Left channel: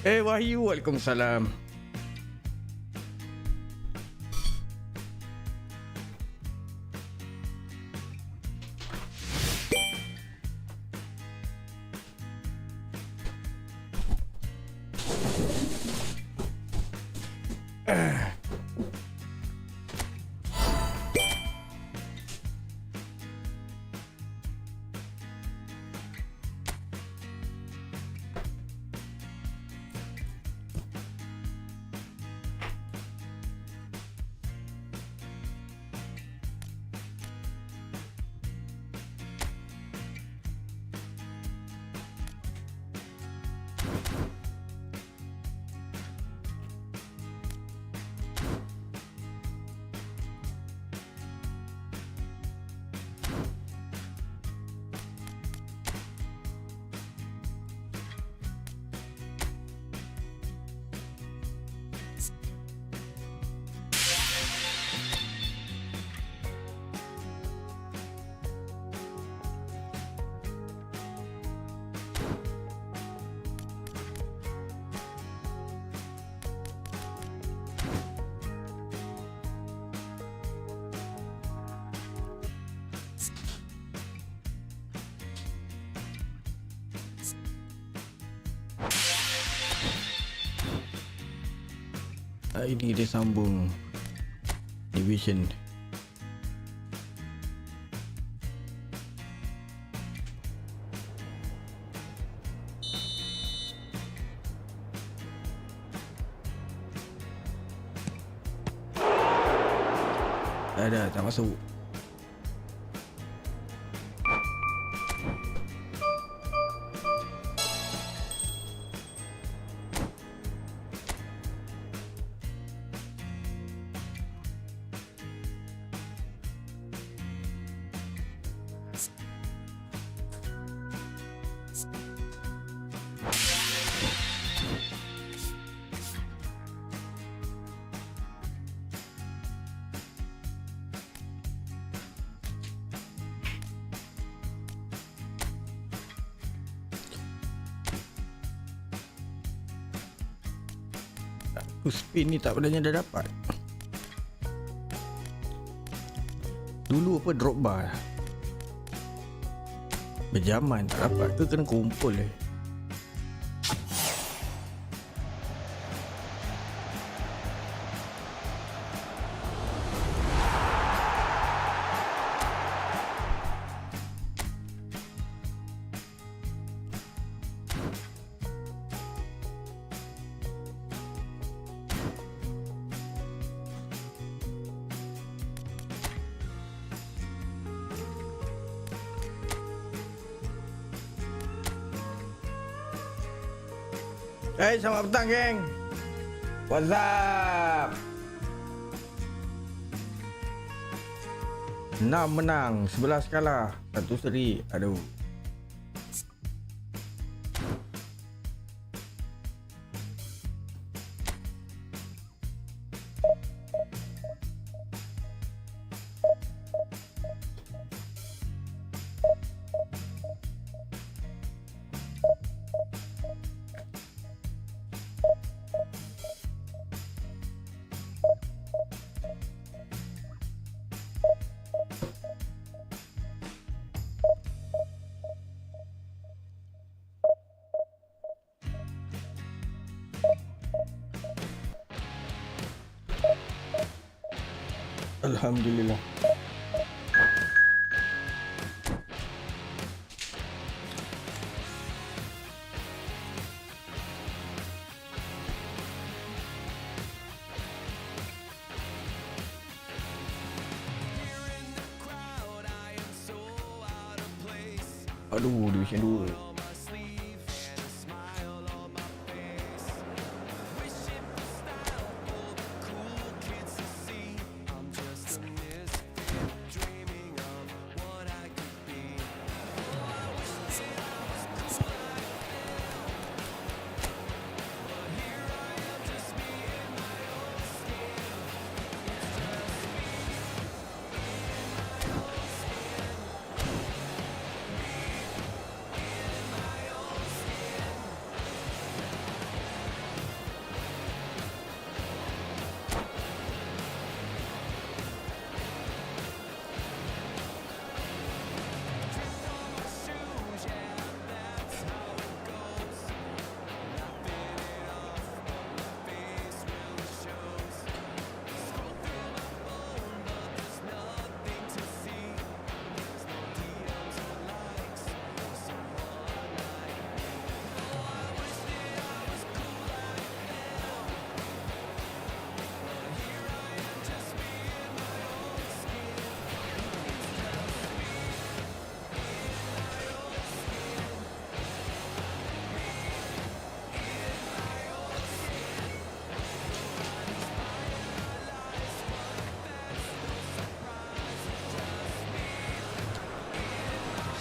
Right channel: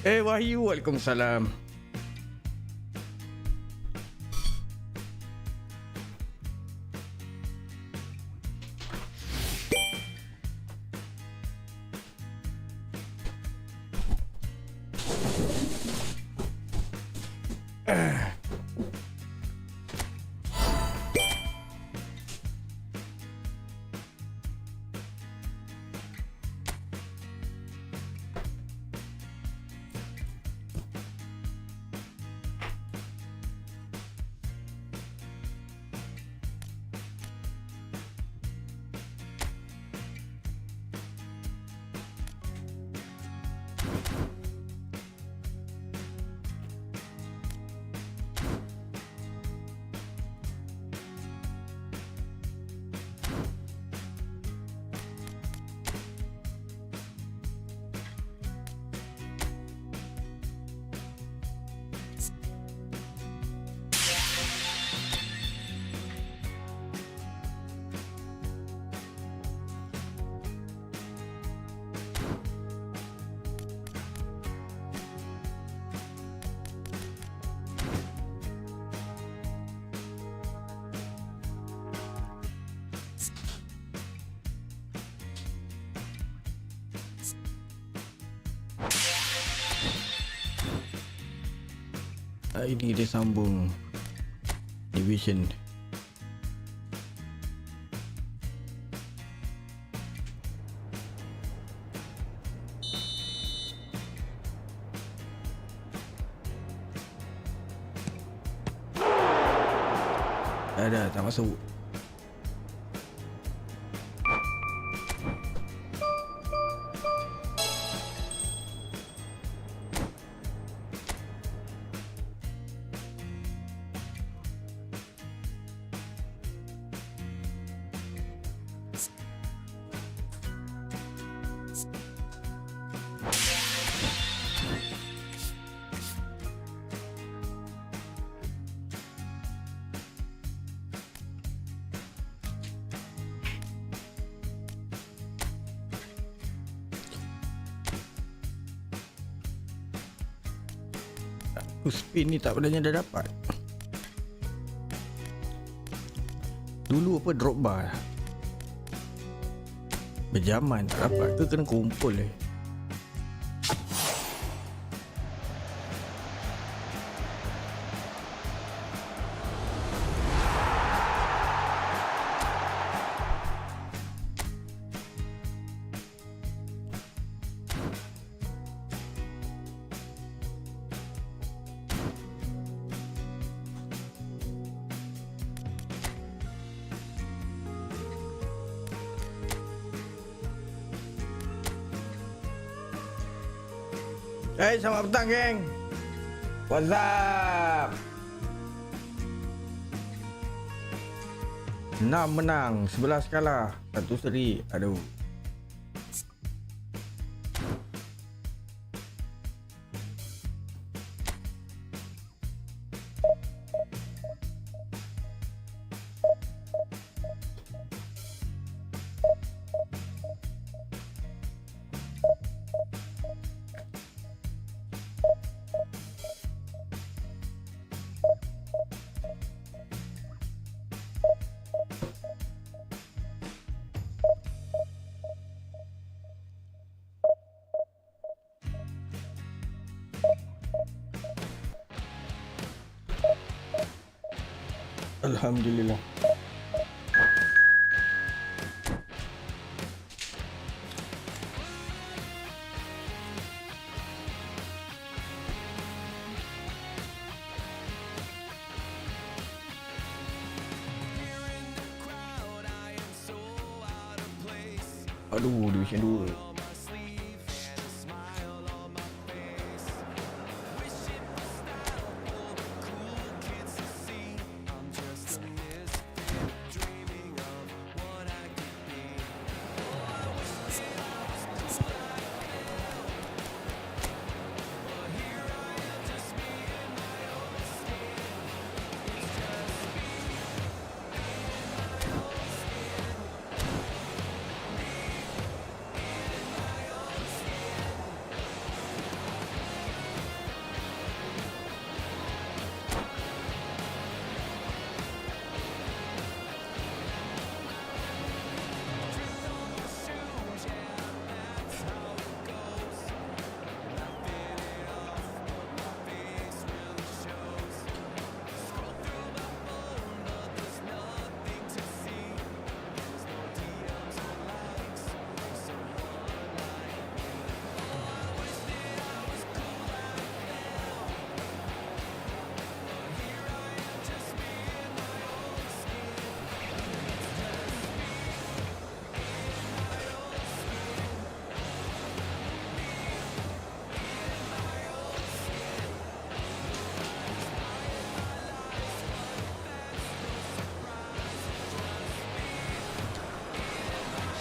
Wahyu, Waalaikumsalam. Ini dia sambung division. Dah tak masuk. Spin ni tak padanya dah dapat. Dulu apa drop bar berjaman tak dapat ke kena kumpul Selamat petang geng. What's up? 6 menang, 11 kalah, 1 seri. Aduh. Alhamdulillah. Aduh, division 2.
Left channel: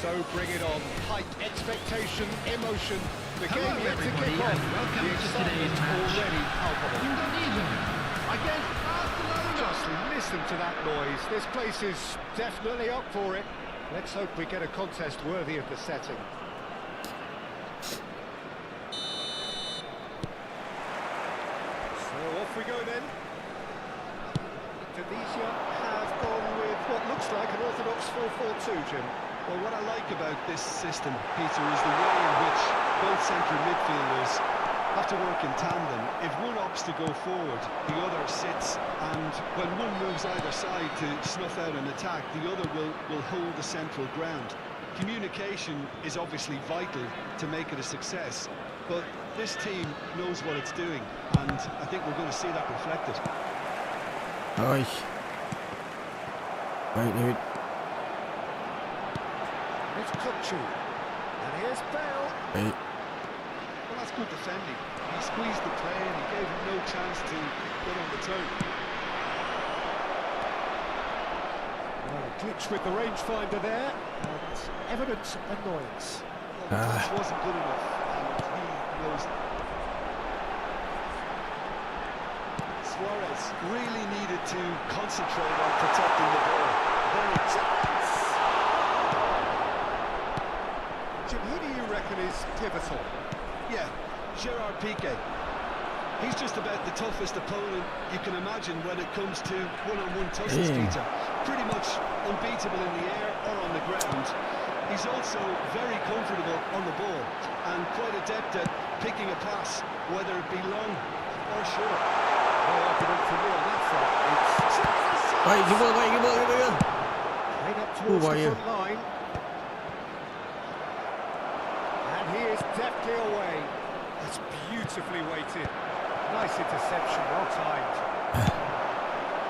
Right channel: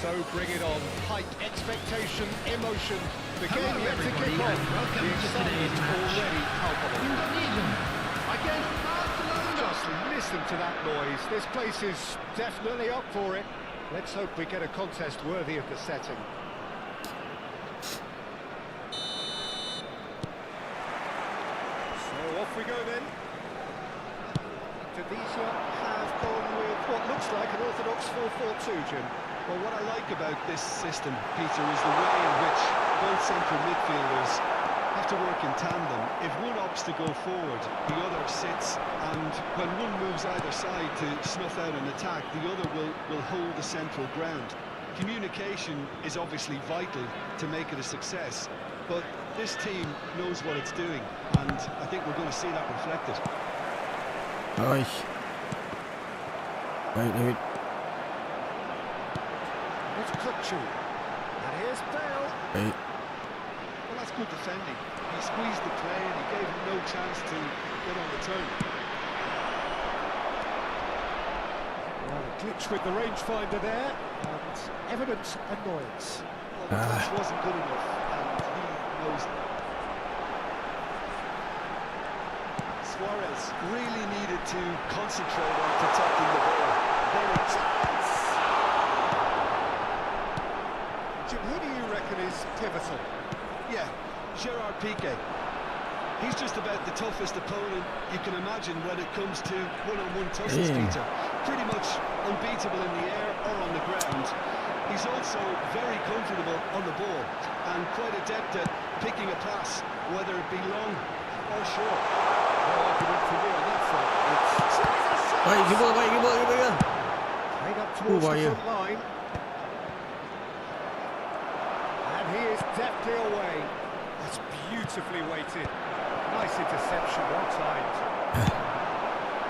So bring it on. Height, expectation, emotion. The Hello, game yet to everybody, kick off. and welcome The to excitement today's match. already palpable. Against Barcelona. Just listen to that noise. This place is definitely up for it. Let's hope we get a contest worthy of the setting. So off we go then. Tunisia have gone with what looks like an orthodox 4-4-2, Jim. Well, what I like about this system, Peter, is the way in which both central midfielders have to work in tandem. If one opts to go forward, the other sits, and when one moves either side to snuff out an attack, the other will hold the central ground. Communication is obviously vital to make it a success, but this team knows what it's doing, and I think we're going to see that reflected. Oi. Baik, David. It's Kutchu. And here's Bale. Baik. Well, that's good defending. He squeezed the play and he gave him no chance to get on the turn. Well, a glitch with the rangefinder there, and evident annoyance. Well, the pass wasn't good enough, and he knows it. Suarez really needed to concentrate on protecting the ball. Then a chance! Jim, who do you reckon is pivotal? Yeah, Gerard Piqué. He's just about the toughest opponent you can imagine when it comes to one-on-one tussles, Peter. Pretty much unbeatable in the air or on the ground. He's also very comfortable on the ball and quite adept at picking a pass, whether it be long or short. No argument for me on that front. It's Baik, keeper, baik, keeper. played up towards the bahaya. front line. And he is deftly away. That's beautifully weighted. Nice interception, well timed.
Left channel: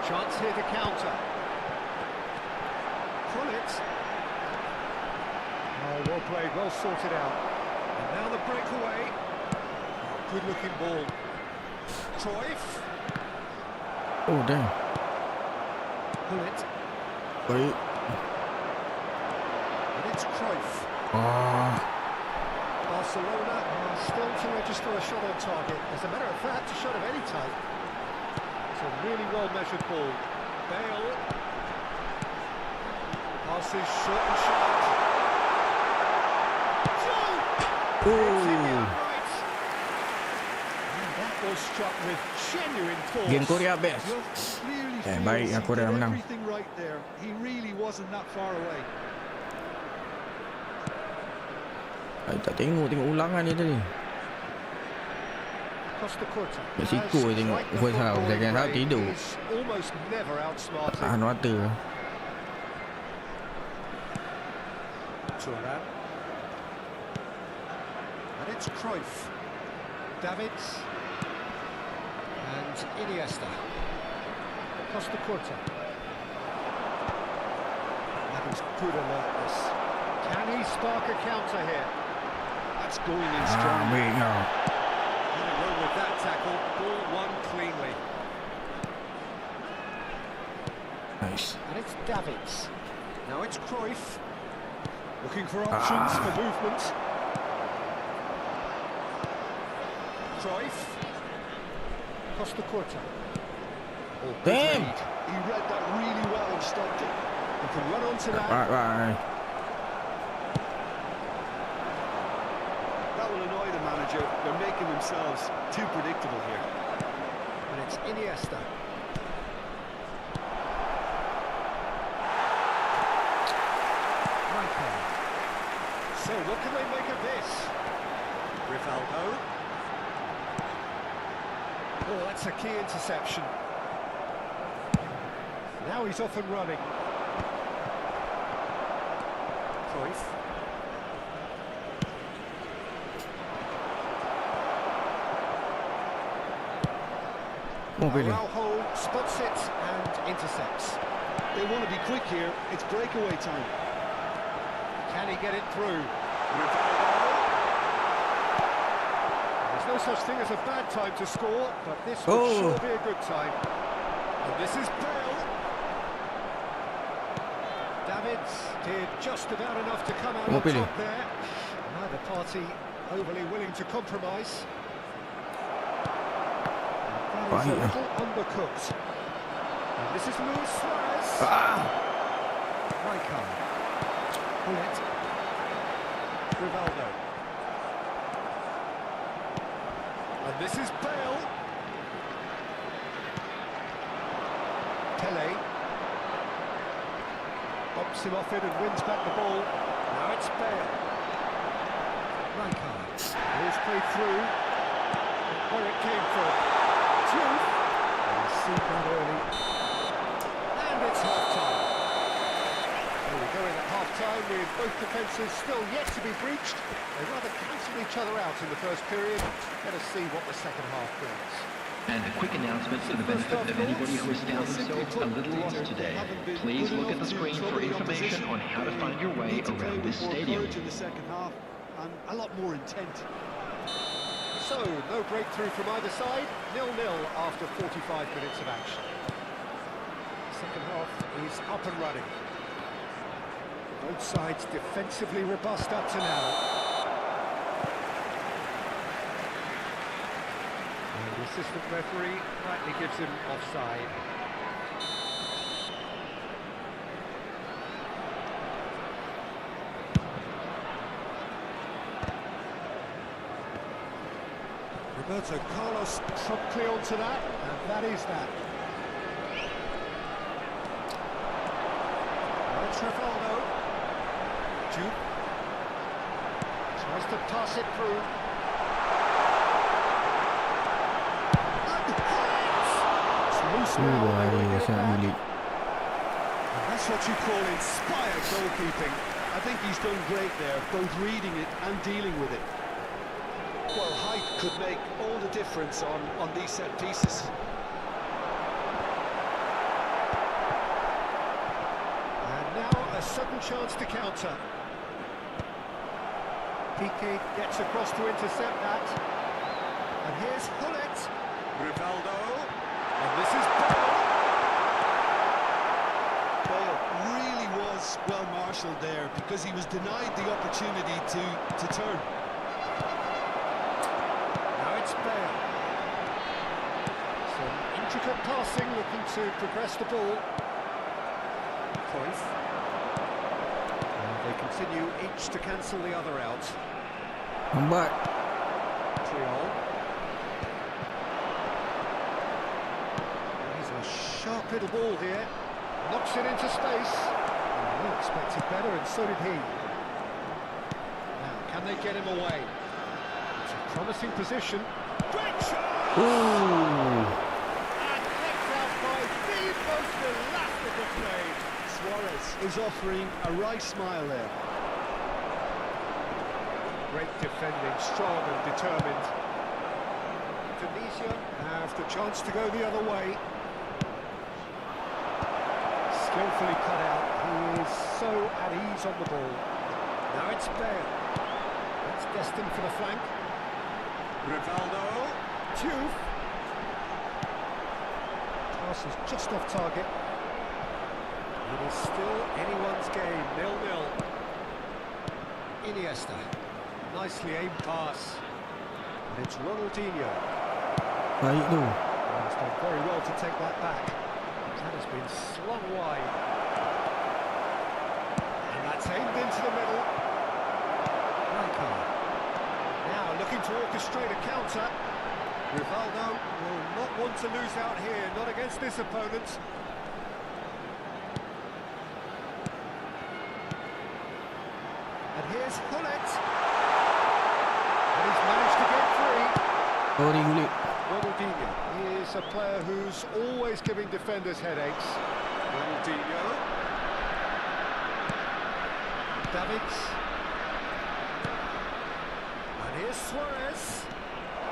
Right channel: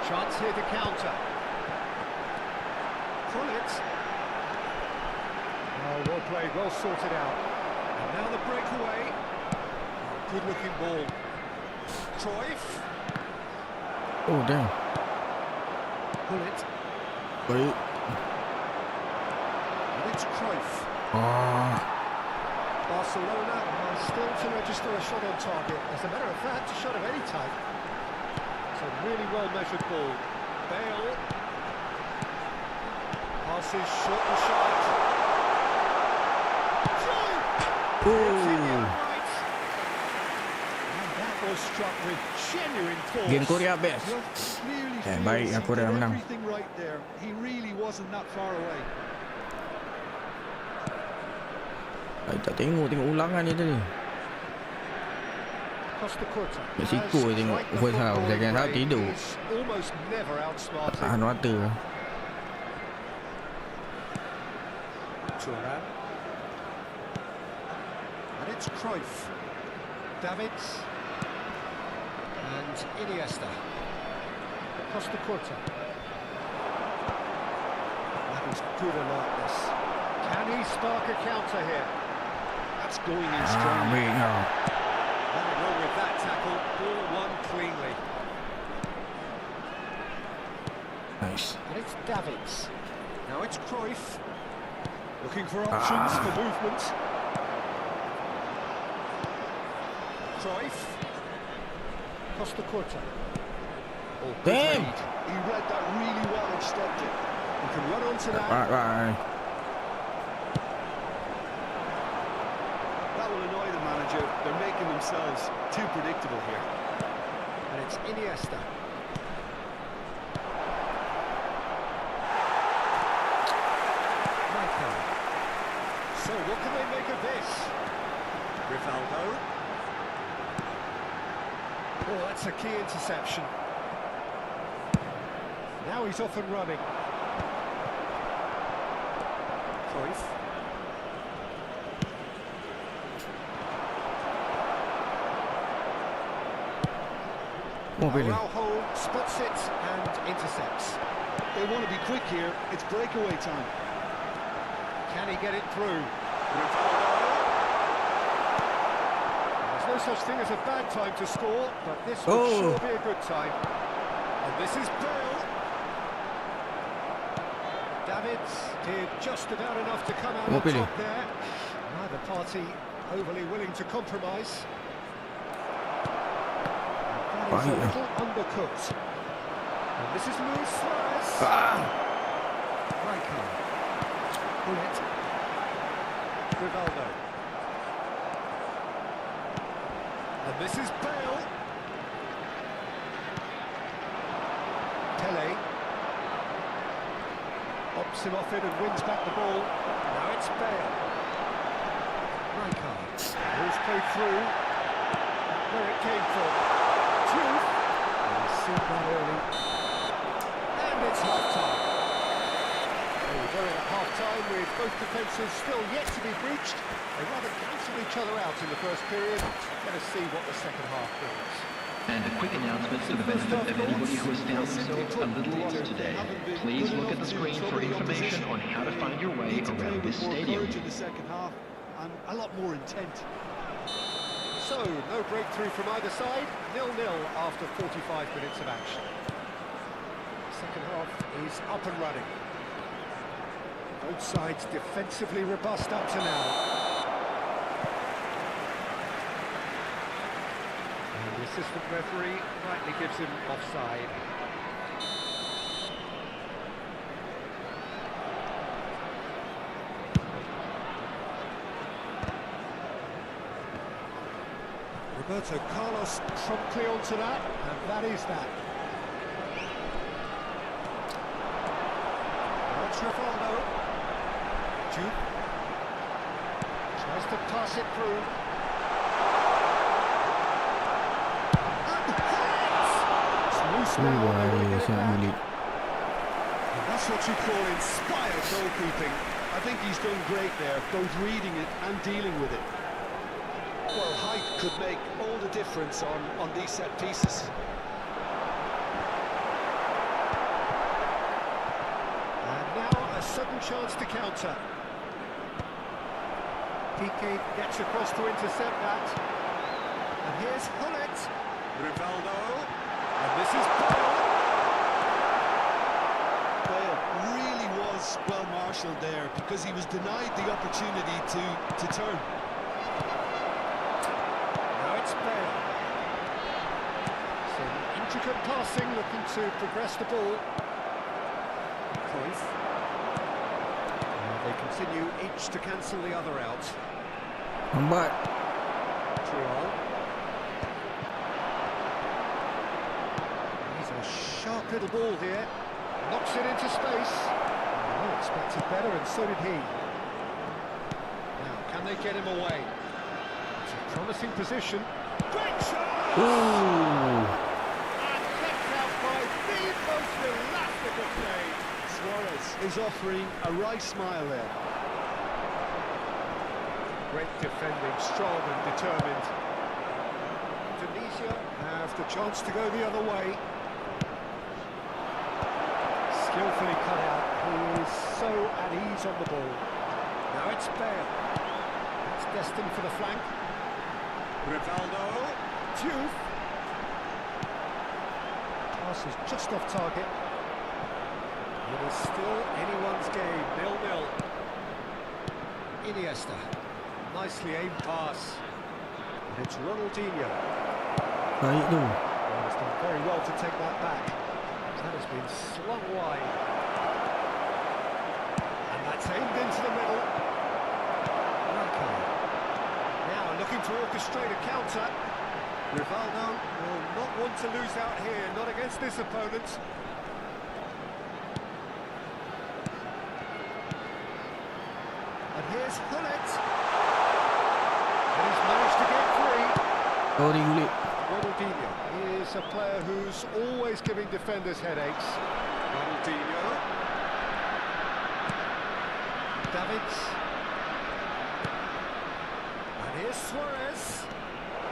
Chance here to counter. Pull it. Oh, well played, well sorted out. And now the breakaway. Oh, good looking ball. Cruyff. Oh, damn. Pull it. Baik. And it's Cruyff. Barcelona are still to register a shot on target. As a matter of fact, a shot of any type. It's a really well-measured ball. Bale. Passes short and sharp. Hits in the upright. And that was struck with genuine force. Game Korea best. Well, clearly baik, feels aku he dah did menang. everything right there. He really wasn't that far away. Tak tengok ulangan dia tadi. Costa Curta. Mexico tengok first half, second half tidur. Almost never outsmarted. Tahan mata. Thuram. And it's Cruyff. Davids. And Iniesta. Costa Curta. That is good alertness. Can he spark a counter here? That's going in strong. Ambil kau. Nothing wrong with that tackle. Ball won cleanly. Nice. And it's Davids. Now it's Cruyff. Looking for options for movement. Cruyff. Costa Curta. Oh, good Damn. read. He read that really well and stopped it. He can run onto that. Right. That will annoy the manager. They're making themselves too predictable here. And it's Iniesta. Michael. So what can they make of this? Rivaldo. Oh, that's a key interception. Now he's off and running. Cruyff. Araujo spots it and intercepts. They want to be quick here. It's breakaway time. Can he get it through? Rivaldo. There's no such thing as a bad time to score, but this would sure be a good time. And this is Bale. Davids did just about enough to come out Kamu on pilih. top there. Neither party overly willing to compromise. And that is a Baik lah. little undercooked. And this is Luis Suarez. Rijkaard. Bullet. Rivaldo. And this is Bale. Pele. Pops him off it and wins back the ball. Now it's Bale. Rijkaard. Ball's played through. Where it came from. Diouf. And he's seen that early. And it's half-time. There we go in at half-time with both defences still yet to be breached. They rather cancelled each other out in the first period. Let us see what the second half brings. And a quick announcement for the benefit of anybody who has found themselves a little lost today. Please look at the screen for information on how to find your way around this stadium. In the second half and a lot more intent. So, no breakthrough from either side. 0-0 after 45 minutes of action. Second half is up and running. Both sides defensively robust up to now. And the assistant referee rightly gives him offside. Roberto Carlos promptly onto that, and that is that. Now it's Rivaldo. Jude tries to pass it through. And hits! It's loose now, they will get it back. And that's what you call inspired goalkeeping. I think he's done great there, both reading it and dealing with it. Well, height could make all the difference on these set pieces. And now a sudden chance to counter. Piqué gets across to intercept that. And here's Hullet. Rivaldo. And this is Bale. Bale really was well marshalled there because he was denied the opportunity to turn. Now it's Bale. Some intricate passing, looking to progress the ball. Cruyff. They continue each to cancel the other out. Lambat. Triol. He's a sharp little ball here. Knocks it into space. Well, expected better, and so did he. Now, can they get him away? It's a promising position. Great shot! Ooh. And kept out by the most elastic of play. Suarez is offering a right smile there. Great defending, strong and determined. Tunisia have the chance to go the other way. Skillfully cut out. He is so at ease on the ball. Now it's Bale. That's destined for the flank. Rivaldo. Diouf. Pass is just off target. It is still anyone's game, 0-0. Iniesta. Nicely aimed pass. And it's Ronaldinho. Baik tu. Well, he's done very well to take that back. That has been slung wide. And that's aimed into the middle. Rijkaard. Now looking to orchestrate a counter. Rivaldo will not want to lose out here, not against this opponent. And here's Hullet. And he's managed to get free. Sorry kulit. Ronaldinho is a player who's always giving defenders headaches. Ronaldinho. Davids. And here's Suarez.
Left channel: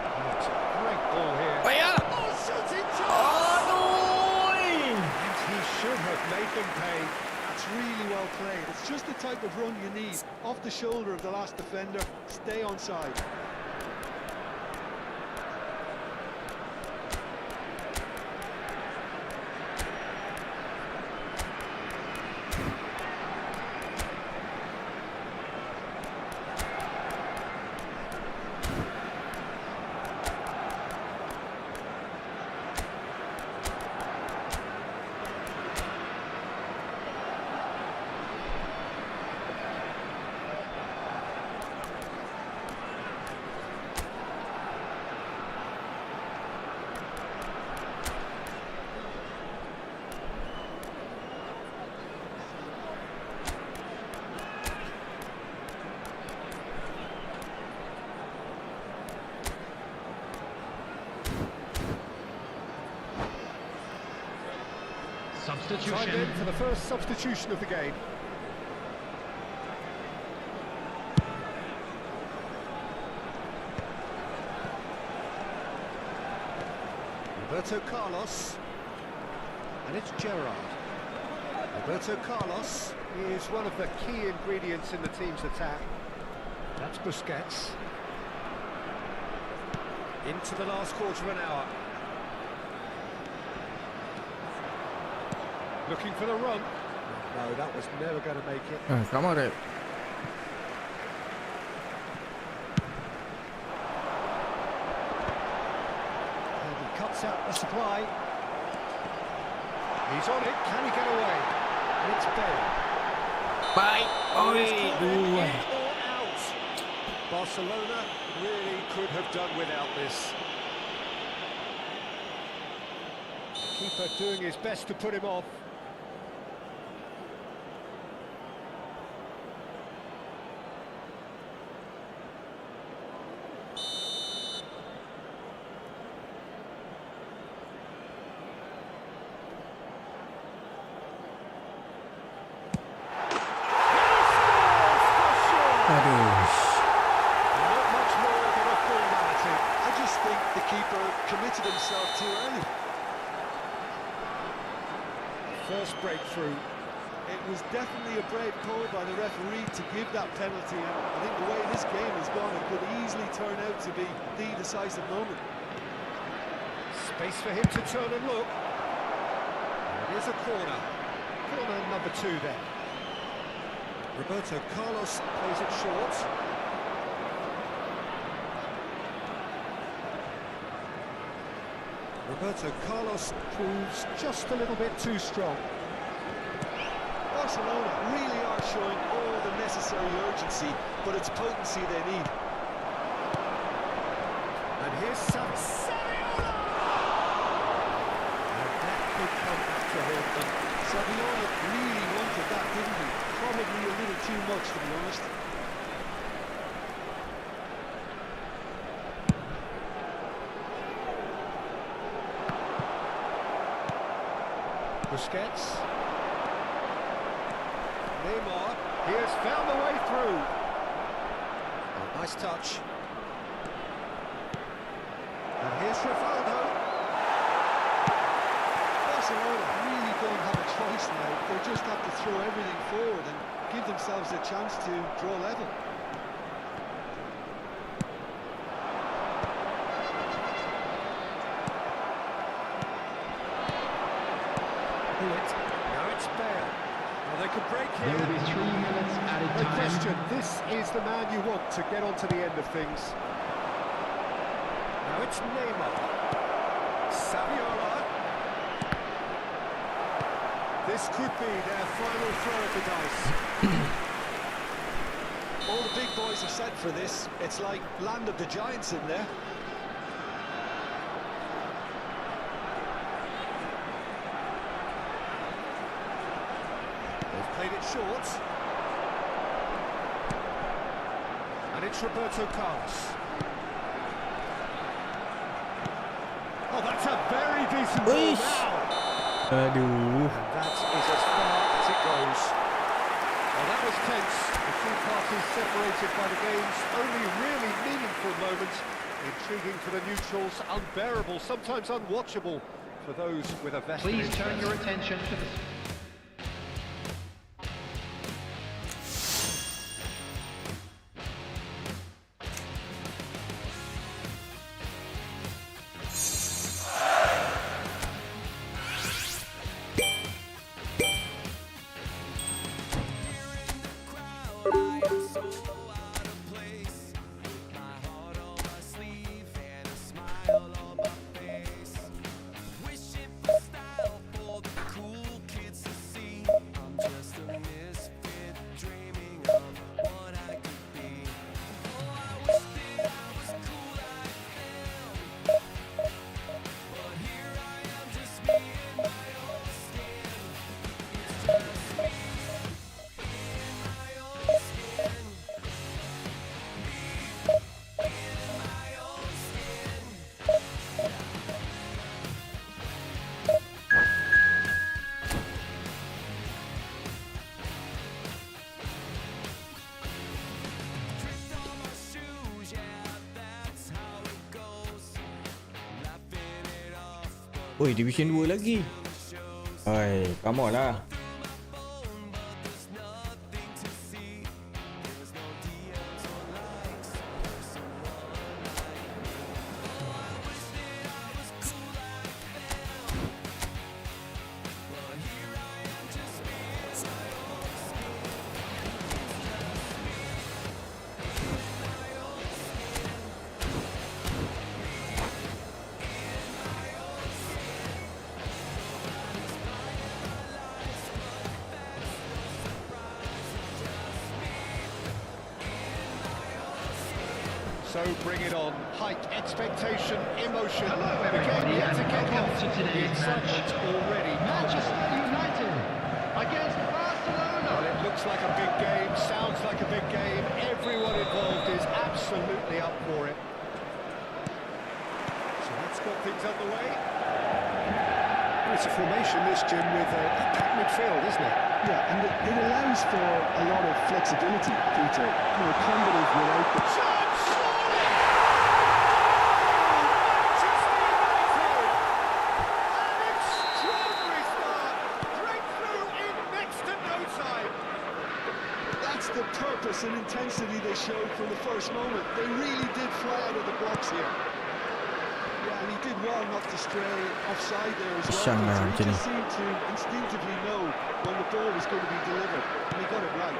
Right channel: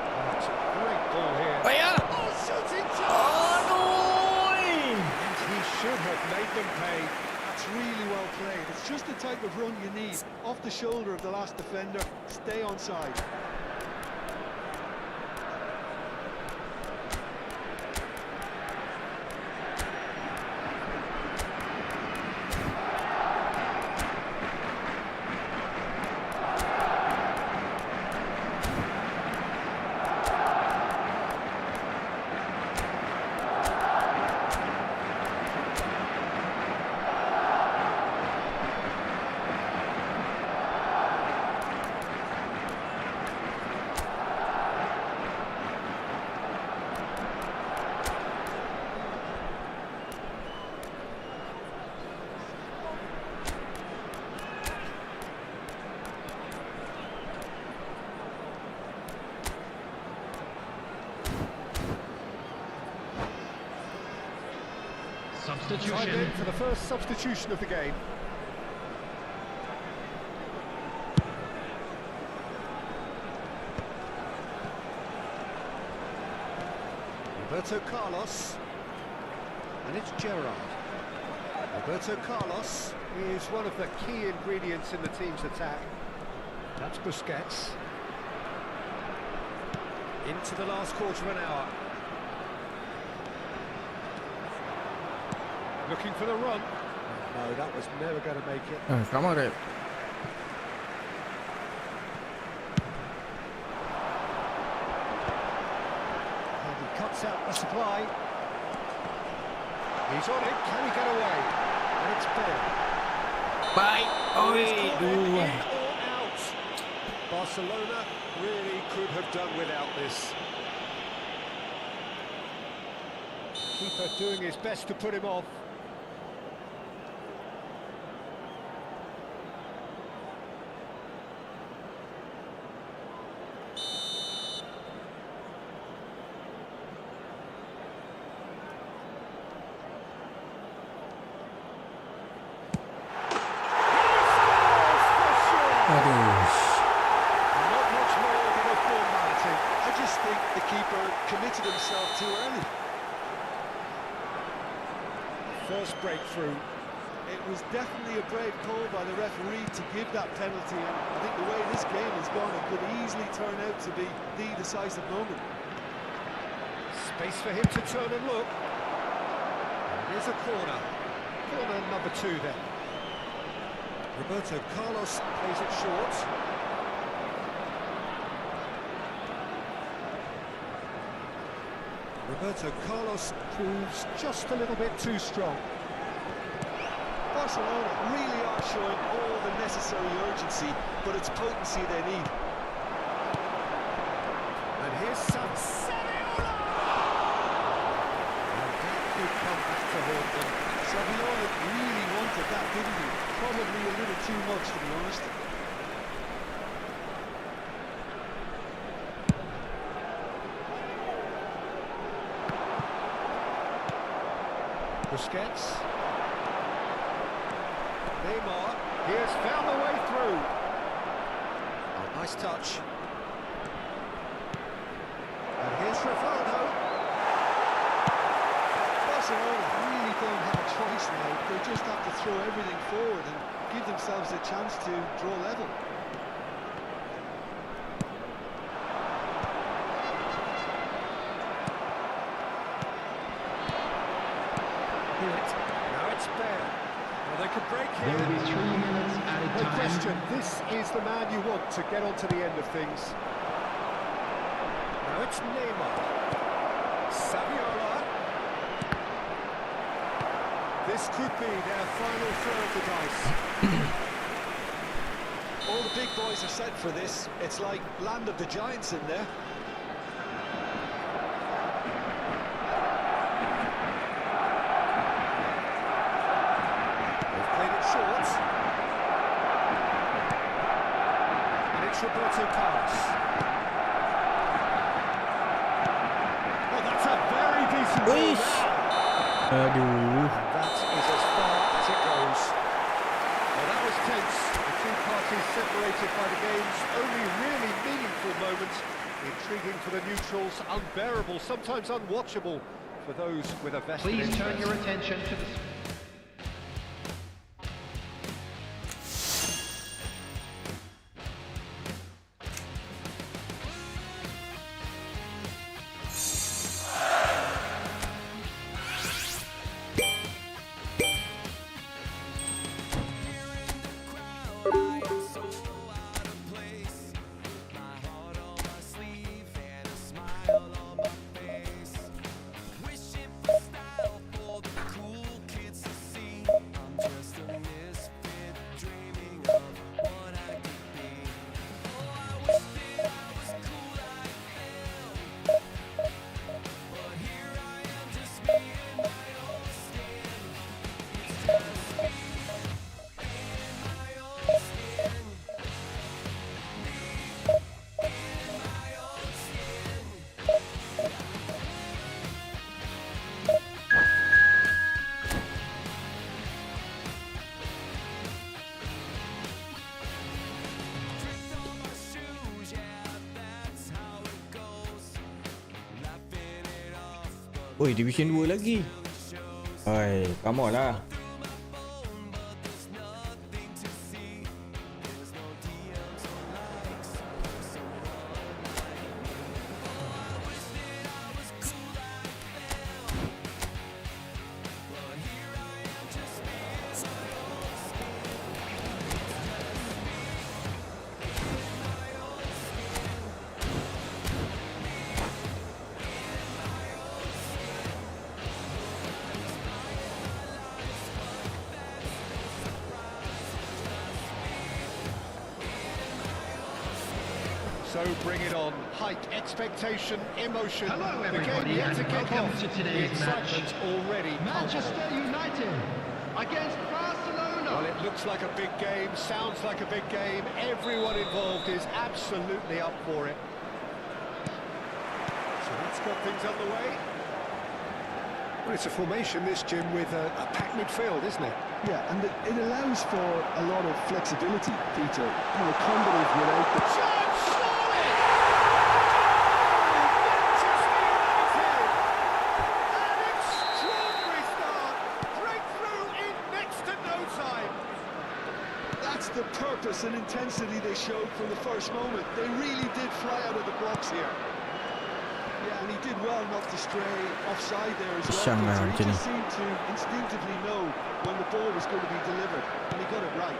Oh, it's a great ball here. Payah. Oh, shooting chance! Aduh. And he should have made them pay. That's really well played. It's just the type of run you need. Off the shoulder of the last defender, stay onside. Time in for the first substitution of the game. Roberto Carlos, and it's Gerrard. Roberto Carlos is one of the key ingredients in the team's attack. That's Busquets. Into the last quarter of an hour. Looking for the run. No, that was never going to make it. Come on, Rep. And he cuts out the supply. He's on it. Can he get away? And it's Bale. Bye. In Oi. or out. Barcelona really could have done without this. Keeper doing his best to put him off. Aduh. Not much more than a formality. I just think the keeper committed himself too early. First breakthrough. It was definitely a brave call by the referee to give that penalty, and I think the way this game has gone, it could easily turn out to be the decisive moment. Space for him to turn and look. And it is a corner. Corner number 2 then. Roberto Carlos plays it short. Roberto Carlos proves just a little bit too strong. Barcelona really are showing all the necessary urgency, but it's potency they need. And here's Saviola! And that could come back to haunt them. Saviola really wanted that, didn't he? Probably a little too much, to be honest. Busquets. Neymar. He has found the way through. Oh, nice touch. And here's Rivaldo. Barcelona really don't have a choice now. They just have to throw everything forward and give themselves a chance to draw level. Now it's Bale. Now they could break here. There will be 3 minutes added No time. question, this is the man you want to get onto the end of things. Now it's Neymar. Saviola. This could be their final throw of the dice. All the big boys are set for this. It's like land of the giants in there. They've played it short. And it's Roberto Carlos. Oh, that's a very decent ball Uish. now. Aduh. And that is as far as it goes. Well, that was tense. The two parties separated by the game's only really meaningful moment. Intriguing for the neutrals, unbearable, sometimes unwatchable for those with a vested Please interest. turn your attention to the... Oi, Division 2 lagi. Oi, come on lah. So bring it on. Height, expectation, emotion. Hello, The game everybody, yet to and kick welcome off. to The today's excitement's already Manchester palpable. United against Well, Barcelona. it looks like a big game, sounds like a big game. Everyone involved is absolutely up for it. So that's got things underway. Well, it's a formation, this, Jim, with a packed midfield, isn't it? Yeah, and it allows for a lot of flexibility, Peter. You know, combative without the... Chance, surely! Oh, Manchester United! An extraordinary start! Breakthrough in next to no time! That's the purpose and intensity they showed from the first moment. They really did fly out of the blocks here. Yeah, and he did well not to stray offside there as well, Pisang lah Peter. He macam just ni. seemed to instinctively know when the ball was going to be delivered, and he got it right.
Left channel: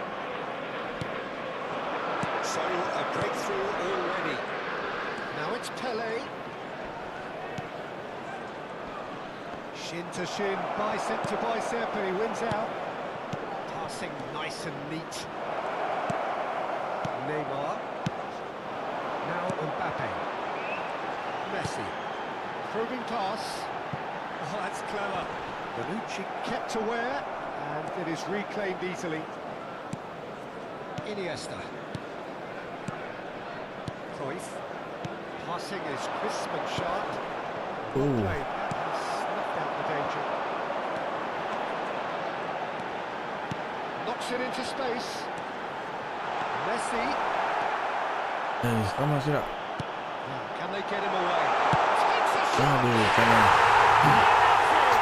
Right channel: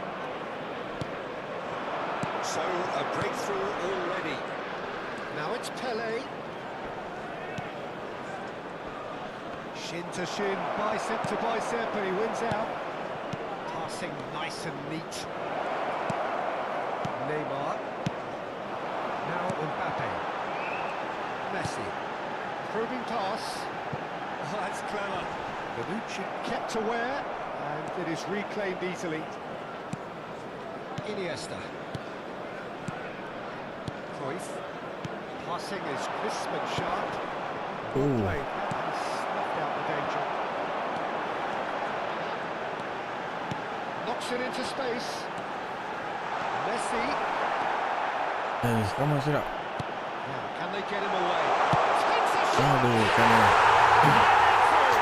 So, a breakthrough already. Now it's Pele. Shin to shin, bicep to bicep, and he wins out. Passing nice and neat. Neymar. Now Mbappe. Messi. Probing pass. Oh, that's clever. Bonucci kept aware, and it is reclaimed easily. Iniesta. Cruyff. Passing is crisp and sharp. Well Ooh. played. That has snuffed out the danger. Knocks it into space. Messi. Come on, silap. Now, can they get him away? Takes a shot. Aduh, kanan. And that's it.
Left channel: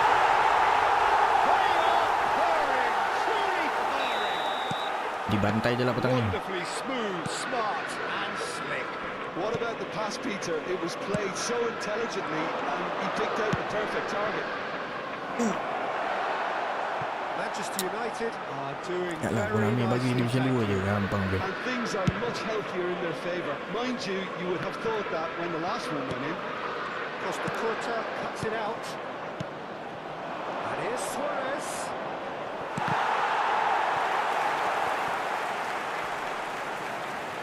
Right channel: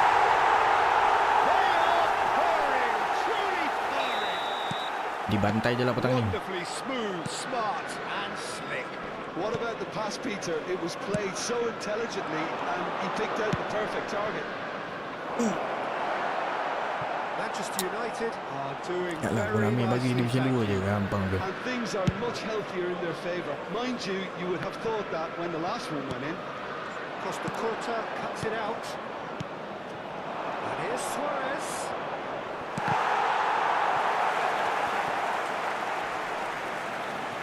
They are purring, truly purring. Dibantai je lah petang ni. Wonderfully smooth, smart, and slick. What about the pass, Peter? It was played so intelligently, and he picked out the perfect target. Manchester United are doing Tak lah, very Konami bagi nicely, Division thank 2 je, you. gampang tu. And things are much healthier in their favour. Mind you, you would have thought that when the last one went in. Costa Curta cuts it out. And here's Suarez.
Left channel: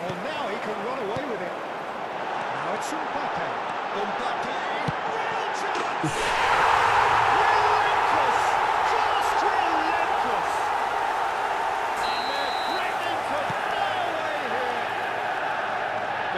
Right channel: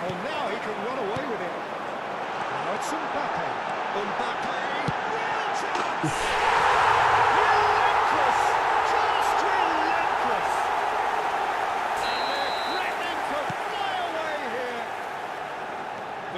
Oh, now he can run away with it. Now it's Mbappe. Mbappe, real chance! Relentless! Just relentless! And they're threatening to fly away here.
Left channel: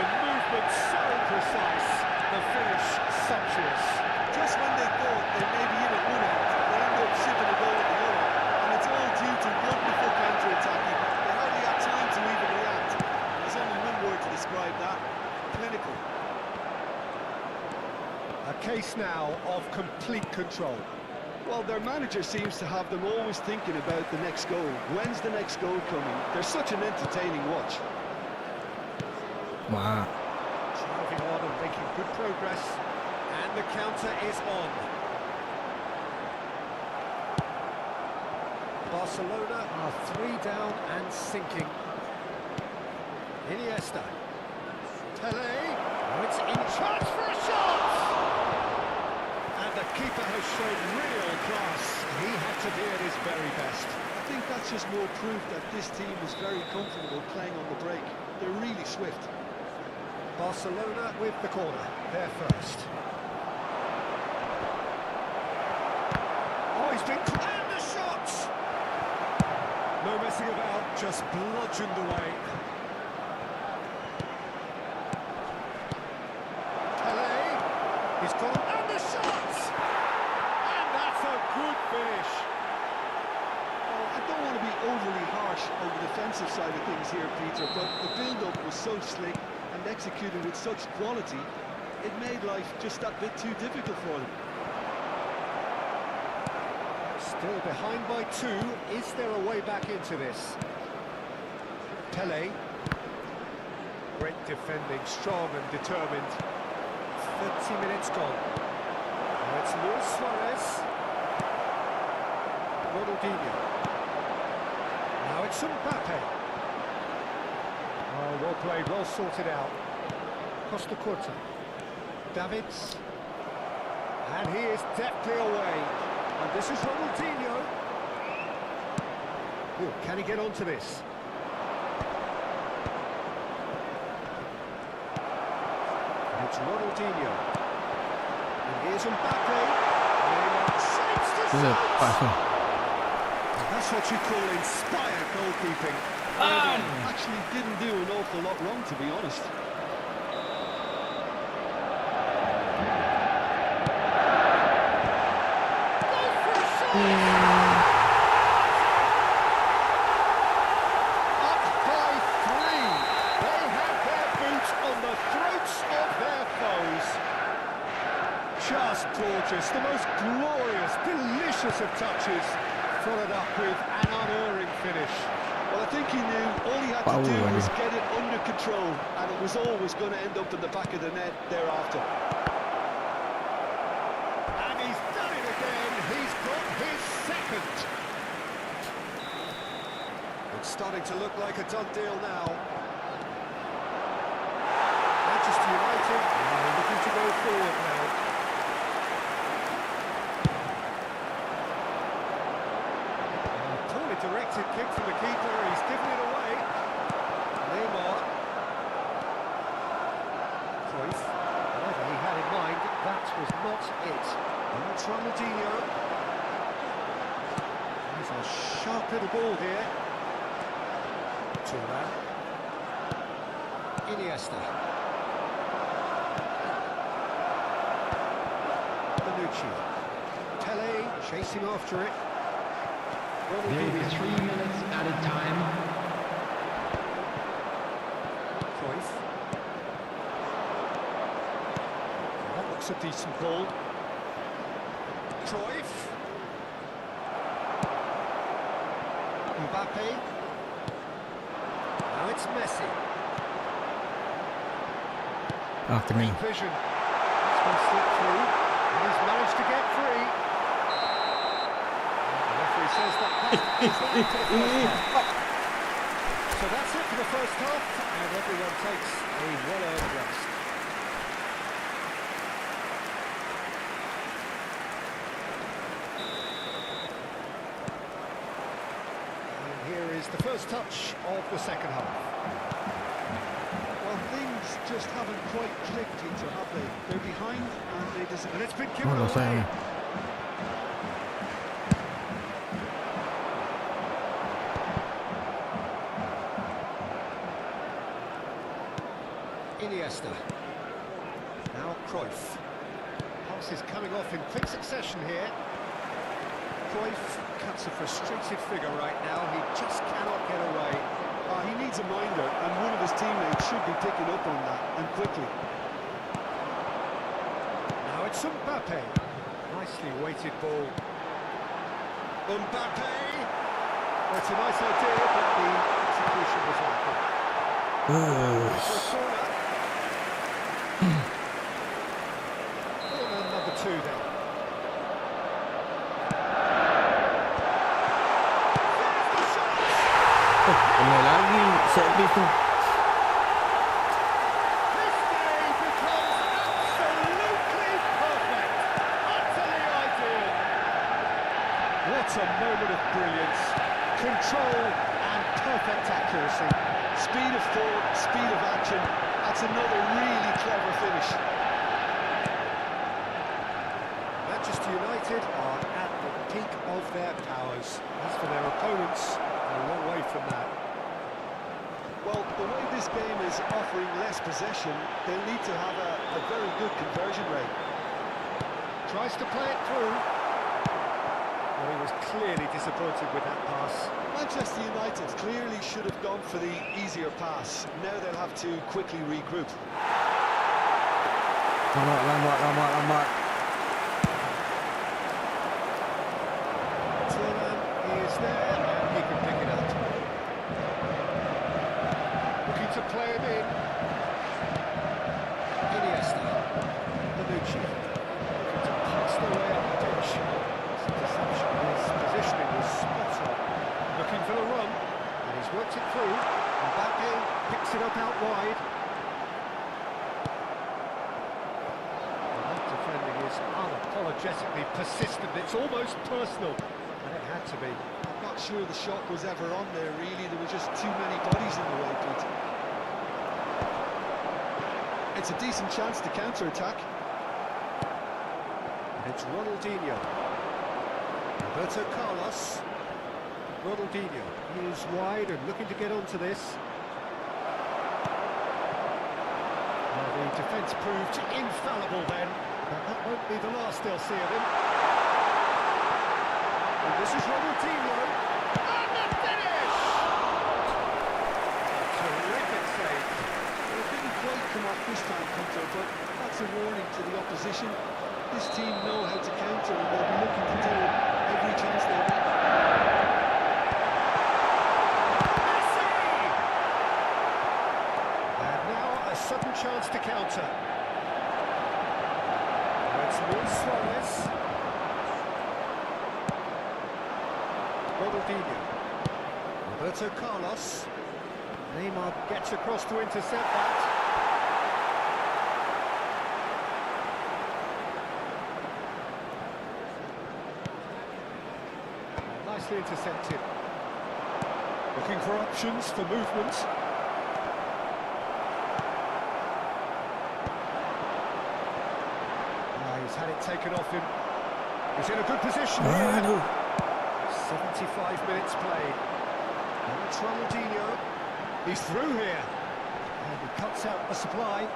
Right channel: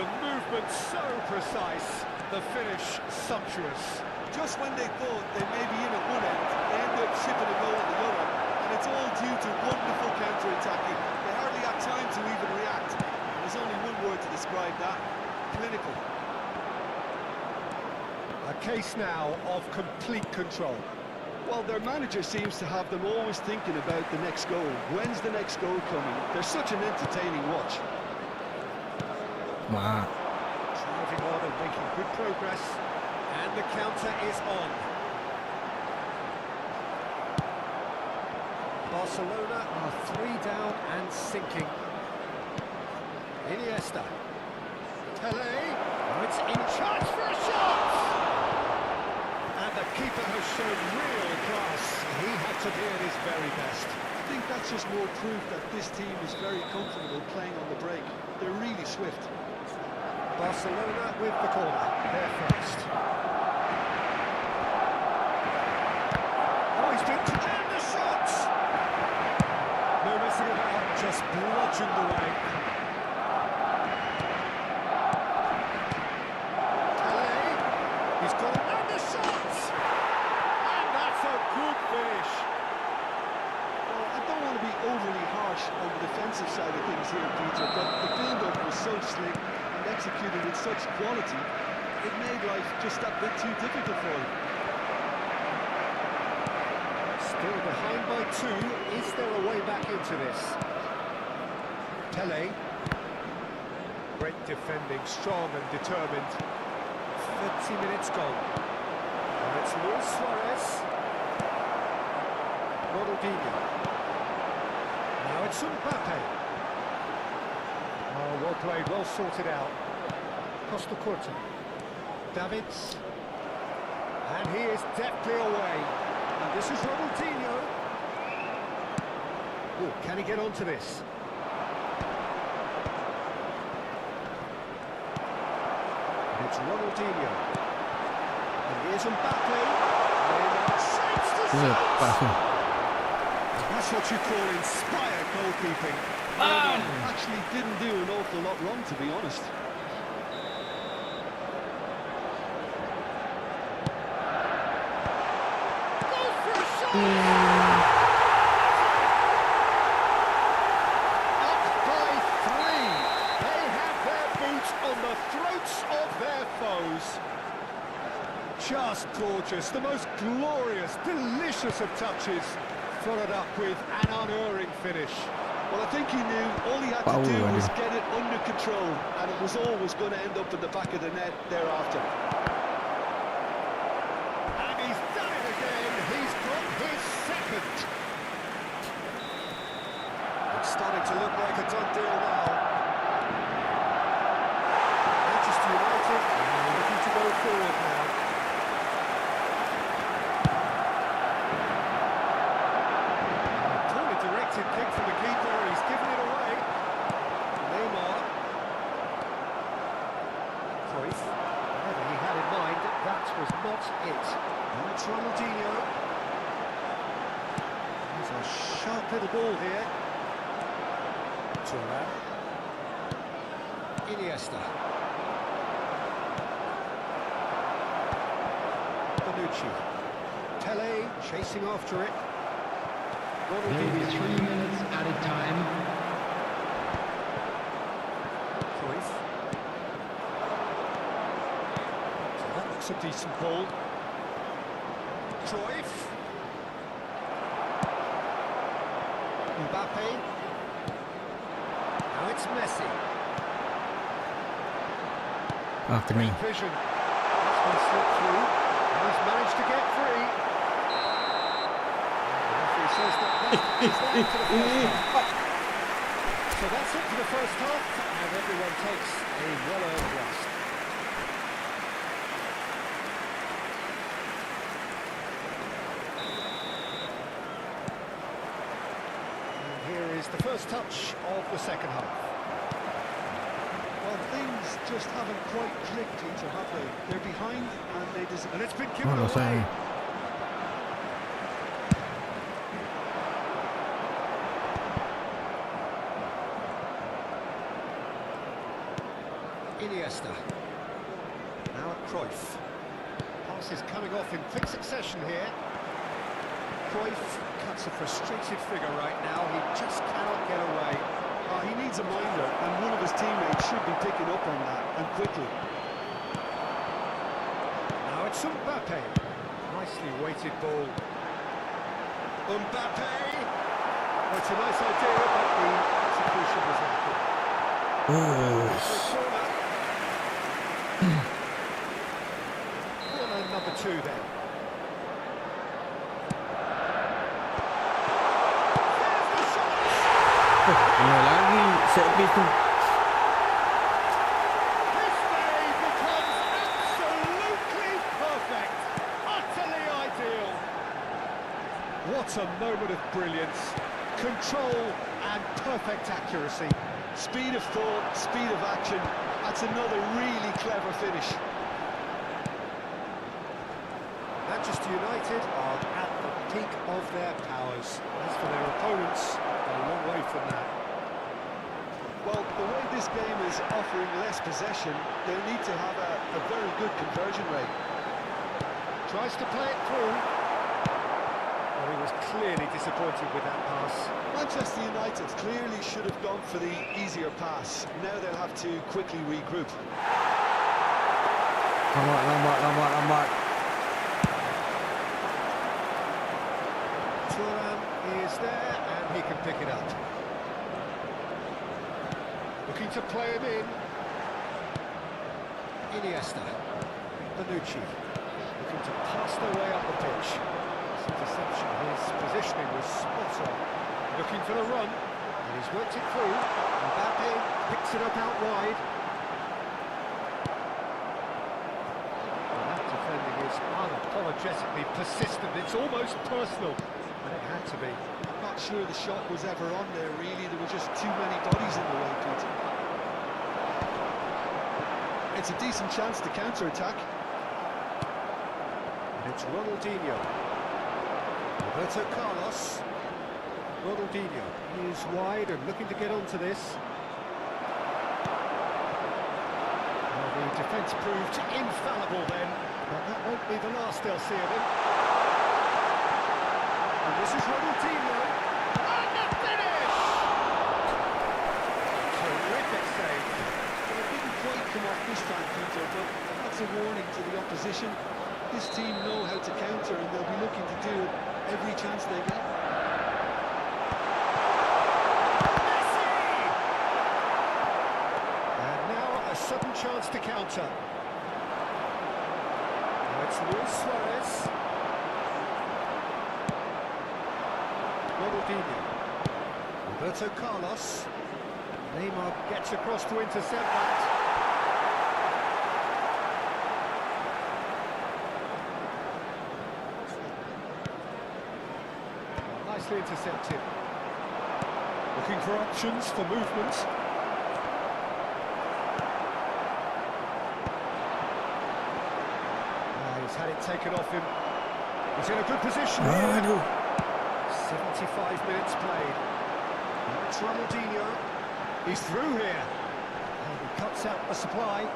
The movement so precise, the finish sumptuous. Just when they thought they may be in at one end, they end up shipping a goal at the other. And it's all due to wonderful counter-attacking. They hardly had time to even react. And there's only one word to describe that: clinical. A case now of complete control. Well, their manager seems to have them always thinking about the next goal. When's the next goal coming? They're such an entertaining watch. Mak. Driving on and making good progress. And the counter is on. Barcelona are 3 down and sinking. Iniesta. Pele. Oh, it's in charge for a shot! And the keeper has shown real class. He had to be at his very best. I think that's just more proof that this team is very comfortable playing on the break. They're really swift. Barcelona with the corner. They're first. Oh, he's been... And the shot! No messing about, just bludgeoned away. Pele, he's got him, and the shot! And that's a good finish. Well, I don't want to be overly harsh on the defensive side of things here, Peter, but the build-up was so slick and executed with such quality, it made life just that bit too difficult for them. Still behind by 2. Is there a way back into this? Pele. Great defending, strong and determined. 30 minutes gone. Now it's Luis Suarez. Ronaldinho. Now it's Mbappe. Oh, well played, well sorted out. Costa Curta. Davids. And he is deftly away. And this is Ronaldinho. Oh, can he get onto this? And it's Ronaldinho. And here's Mbappe. Neymar saves to save. That's what you call inspired goalkeeping. Actually didn't do an awful lot wrong, to be honest. Goes for a shot! Up by 3. They have their boots on the throats of their foes. Just gorgeous, the most glorious, delicious of touches. Followed up with an unerring finish. Well, I think he knew all he had to do was get it under control, and it was always going to end up in the back of the net thereafter. And he's done it again. He's got his second. It's starting to look like a done deal now. Manchester United are looking to go forward now. Directed kick from the keeper, and he's given it away. Neymar. Cruyff. Whatever he had in mind, that was not it. And it's Ronaldinho. He's a sharp little ball here. Turan. Iniesta. Bonucci. Pele chasing after it. There will be 3 minutes added time. Cruyff. So that looks a decent ball. Cruyff. Mbappe. Now it's Messi. After me. Vision. That's been slipped through. And he's managed to get free. He says that is that for the first half. So that's it for the first half, and everyone takes a well-earned rest. And here is the first touch of the second half. Well, things just haven't quite clicked, Peter, have they? They're behind, and they just... And it's been given No lo sé. away. Iniesta. Now Cruyff. Pass is coming off in quick succession here. Cruyff cuts a frustrated figure right now. He just cannot get away. he needs a minder, and one of his teammates should be picking up on that, and quickly. Now it's Mbappe. Nicely weighted ball. Mbappe! Well, it's a nice idea, but the execution was lacking. For a corner. Corner number 2 then. There's the shot! Kena lagi set piece tu. This day becomes absolutely perfect. Utterly ideal. What a moment of brilliance. Control and perfect accuracy. Speed of thought, speed of action. That's another really clever finish. Manchester United are at the peak of their powers. As for their opponents, a long way from that. Well, the way this game is offering less possession, they'll need to have a very good conversion rate. Tries to play it through. Well, he was clearly disappointed with that pass. Manchester United clearly should have gone for the easier pass. Now they'll have to quickly regroup. Lambat. It's there, and he can pick it up. Looking to play him in. Iniesta. Bonucci. Looking to pass their way up the pitch. This interception, his positioning was spot on. Looking for the run, and he's worked it through. Mbappe picks it up out wide. Well, that defending is unapologetically persistent. It's almost personal, and it had to be. I'm not sure the shot was ever on there, really. There were just too many bodies in the way, Peter. It's a decent chance to counter-attack. And it's Ronaldinho. Roberto Carlos. Ronaldinho. He is wide and looking to get onto this. Well, the defence proved infallible then, but that won't be the last they'll see of him. And this is Ronaldinho. And the finish! Oh, terrific save. Well, it didn't quite come off this time, Peter, but that's a warning to the opposition. This team know how to counter, and they'll be looking to do it every chance they get. A sudden chance to counter. Now it's Luis Suarez. Ronaldinho. Roberto Carlos. Neymar gets across to intercept that. Oh, nicely intercepted. Looking for options for movement. He's had it taken off him. He's in a good position here. Aduh. 75 minutes played. Now it's Ronaldinho. He's through here. And he cuts out the supply.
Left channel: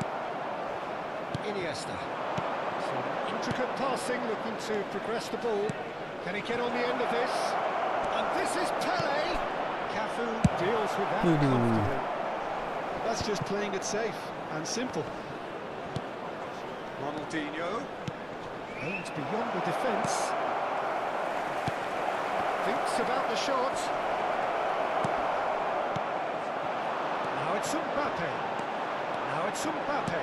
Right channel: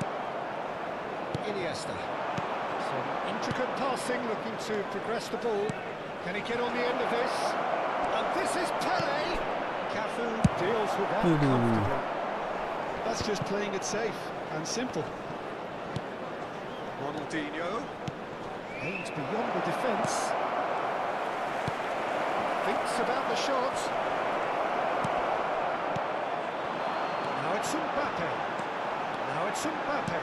Iniesta. Some intricate passing, looking to progress the ball. Can he get on the end of this? And this is Pele. Cafu deals with that comfortably. That's just playing it safe and simple. Ronaldinho. Aims beyond the defence. Thinks about the shot. Now it's Mbappe. Now it's Mbappe.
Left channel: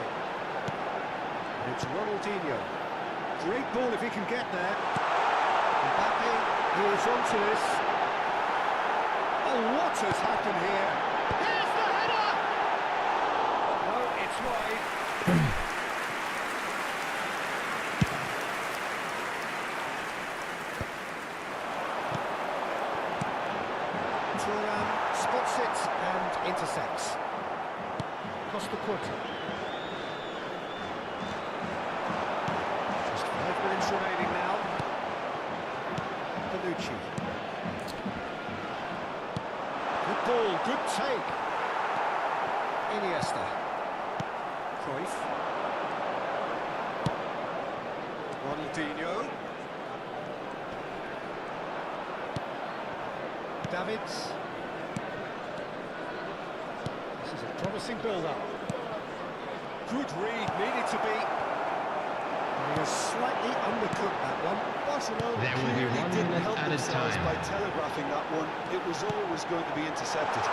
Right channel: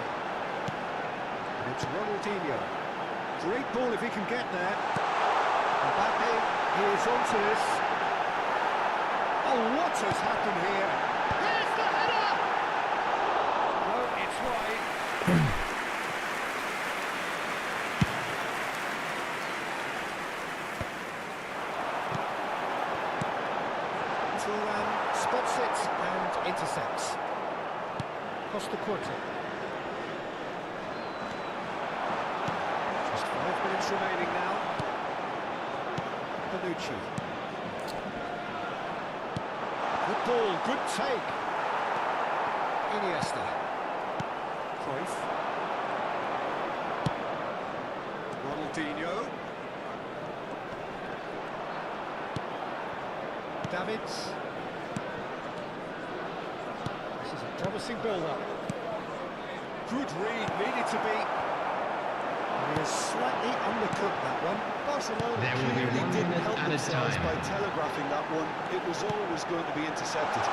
And it's Ronaldinho. Great ball if he can get there. Mbappe, he is onto this. Oh, what has happened here? Here's the header! No, it's wide. Thuram spots it and intercepts. Costa Curta. Just 5 minutes remaining now. Bonucci. Good ball, good take. Iniesta. Cruyff. Ronaldinho. Davids. This is a promising build-up. Good read, needed to be. And he has slightly undercooked that one. Barcelona There will be clearly 1 didn't minute help at a themselves time. by telegraphing that one. It was always going to be intercepted.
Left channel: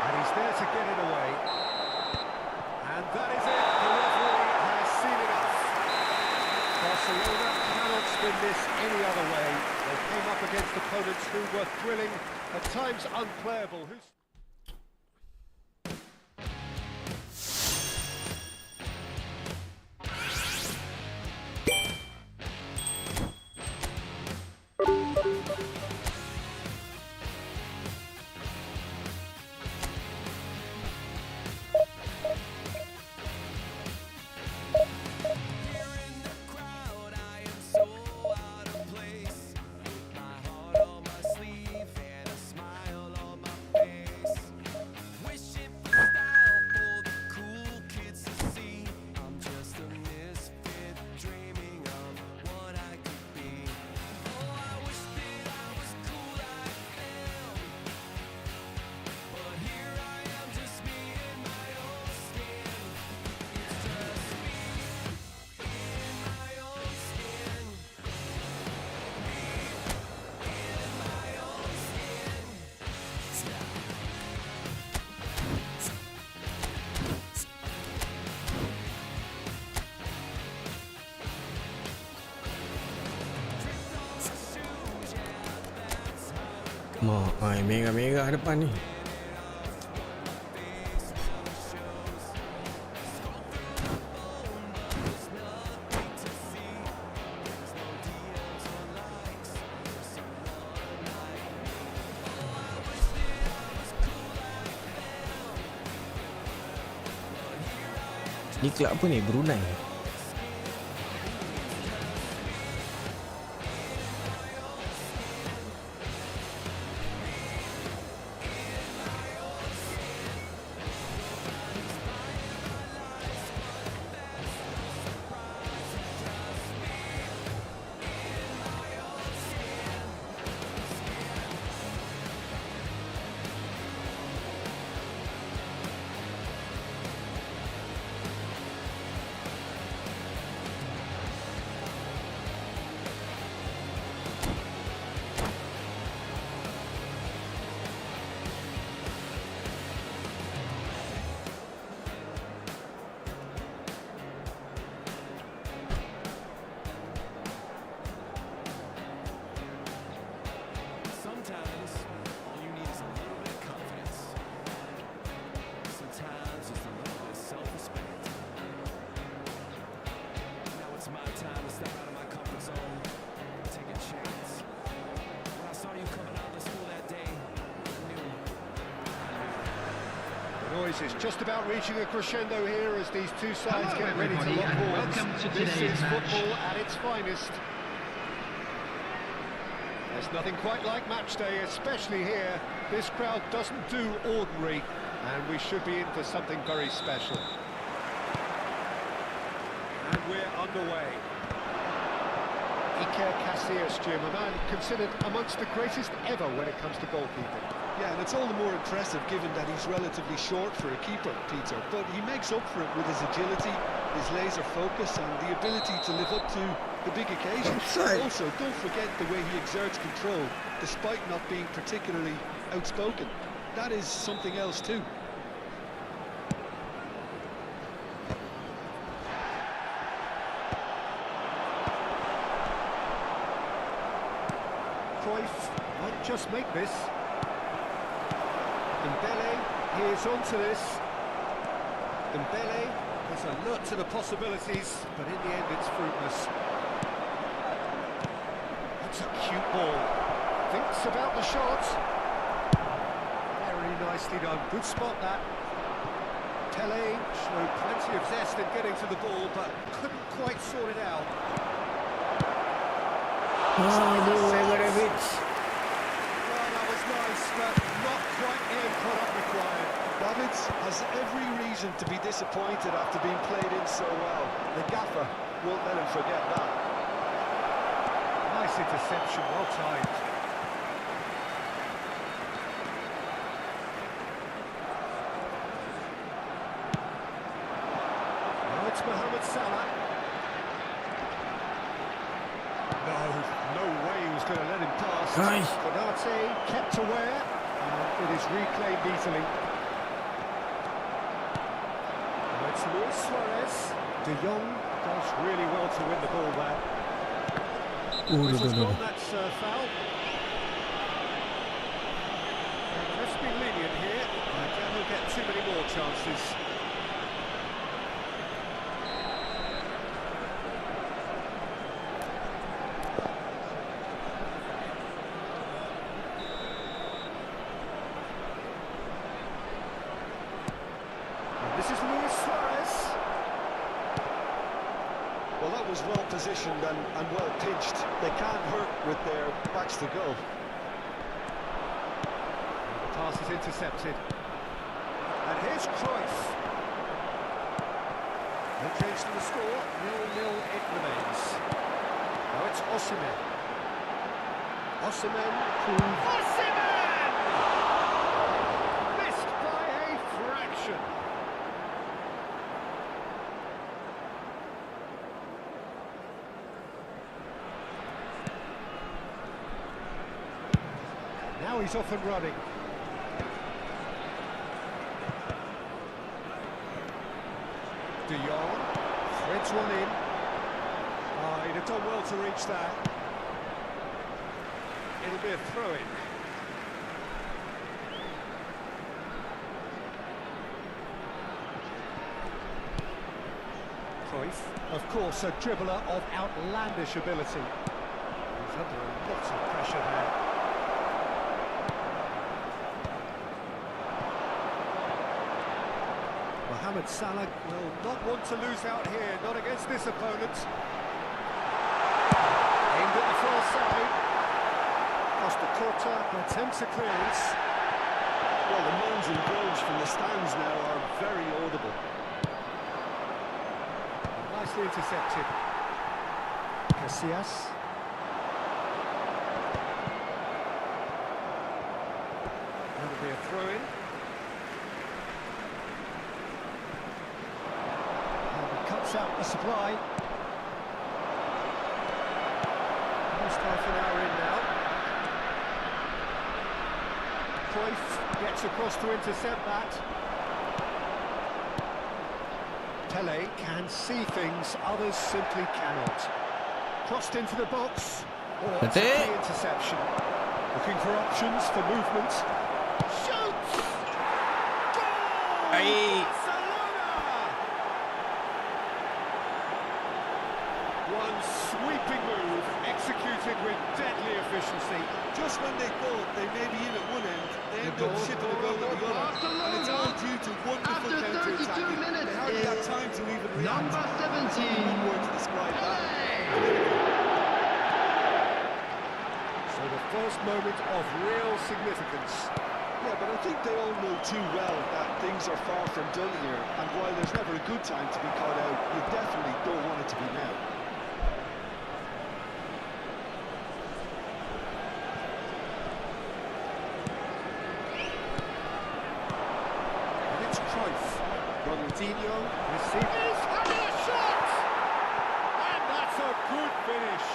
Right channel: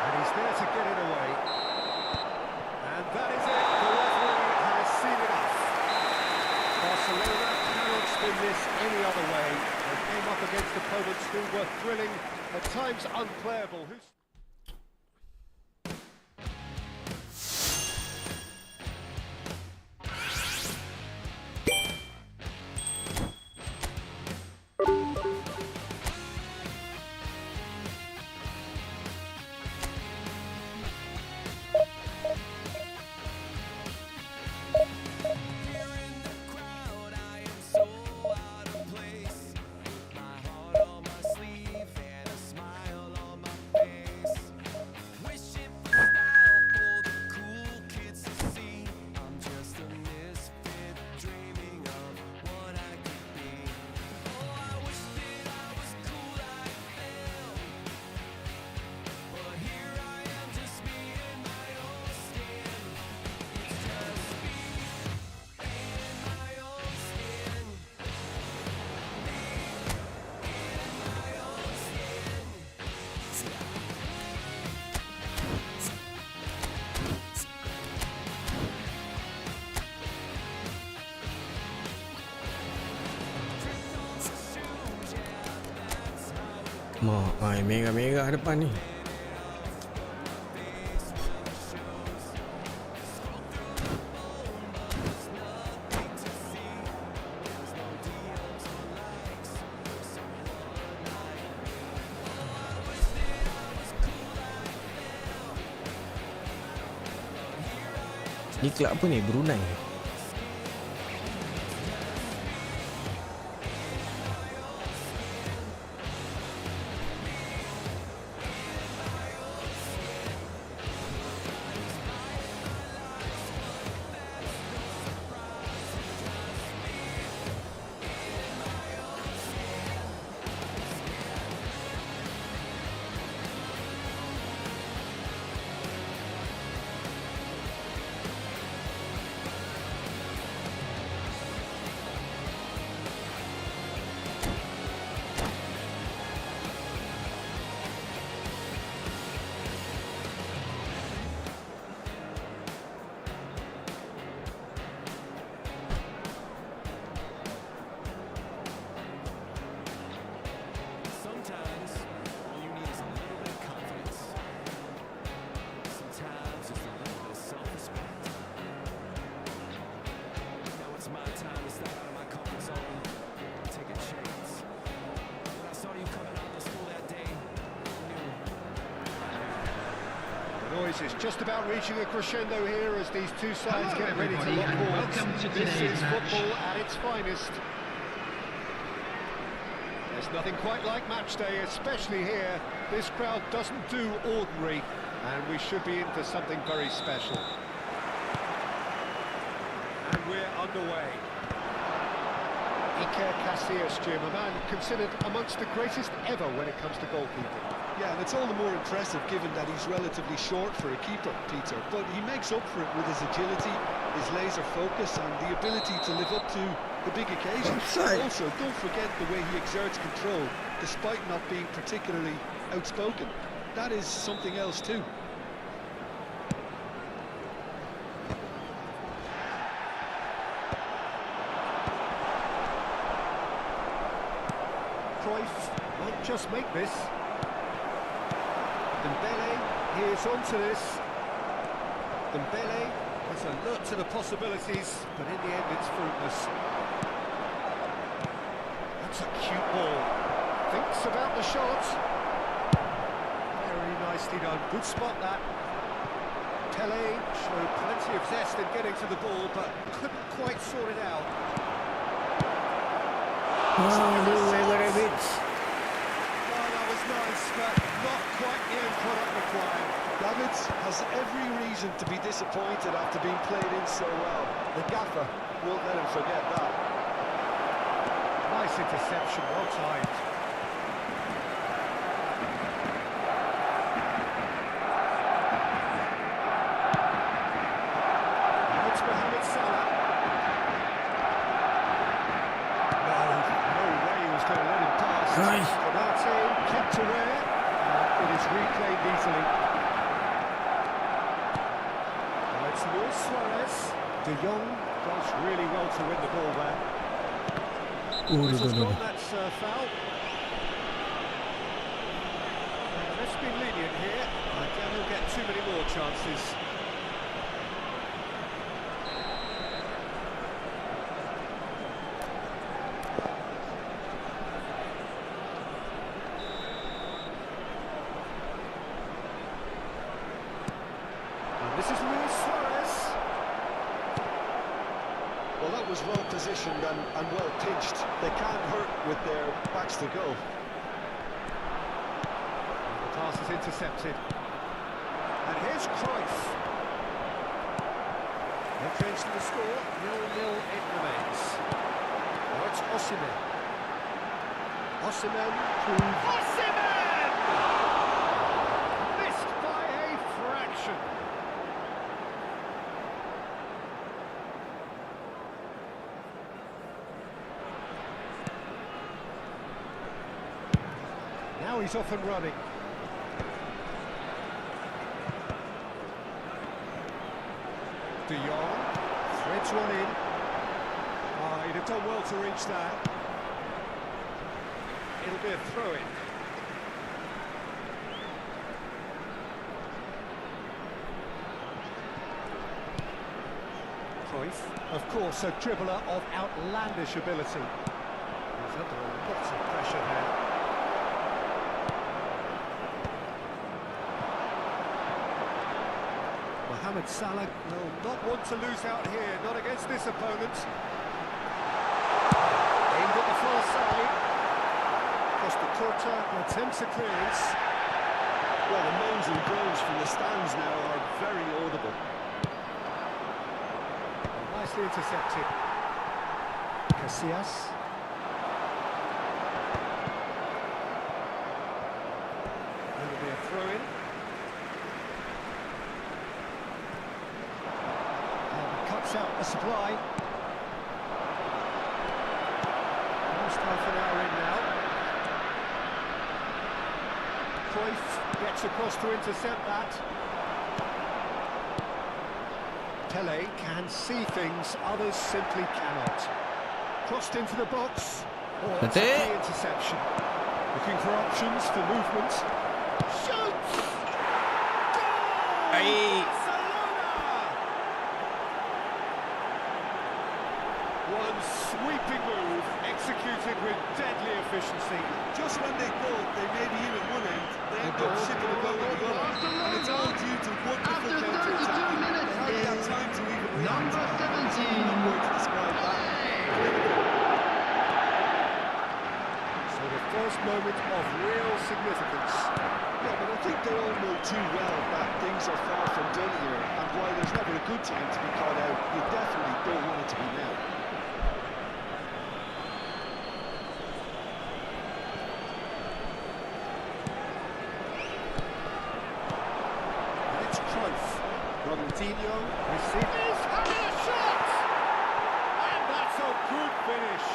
And he's there to get it away. And that is it. The referee has seen it off. Barcelona cannot spin this any other way. They came up against opponents who were thrilling, at times unplayable. Merah-merah depan ni. Ni kelab apa ni? Brunei. Sometimes all you need is a little bit of confidence. Sometimes just a little bit of self-respect. Now it's my time to step out of my comfort zone, take a chance. When I saw you coming out of the school that day, I knew. The noise is just about reaching a crescendo here as these two sides Hello, get ready to everybody, lock and horns. welcome to This today's is match. football at its finest. There's nothing quite like match day, especially here. This crowd doesn't do ordinary, and we should be in for something very special. And we're underway. Iker Casillas, Jim, a man considered amongst the greatest ever when it comes to goalkeeping. Yeah, and it's all the more impressive given that he's relatively short for a keeper, Peter. But he makes up for it with his agility, his laser focus, and the ability to live up to the big occasion. Offside. Also, don't forget the way he exerts control, despite not being particularly outspoken. That is something else too. Cruyff might just make this. Dembele, he is onto this. Dembele is alert to the possibilities, but in the end it's fruitless. That's a cute ball. Thinks about the shot. Very nicely done. Good spot that. Pele showed plenty of zest in getting to the ball, but couldn't quite sort it out. Aduh, Egorevic. Well, that was nice, but not quite the end product required. Davids has every reason to be disappointed after being played in so well. The gaffer won't let him forget that. Nice interception, well timed. Now it's Mohamed Salah. No way he was going to let him pass. Nice. Konate kept aware, and it is reclaimed easily. Now it's Luis Suarez. De Jong does really well to win the ball there. Whistle's gone, that's foul. And the ref's been lenient here. I doubt he'll get too many more chances. And this is Luis Suarez. Well, that was well positioned and well pitched. They can't hurt with their backs to goal. The pass is intercepted. And here's Cruyff. No change to the score, 0-0 it remains. Now it's Osimhen. Osimhen proves... Osimhen! Missed by a fraction. Now he's off and running. De Jong threads one in. He'd have done well to reach that. It'll be a throw-in. Cruyff, of course, a dribbler of outlandish ability. He's under lots of pressure there. Mohamed Salah will not want to lose out here, not against this opponent. Aimed at the far side. Costa Curta attempts a clearance. Well, the moans and groans from the stands now are very audible. Nicely intercepted. Casillas. That'll be a throw-in. And cuts out the supply. Almost half an hour in now. Cruyff gets across to intercept that. Pele can see things others simply cannot. Crossed into the box. Oh, That's a it. key interception. Looking for options for movement. Shoots! Goal! Aye. Barcelona! One sweeping move, executed with deadly efficiency. Just when they thought they may be in at one end, they end up shipping a goal at the other. And it's all due to wonderful After 32 counter-attacking. minutes They hardly have is time to even react. number 17. One word to describe that. So the first moment of real significance. Yeah, but I think they all know too well that things are far from done here. And while there's never a good time to be caught out, you definitely don't want it to be now. Cruyff. Ronaldinho receives. He's having a shot! And that's a good finish.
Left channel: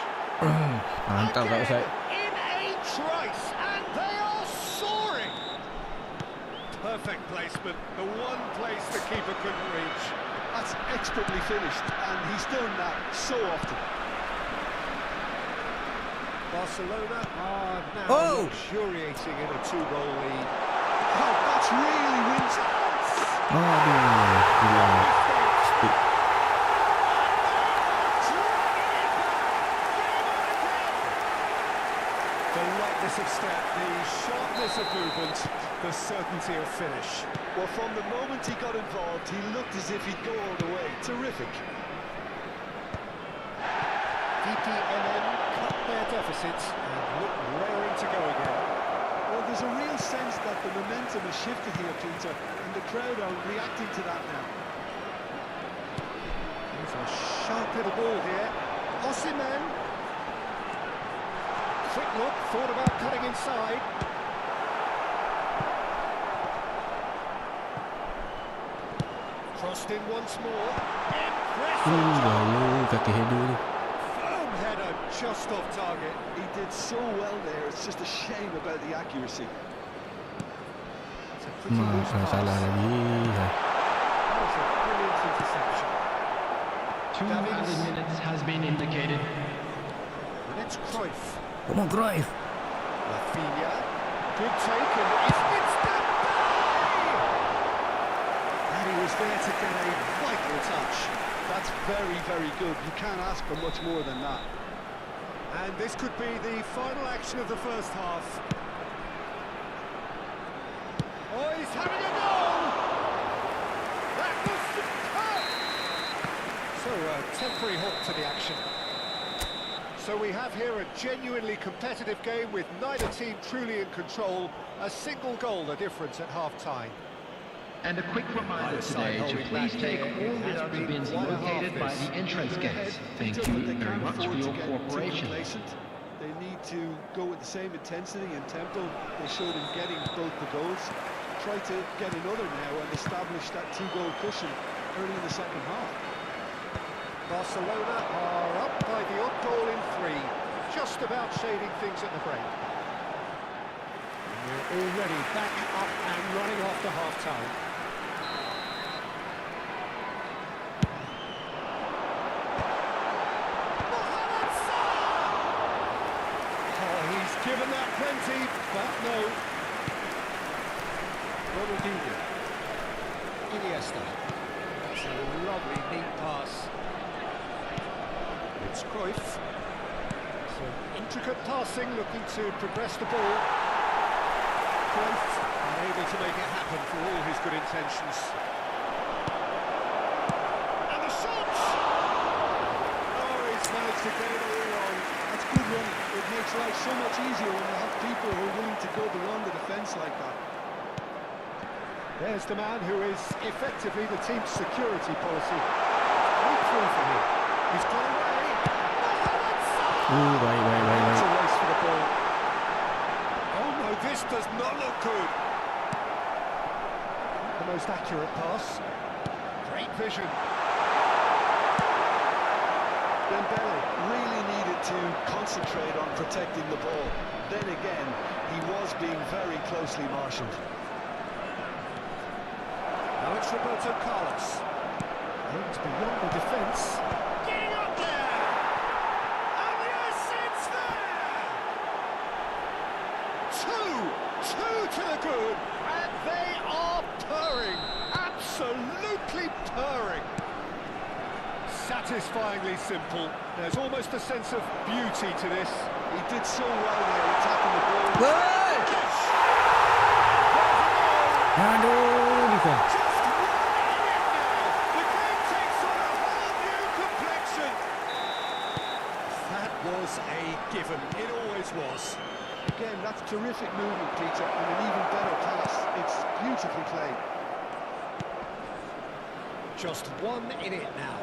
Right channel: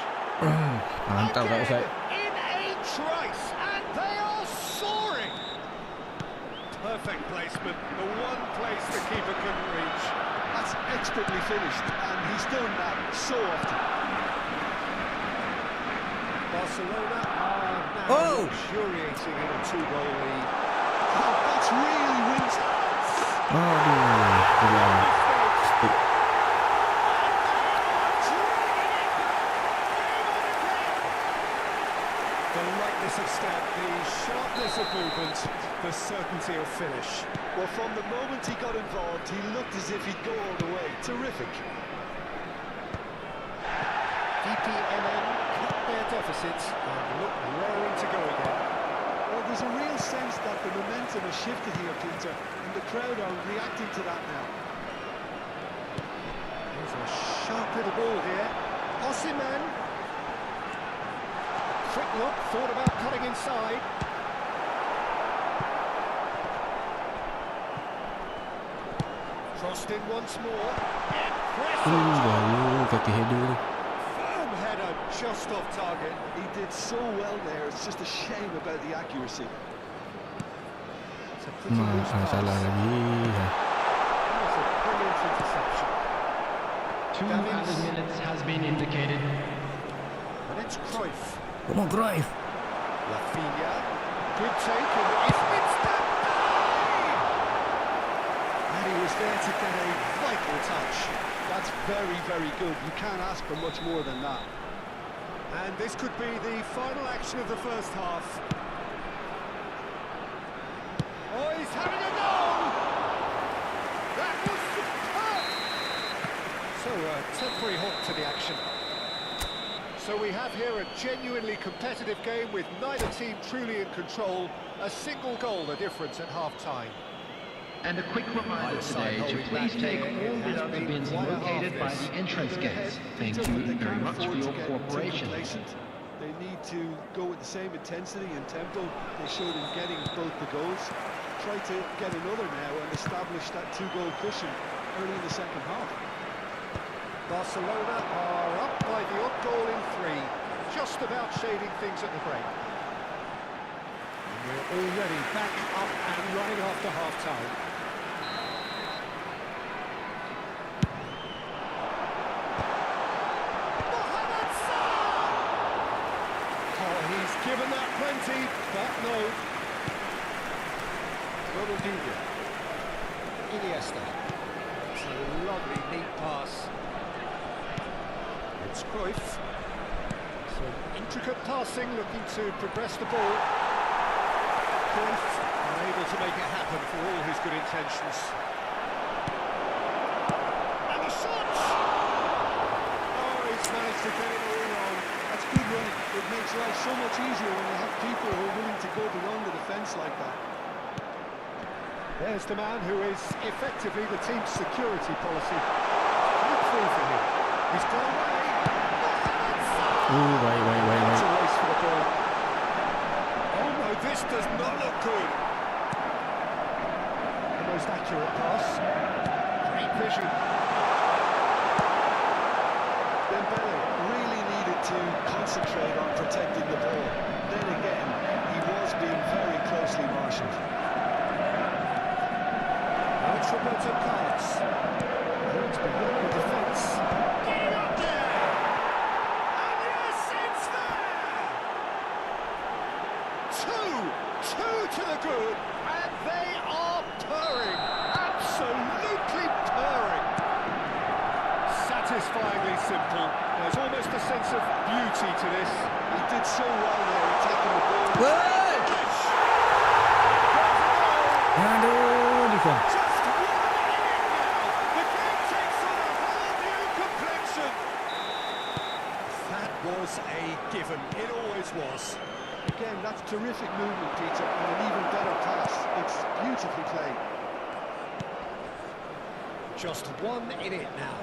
Mantap kat Ustaz. In a trice, and they are soaring. Perfect placement, the one place the keeper couldn't reach. That's expertly finished, and he's done that so often. Barcelona are now luxuriating in a 2-goal lead. Oh, that's really wins. Aduh, gila. Stick. The lightness of step, the sharpness of movement, the certainty of finish. Well, from the moment he got involved, he looked as if he'd go all the way. Terrific. DPMM cut their deficit and look raring to go again. Well, there's a real sense that the momentum has shifted here, Peter, and the crowd are reacting to that now. There's a sharp little ball here. Osimhen. Quick look, thought about cutting inside. Crossed in once more. Impressive job. Gaya kaki header tu. Firm header just off target. He did so well there, it's just a shame about the accuracy. It's a pretty loose pass. Salah lagi. That was a brilliant interception. 2 added minutes has been indicated. And it's Cruyff. Come on, Cruyff. Rafinha. Good take and it's Dembele! And he was there to get a vital touch. That's very, very good. You can't ask for much more than that. And this could be the final action of the first half. Oh, he's having a goal! That was superb! So, a temporary halt to the action. So we have here a genuinely competitive game with neither team truly in control. A single goal the difference at half-time. And a quick reminder today to please take all without the bins located by the entrance gates. Thank you very much for your cooperation. They need to go with the same intensity and tempo they showed in getting both the goals. Try to get another now and establish that 2-goal cushion early in the second half. Barcelona are up by the odd goal in 3, just about shading things at the break. And we're already back up and running after half-time. Mohamed Salah! Oh, he's given that plenty, but no. Ronaldinho. Iniesta. It's a lovely, neat pass. It's Cruyff. Some intricate passing, looking to progress the ball. Cruyff unable to make it happen for all his good intentions. And the shot! Oh, he's managed to get it all wrong. That's good running. It makes life so much easier when you have people who are willing to go beyond the defence like that. There's the man who is effectively the team's security policy. Great through for him. He's got away. Wait. It's a race for the ball. Oh no, this does not look good. The most accurate pass. Great vision. Dembele really needed to concentrate on protecting the ball. Then again, he was being very closely marshalled. Now it's Roberto Carlos. It's beyond the defence. Getting up there! And yes, it's there! Two to the good, and they are purring. Absolutely purring. Satisfyingly simple. There's almost a sense of beauty to this. He did so well there, attacking the ball. Woi! Finish! And there's a goal! Aduh, defend. Just 1 minute now. The game takes on a whole new complexion. That was a given. It always was. Again, that's terrific movement, Peter, and an even better pass. It's beautifully played. Just 1 minute now.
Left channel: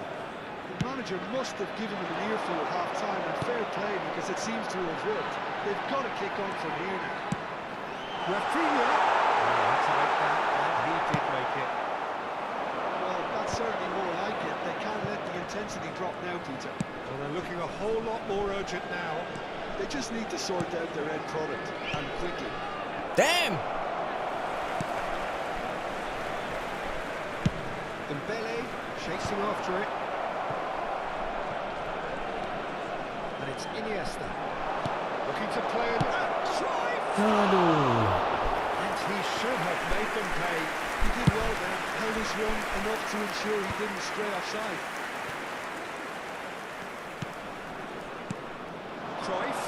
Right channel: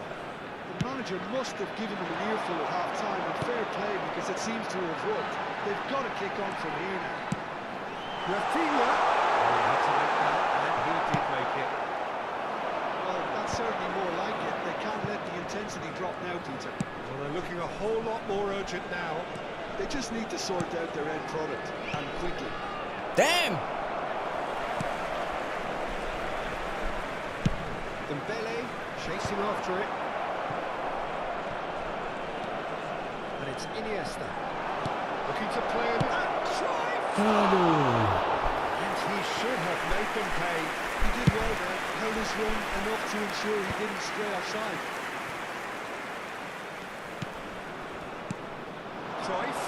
The manager must have given them an earful at half-time, and fair play because it seems to have worked. They've got to kick on from here now. Rafinha. Oh, he had to make that, and he did make it. Well, that's certainly more like it. They can't let the intensity drop now, Peter. Well, they're looking a whole lot more urgent now. They just need to sort out their end product, and quickly. Damn! Dembele chasing after it. And it's Iniesta. Looking to play it. And Cruyff! Aduh. And he should have made them pay. He did well there, held his run enough to ensure he didn't stray offside. Cruyff.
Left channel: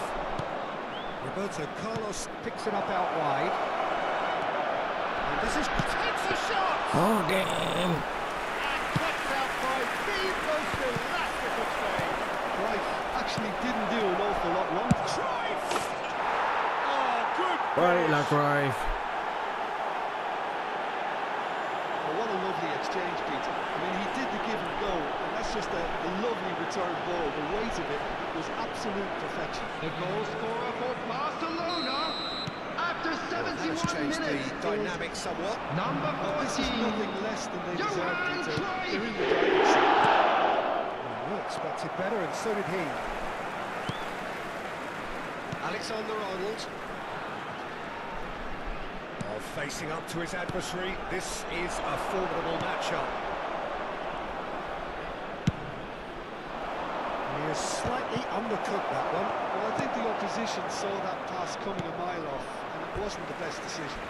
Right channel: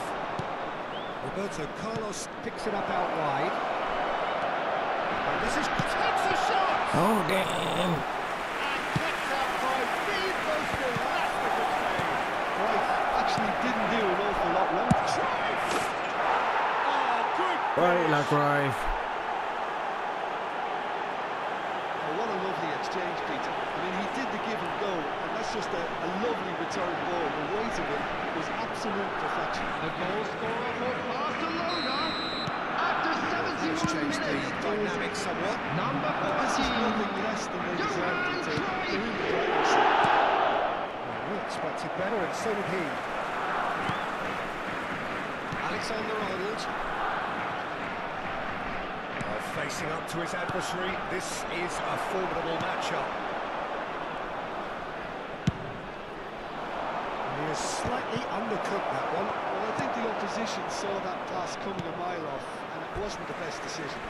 Roberto Carlos picks it up out wide. And this is takes a shot! Oh, damn. And cuts out by the most elastic of saves. Cruyff actually didn't do an awful lot wrong. Cruyff! Oh, good! Baiklah, Cruyff. Oh, what a lovely exchange, Peter. I mean, he did the give and go, and that's just a lovely return ball. The weight of it was absolute perfection. The goal scorer for Barcelona after 71 Changed the minutes. dynamic somewhat. Number Well, this is 14. nothing less than they deserve, Johan Peter. Cruyff. They're in the driving seat. Well, we expected better, and so did he. Alexander-Arnold. Facing up to his adversary, this is a formidable matchup. He has slightly undercooked that one. Well, I think the opposition saw that pass coming a mile off, and it wasn't the best decision.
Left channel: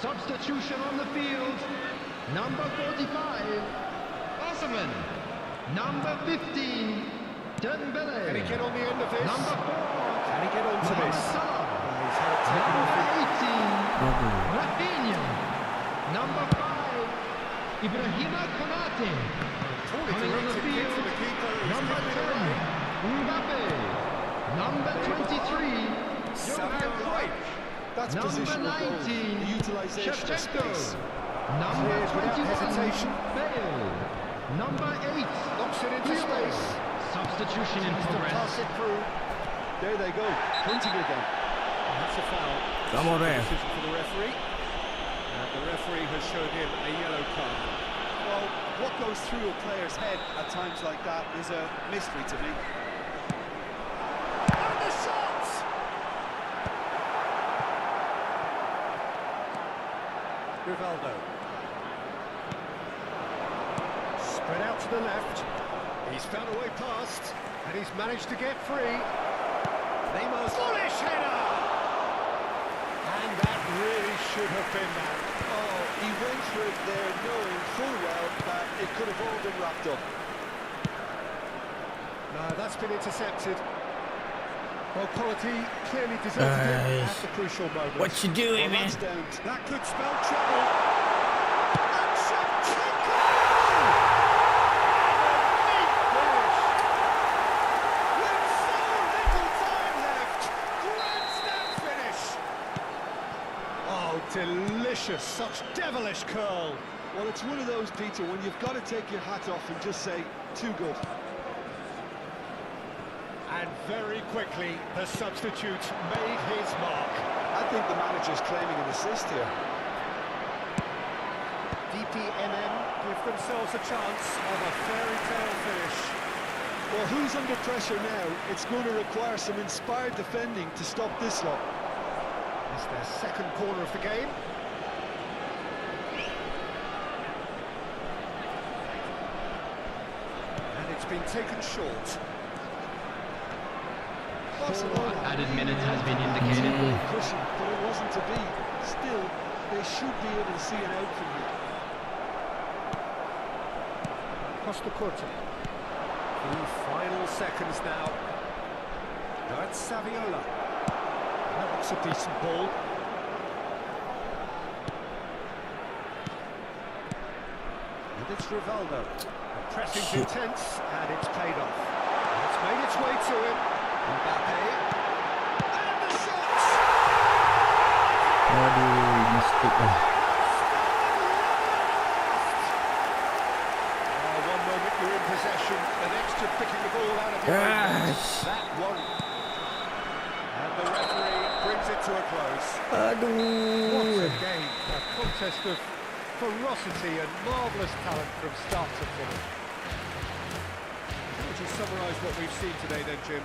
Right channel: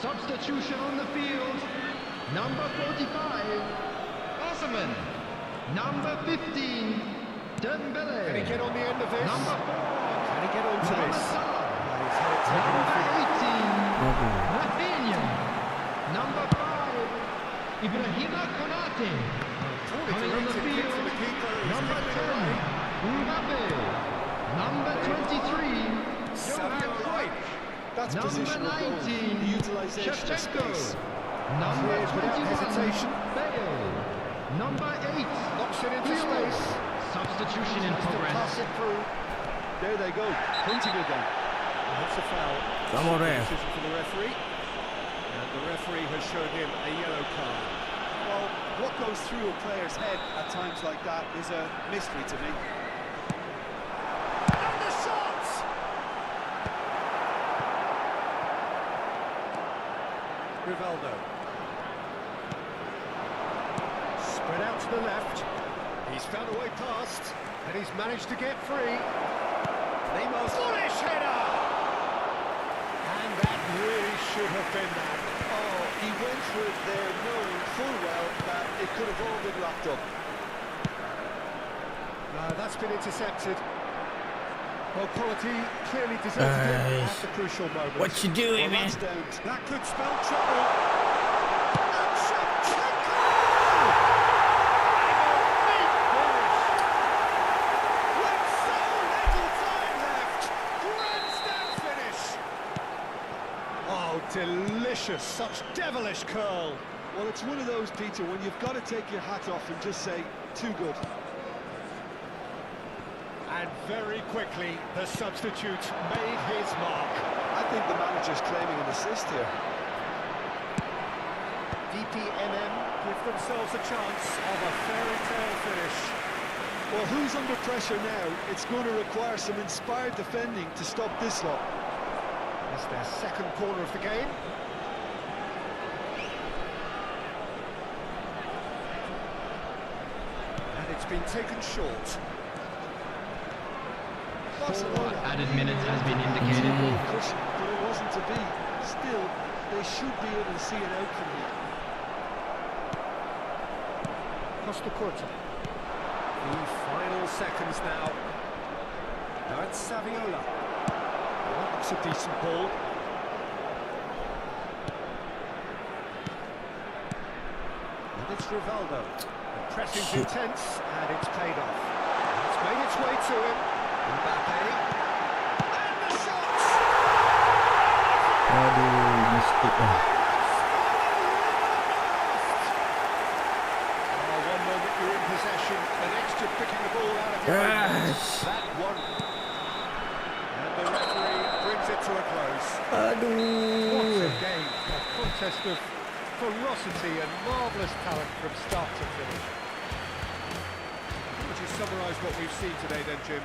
Substitution on the field. Number 45, Osman. Number 15, Dembele. Can he get on the end of this? Number 4, Can he get onto Mohamed this? Salah. He's had it taken off Number him. 18, Aduh. Rafinha. Number 5, Ibrahima Konate. Poorly Coming on the directed kick field, to the keeper. He's number given it 10, away. Mbappe. Number 23, Savio Johan Cruyff. That's Number positional goal. 19, The utilisation of Shevchenko. space. Number Cleared without 21, hesitation. Bale. Number 8, Knocks it into Pirlo. space. Substitution in Tries to pass progress. it through. There they go, punting again. That's a foul. Come on, ref. Decision for the referee. And the referee has shown him a yellow card. Well, what goes through a player's head at times like that is a mystery to me. And the shot! Rivaldo. Spread out to the left. He's found a way past, and he's managed to get free. Neymar's bullish header! And that really should have been that. Oh, he went for it there knowing full well that it could have all been wrapped up. No, that's been intercepted. Well, quality clearly deserted it at the crucial moment. What you doing, Well, man? that's down to That could spell trouble. And Shevchenko! And a neat finish. With so little time left. Grandstand finish. Oh, delicious. Such devilish curl. Well, it's one of those, Peter, when you've got to take your hat off and just say, too good. And very quickly, the substitute made his mark. I think the manager's claiming an assist here. DPMM give themselves a chance of a fairy tale finish. Well, who's under pressure now? It's going to require some inspired defending to stop this lot. It's their second corner of the game. And it's been taken short. Barcelona Added minutes has been indicated. cushion, but it wasn't to be. Still, they should be able to see it out from here. Costa Curta. The final seconds now. That's Saviola. That looks a decent ball. And it's Rivaldo. The pressing's intense, and it's paid off. And it's made its way to him. Mbappe. And the shot! Aduh, mistake dah. One moment you're in possession, the next you're picking the ball out of your own net. Gosh. That one. And the referee brings it to a close. What Aduh. a game. A contest of ferocity and marvellous talent from start to finish. How would you summarise what we've seen today then, Jim?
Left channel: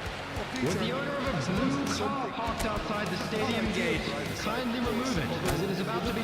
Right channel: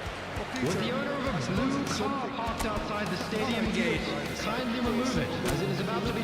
With the owner of a blue car parked outside the stadium gate, kindly remove it, as it is about to be...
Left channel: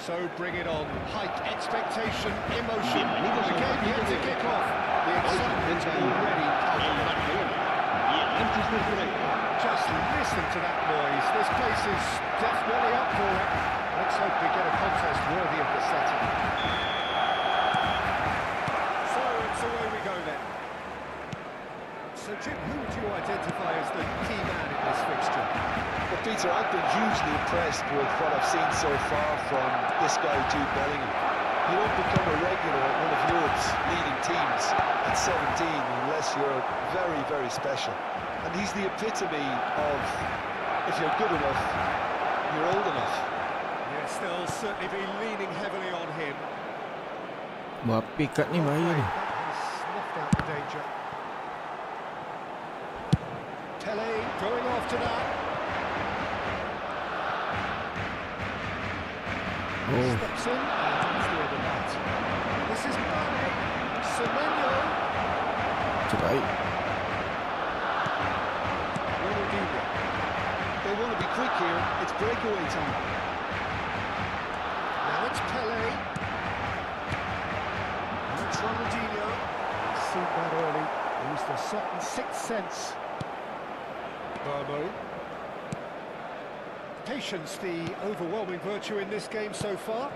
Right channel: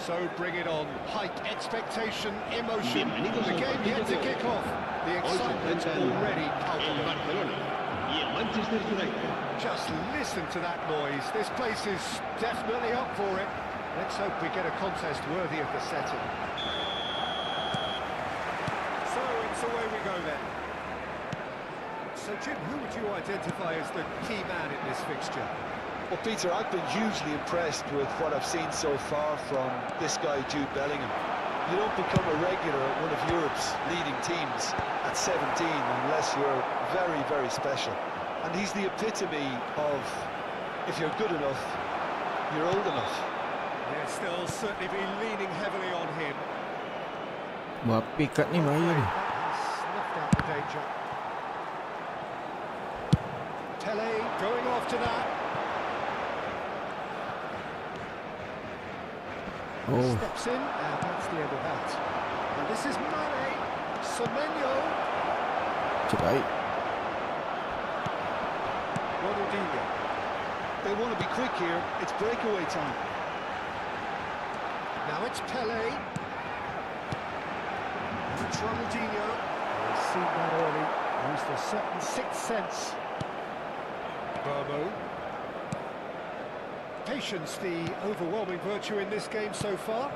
So bring it on. Hype, expectation, emotion. The game yet to kick off. The excitement already palpable. Just listen to that noise. This place is definitely up for it. Let's hope we get a contest worthy of the setting. So it's away we go then. So Jim, who would you identify as the key man in this fixture? Well, Peter, I've been hugely impressed with what I've seen so far from this guy, Jude Bellingham. You don't become a regular at one of Europe's leading teams at 17 unless you're very, very special. And he's the epitome of, if you're good enough, you're old enough. Yeah, still certainly be leaning heavily on him. Bapi kat ni bahaya ni. That has snuffed out the danger. Pele going after that. Oh, Steps in, and that's the end of that. And this is Mane. Semenyo. cerai. Ronaldinho. They want to be quick here. It's breakaway time. Now it's Pele. Now it's Ronaldinho. He's seen that early. Used a certain sixth sense. Burmo. Patience, the overwhelming virtue in this game so far.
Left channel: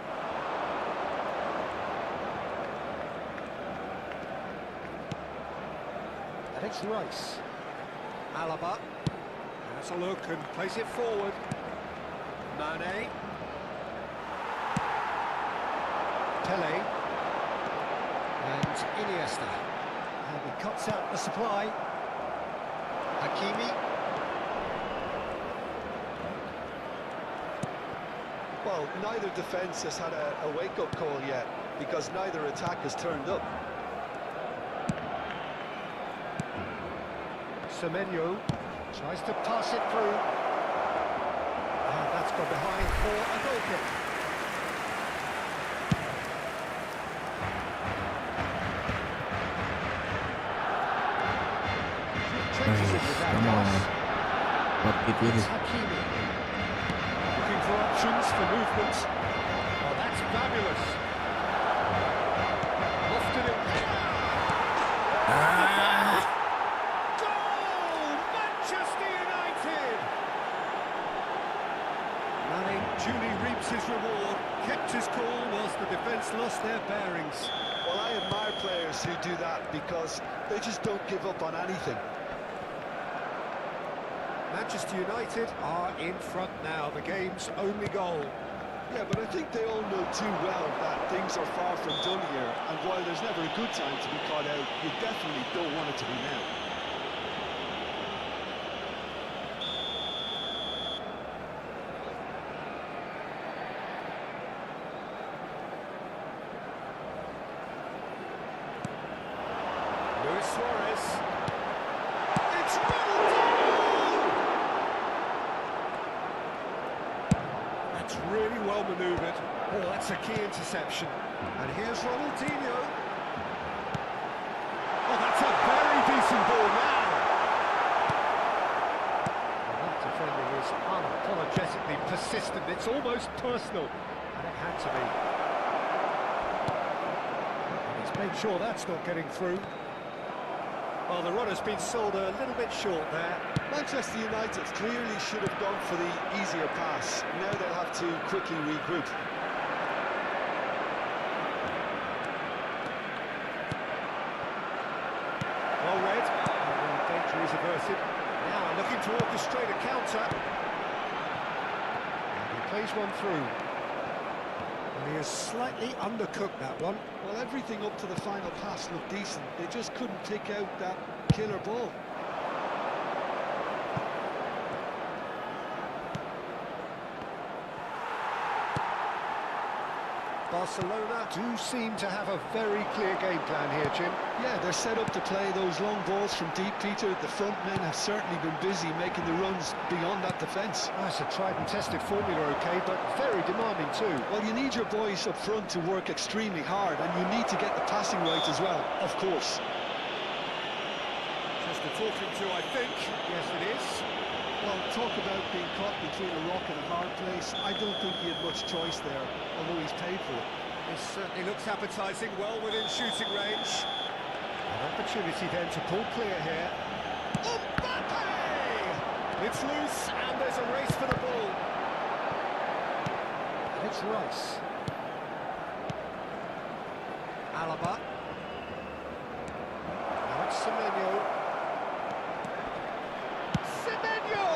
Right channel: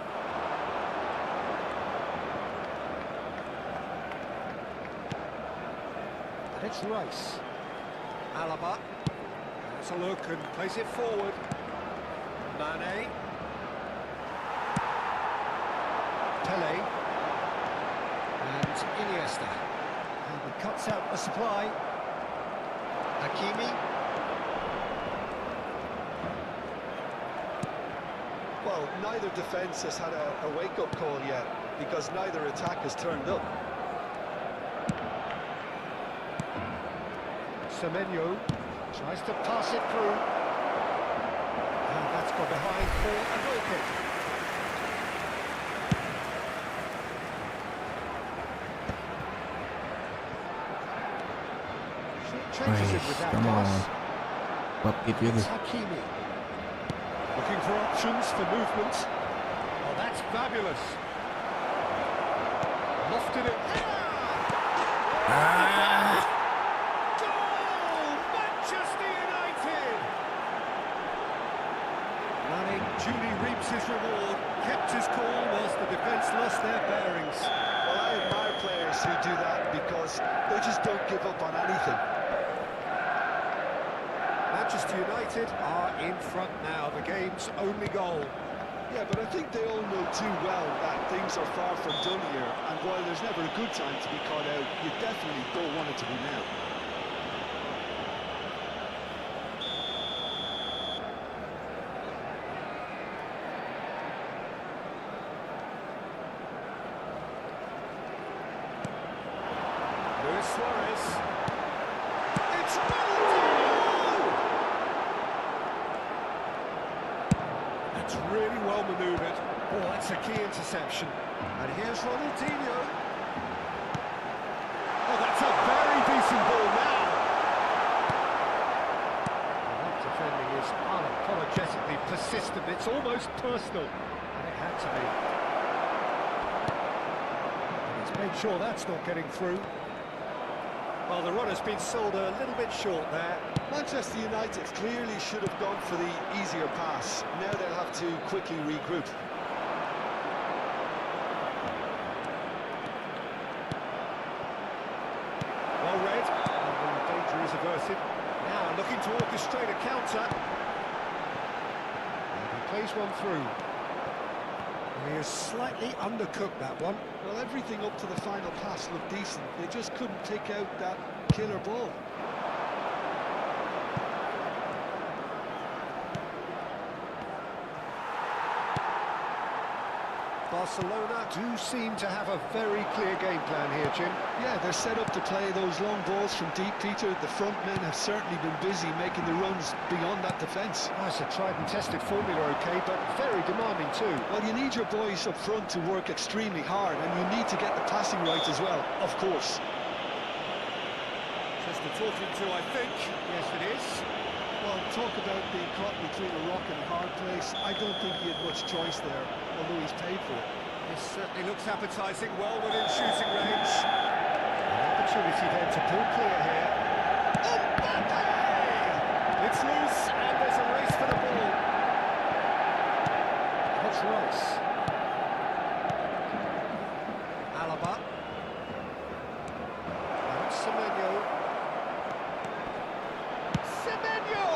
And it's Rice. Alaba has a look and plays it forward. Mane. Pele. And Iniesta. And he cuts out the supply. Hakimi. Well, neither defence has had a wake-up call yet, because neither attack has turned up. Semenyo tries to pass it through. And that's gone behind for a goal kick. Changes it with that Come on. pass. Bapi tu It's je. Hakimi. Looking for options for movement. Oh, that's fabulous. Lofted it. Goal! Manchester United! Mane duly reaps his reward, kept his cool whilst the defence lost their bearings. Well, I admire players who do that because they just don't give up on anything. Manchester United are in front now, the game's only goal. Yeah, but I think they all know too well that things are far from done here, and while there's never a good time to be caught out, you definitely don't want it to be now. Luis Suarez. It's Ronaldinho! That's really well manoeuvred. Oh, that's a key interception. And here's Ronaldinho. Oh, that's a very decent ball now. Well, that defending is unapologetically persistent. It's almost personal. And it had to be. And he's made sure that's not getting through. Well, the run has been sold a little bit short there. Manchester United clearly should have gone for the easier pass. Now they'll have to quickly regroup. Well read, and the danger is averted. Now looking to orchestrate a counter. And he plays one through. And he has slightly undercooked that one. Well, everything up to the final pass looked decent. They just couldn't pick out that killer ball. Barcelona do seem to have a very clear game plan here, Jim. Yeah, they're set up to play those long balls from deep, Peter. The front men have certainly been busy making the runs beyond that defence. Oh, it's a tried and tested formula, OK, but very demanding too. Well, you need your boys up front to work extremely hard, and you need to get the passing right as well, of course. Just a talking to, I think. Yes, it is. Well, talk about being caught between a rock and a hard place. I don't think he had much choice there, although he's paid for it. This certainly looks appetising, well within shooting range. An opportunity then to pull clear here. Mbappe! It's loose, and there's a race for the ball. And it's Rice. Alaba. Now it's Semenyo. Semenyo!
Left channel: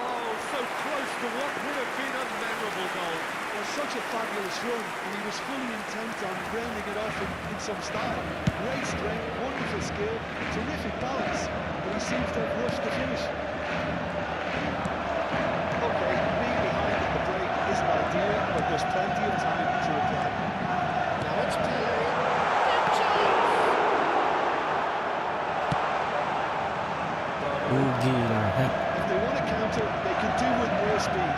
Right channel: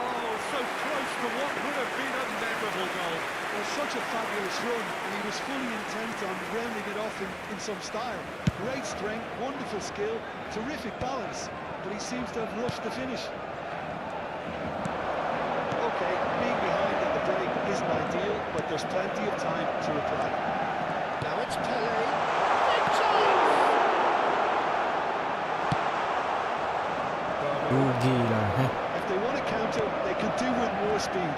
Oh, so close to what would have been a memorable goal. Well, such a fabulous run, and he was fully intent on rounding it off in some style. Great strength, wonderful skill, terrific balance, but he seems to have rushed the finish. Okay, being behind at the break isn't ideal, but there's plenty of time to reply. Now it's Pele. Big chance! Gila, If they want to counter, they could do with more speed.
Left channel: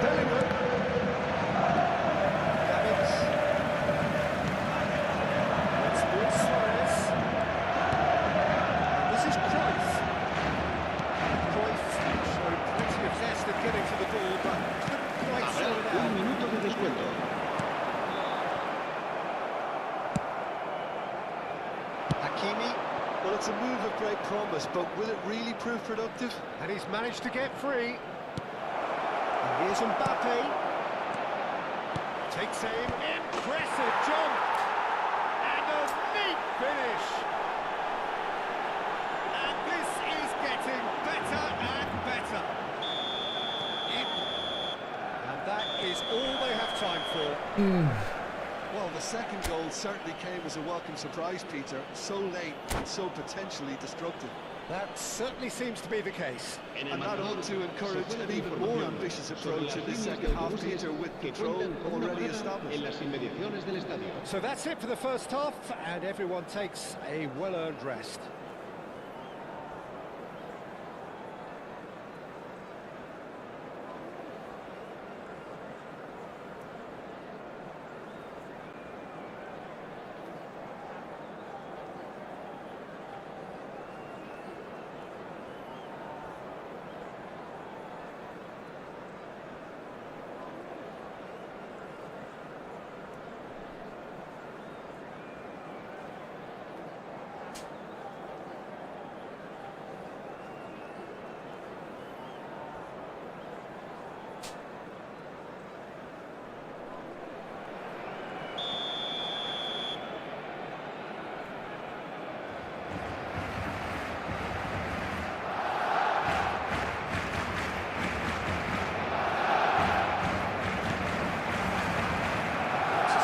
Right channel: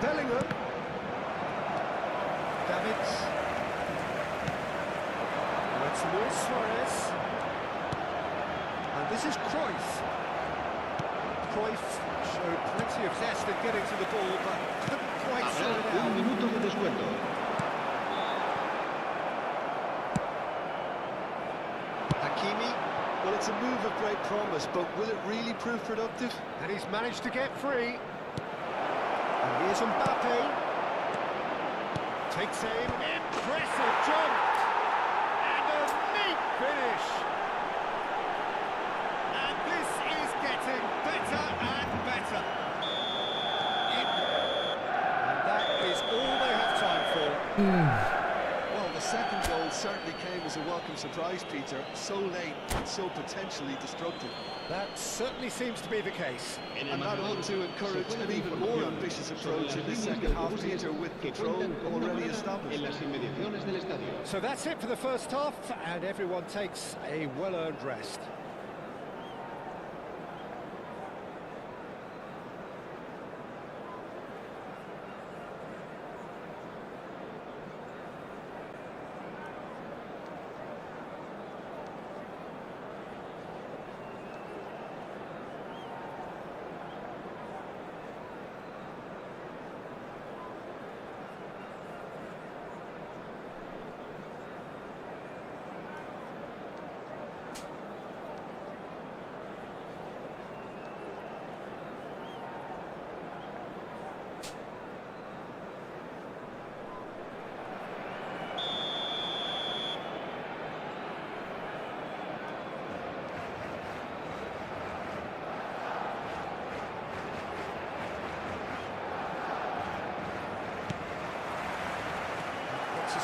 Bellingham. Davids. Now it's Luis Suarez. And this is Cruyff. Cruyff showed plenty of zest in getting to the ball, but couldn't quite sort it out. minuto de descuento. Hakimi. Well, it's a move of great promise, but will it really prove productive? And he's managed to get free. And here's Mbappe. Takes aim. Impressive jump. And a neat finish. And this is getting better and better. And that is all they have time for. Well, the second goal certainly came as a welcome surprise, Peter. So late and so potentially destructive. That certainly seems to be the case. And that ought to encourage an even more ambitious approach in the second half, Peter, with control already established. So that's it for the first half, and everyone takes a well-earned rest.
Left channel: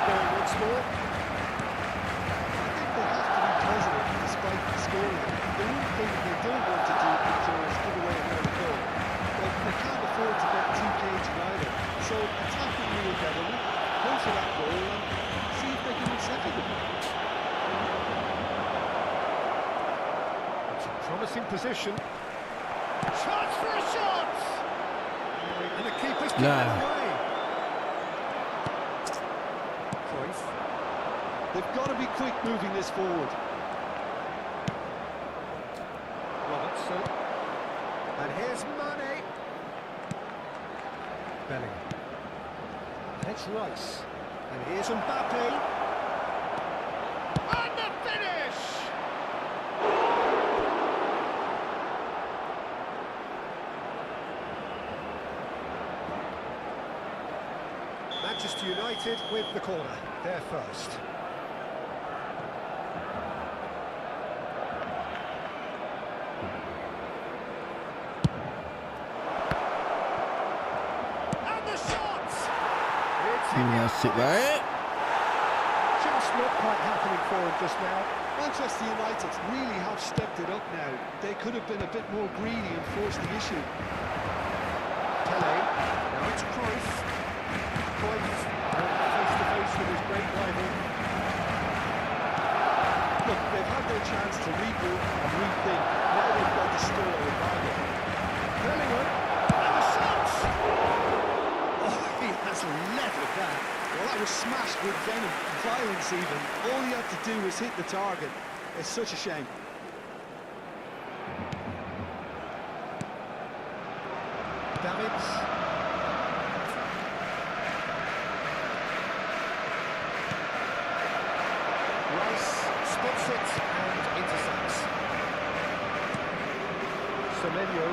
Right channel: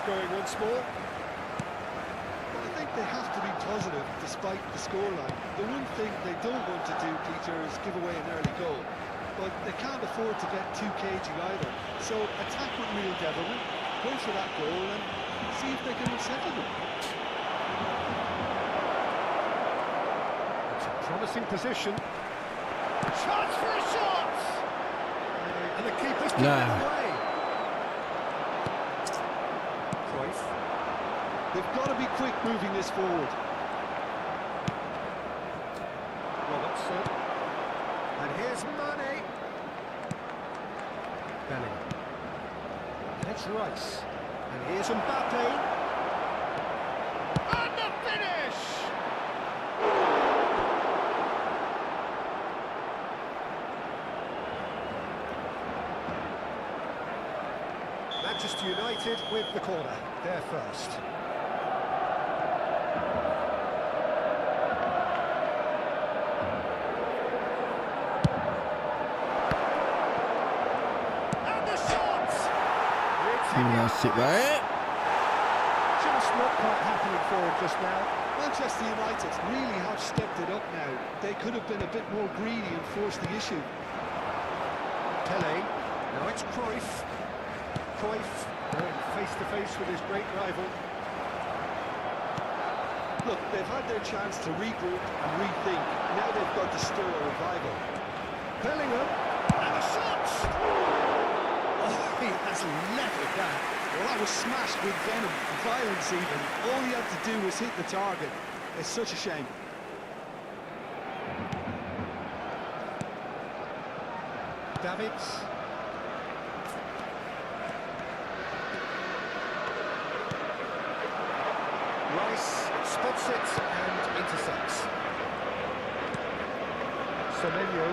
Going once more. I think they have to be positive despite the scoreline. The one thing they don't want to do, Peter, is give away an early goal. But they can't afford to get too cagey either. So attack with real devilment, go for that goal and see if they can unsettle them. It's a promising position. Chance for a shot! And the keeper's given it away. Cruyff. They've got to be quick moving this forward. Robertson. And here's Mane. Bellingham. And it's Rice. And here's Mbappe. And the finish! Manchester United with the corner, they're first. And the shot! It's Nasib baik. just not quite happening for him just now. Manchester United really have stepped it up now. They could have been a bit more greedy and forced the issue. Pele, now it's Cruyff. Cruyff going face-to-face with his great rival. Look, they've had their chance to regroup and rethink. Now they've got to stir a revival. Bellingham, and the shot! Oh, he has leveled that. Well, that was smashed with venom, violence even. All he had to do was hit the target. It's such a shame. Davids. Rice spots it and intercepts. Semenyo.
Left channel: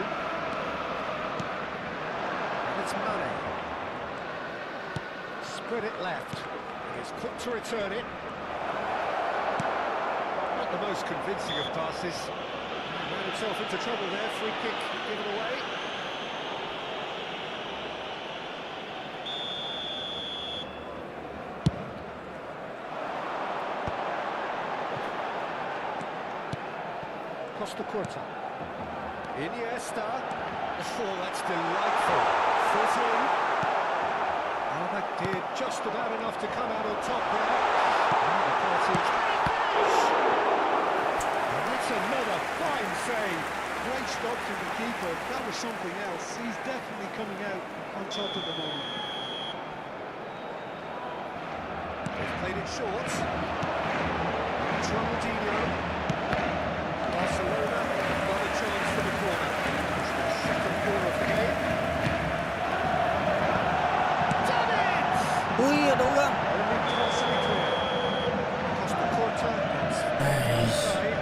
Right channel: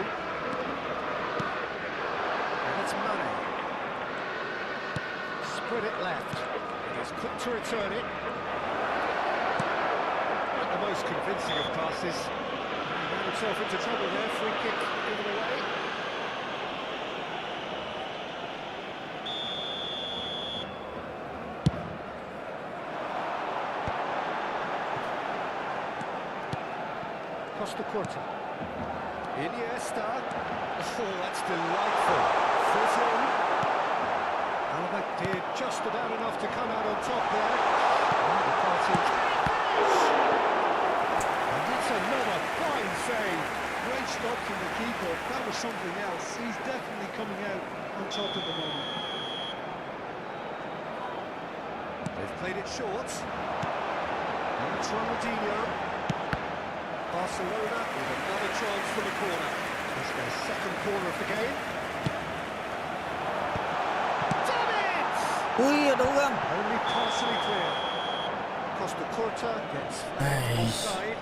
And it's Mane. Spread it left. It is quick to return it. Not the most convincing of passes. He ran himself into trouble there. Free kick given away. Costa Curta. Iniesta. Oh, that's delightful. Foot in. Oh, that did just about enough to come out on top there. And the party. And that's another fine save. Great stop from the keeper. That was something else. He's definitely coming out on top at the moment. They've played it short. And it's Ronaldinho. Barcelona with another chance for the corner. It's their second corner of the game. Davids! Ui, ada orang. Only partially clear. Costa Curta gets offside.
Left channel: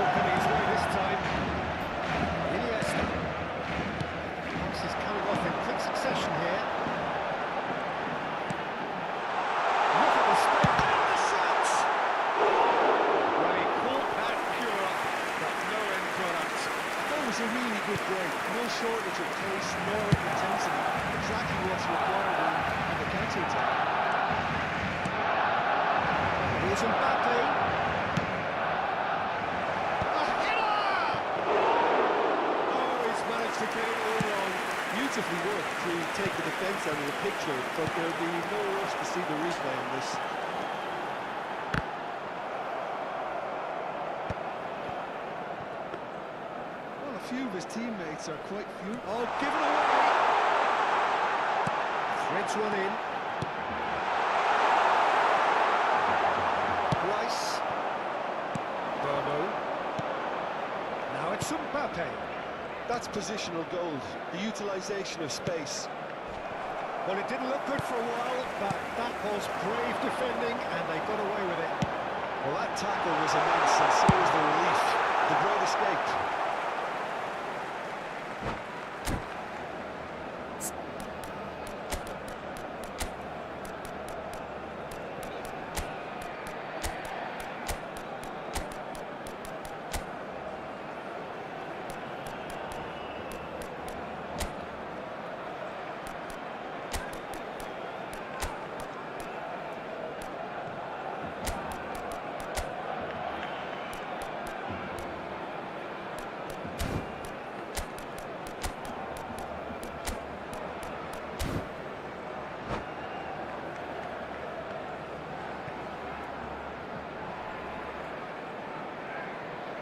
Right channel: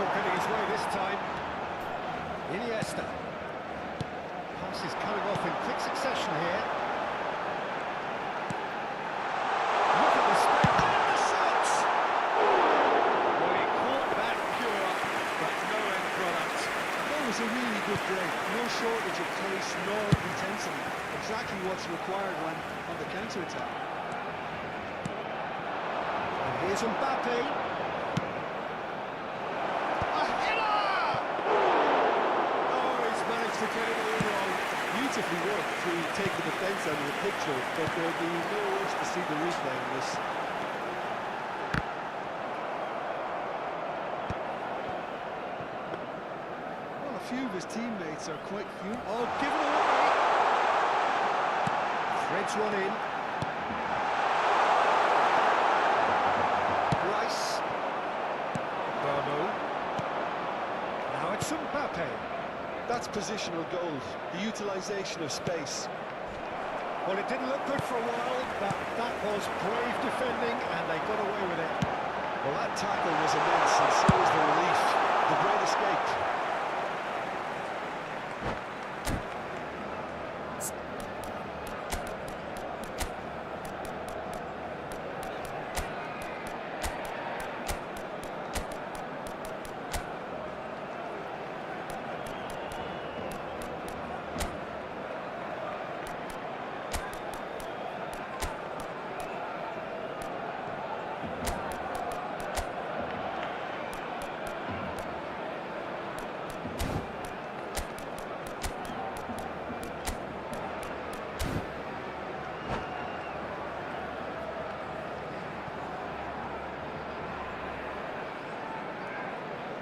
Not getting his way this time. Iniesta. Pass is coming off in quick succession here. Look at the space and the shots! Well, he caught that pure, but no end product. That was a really good break. No shortage of pace nor intensity. Exactly what's required on the counter-attack. Here's Mbappe. To get it all wrong. Beautifully worked to take the defence out of the picture, but there'll be no rush to see the replay on this. Well, a few of his teammates are quite furious. Oh, given away! Threads one in. Rice. Burmo. Now it's Mbappe. That's positional gold, the utilisation of space. Well, it didn't look good for a while, but that was brave defending, and they got away with it. Well, that tackle was immense, and so was the relief. The great escape.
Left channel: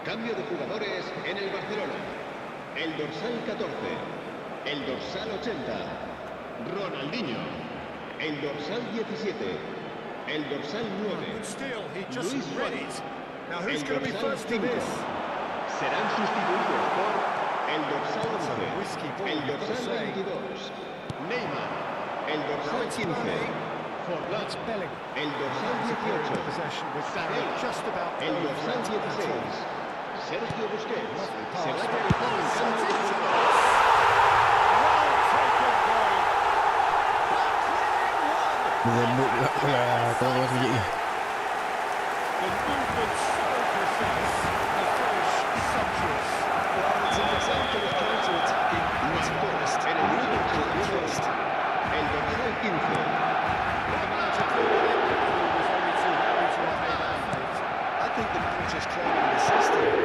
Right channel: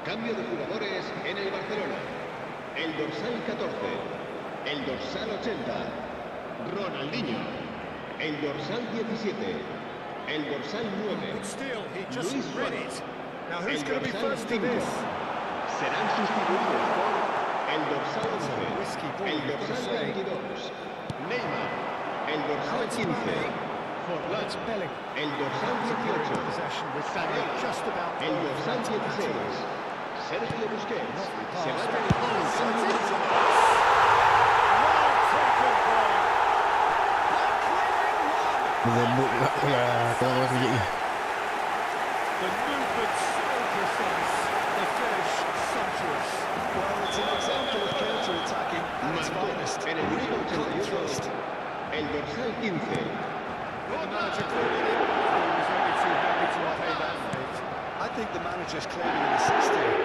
Cambio de jugadores en el Barcelona. El dorsal 14, el dorsal 80, Ronaldinho. El dorsal 17, el dorsal 9, Good steal, he just Luis read Suárez. it. Now who's El going to be dorsal first to 5. this? Serán sustituidos por el dorsal That's a 11, risky ball, el you've got to dorsal say. 22, Neymar. El Now dorsal it's 15, Mane. Forlán. It's Belling. El dorsal Superior 18, possession with Saviola. just about El no dorsal threat at 16, all. Sergio Busquets. Lovely Se va pass. a realizar un cambio de jugador. Well taken goal. Back within one. Berebut lah kawan-kawan sekejap ni. The movement so precise. The finish sumptuous. Well, it's an example of counter-attacking at its Marcó finest. en el minuto Real 82, trust. el dorsal 15. The manager called him. He was only too happy to repay that fate. I think the manager's claiming an assist here.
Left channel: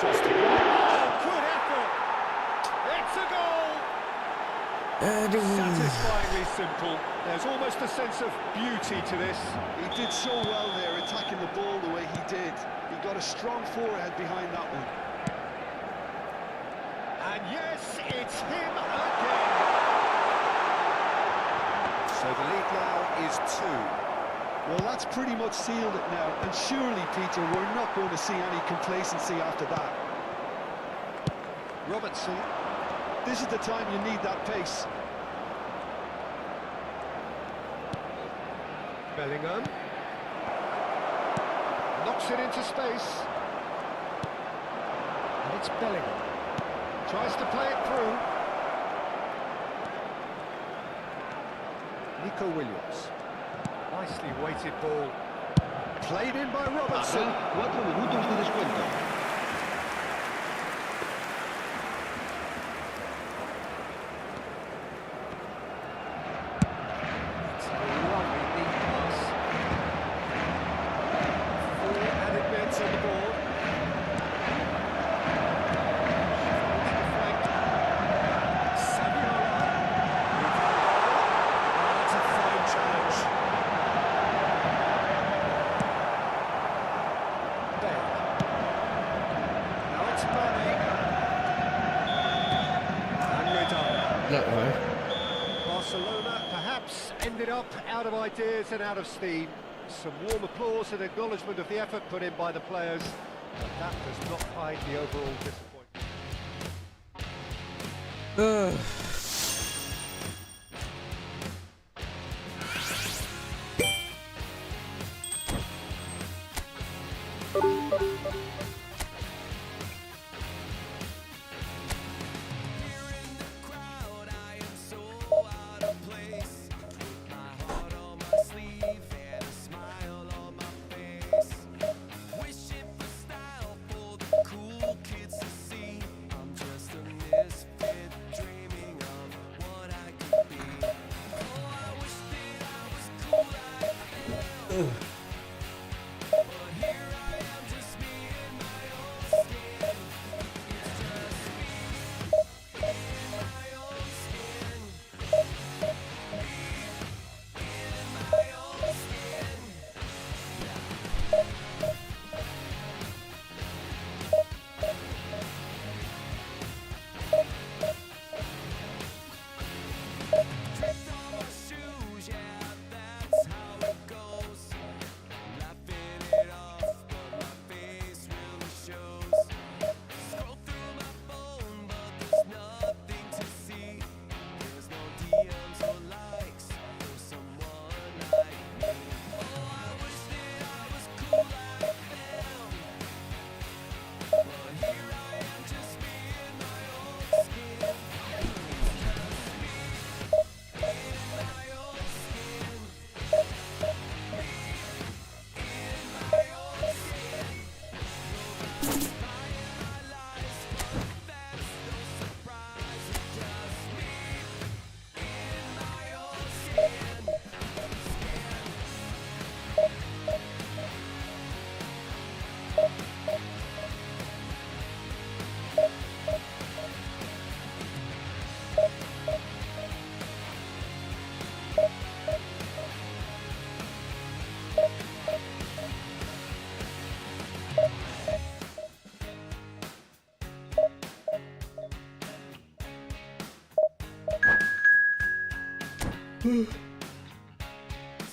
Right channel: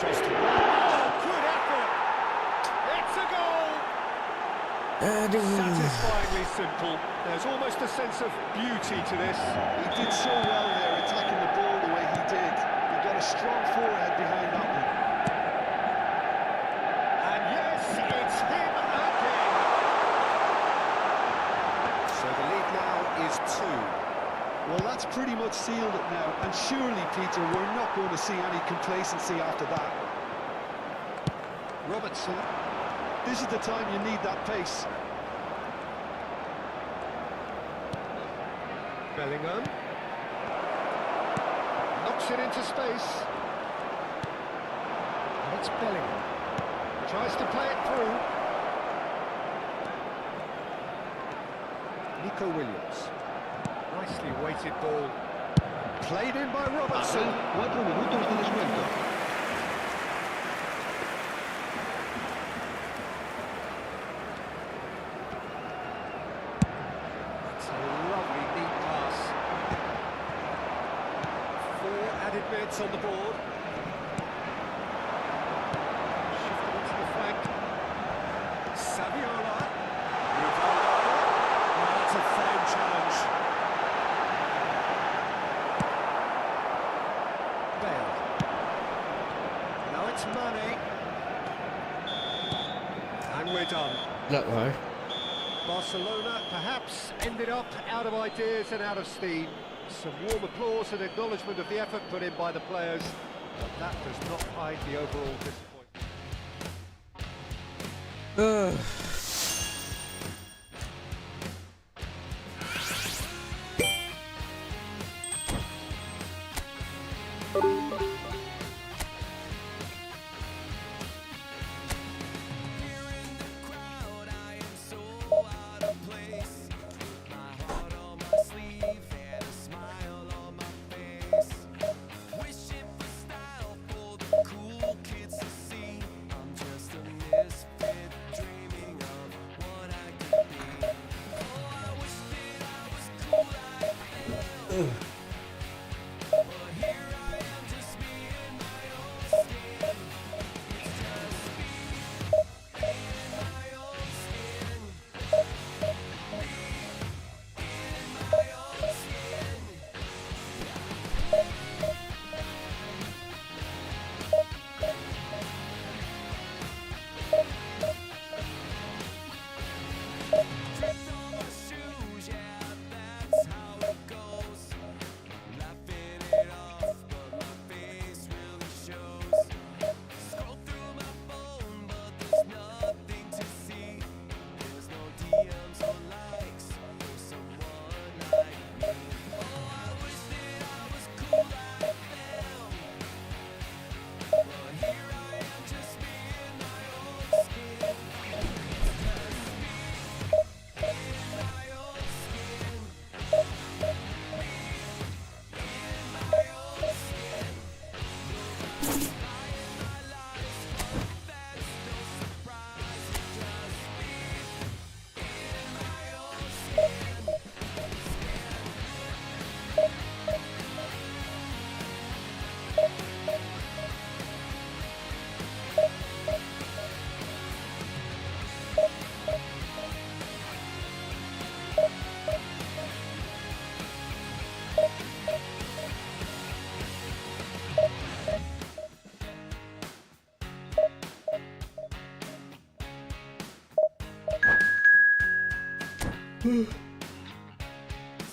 Just one. Oh, good effort. It's a goal. Satisfyingly simple. There's almost a sense of beauty to this. He did so well there, attacking the ball the way he did. He got a strong forehead behind that one. And yes, it's him again. So the lead now is 2. Well, that's pretty much sealed it now. And surely, Peter, we're not going to see any complacency after that. Robertson. This is the time you need that pace. Bellingham. Knocks it into space. And it's Bellingham. Tries to play it through. Nico Williams. Nicely weighted ball. Played in by Robertson. Habrá 4 minutos de descuento. It's a lovely deep pass. 4 added minutes on the board. Shifted into the flank. Saviola. Rivaldo. Oh, that's a fine challenge. Bale. Now it's Mane. And we're done. เลิกเลย Barcelona perhaps ended up out of ideas and out of steam. Some warm applause and acknowledgement of the effort put in by the players, but that does not hide the overall disappointment. เออ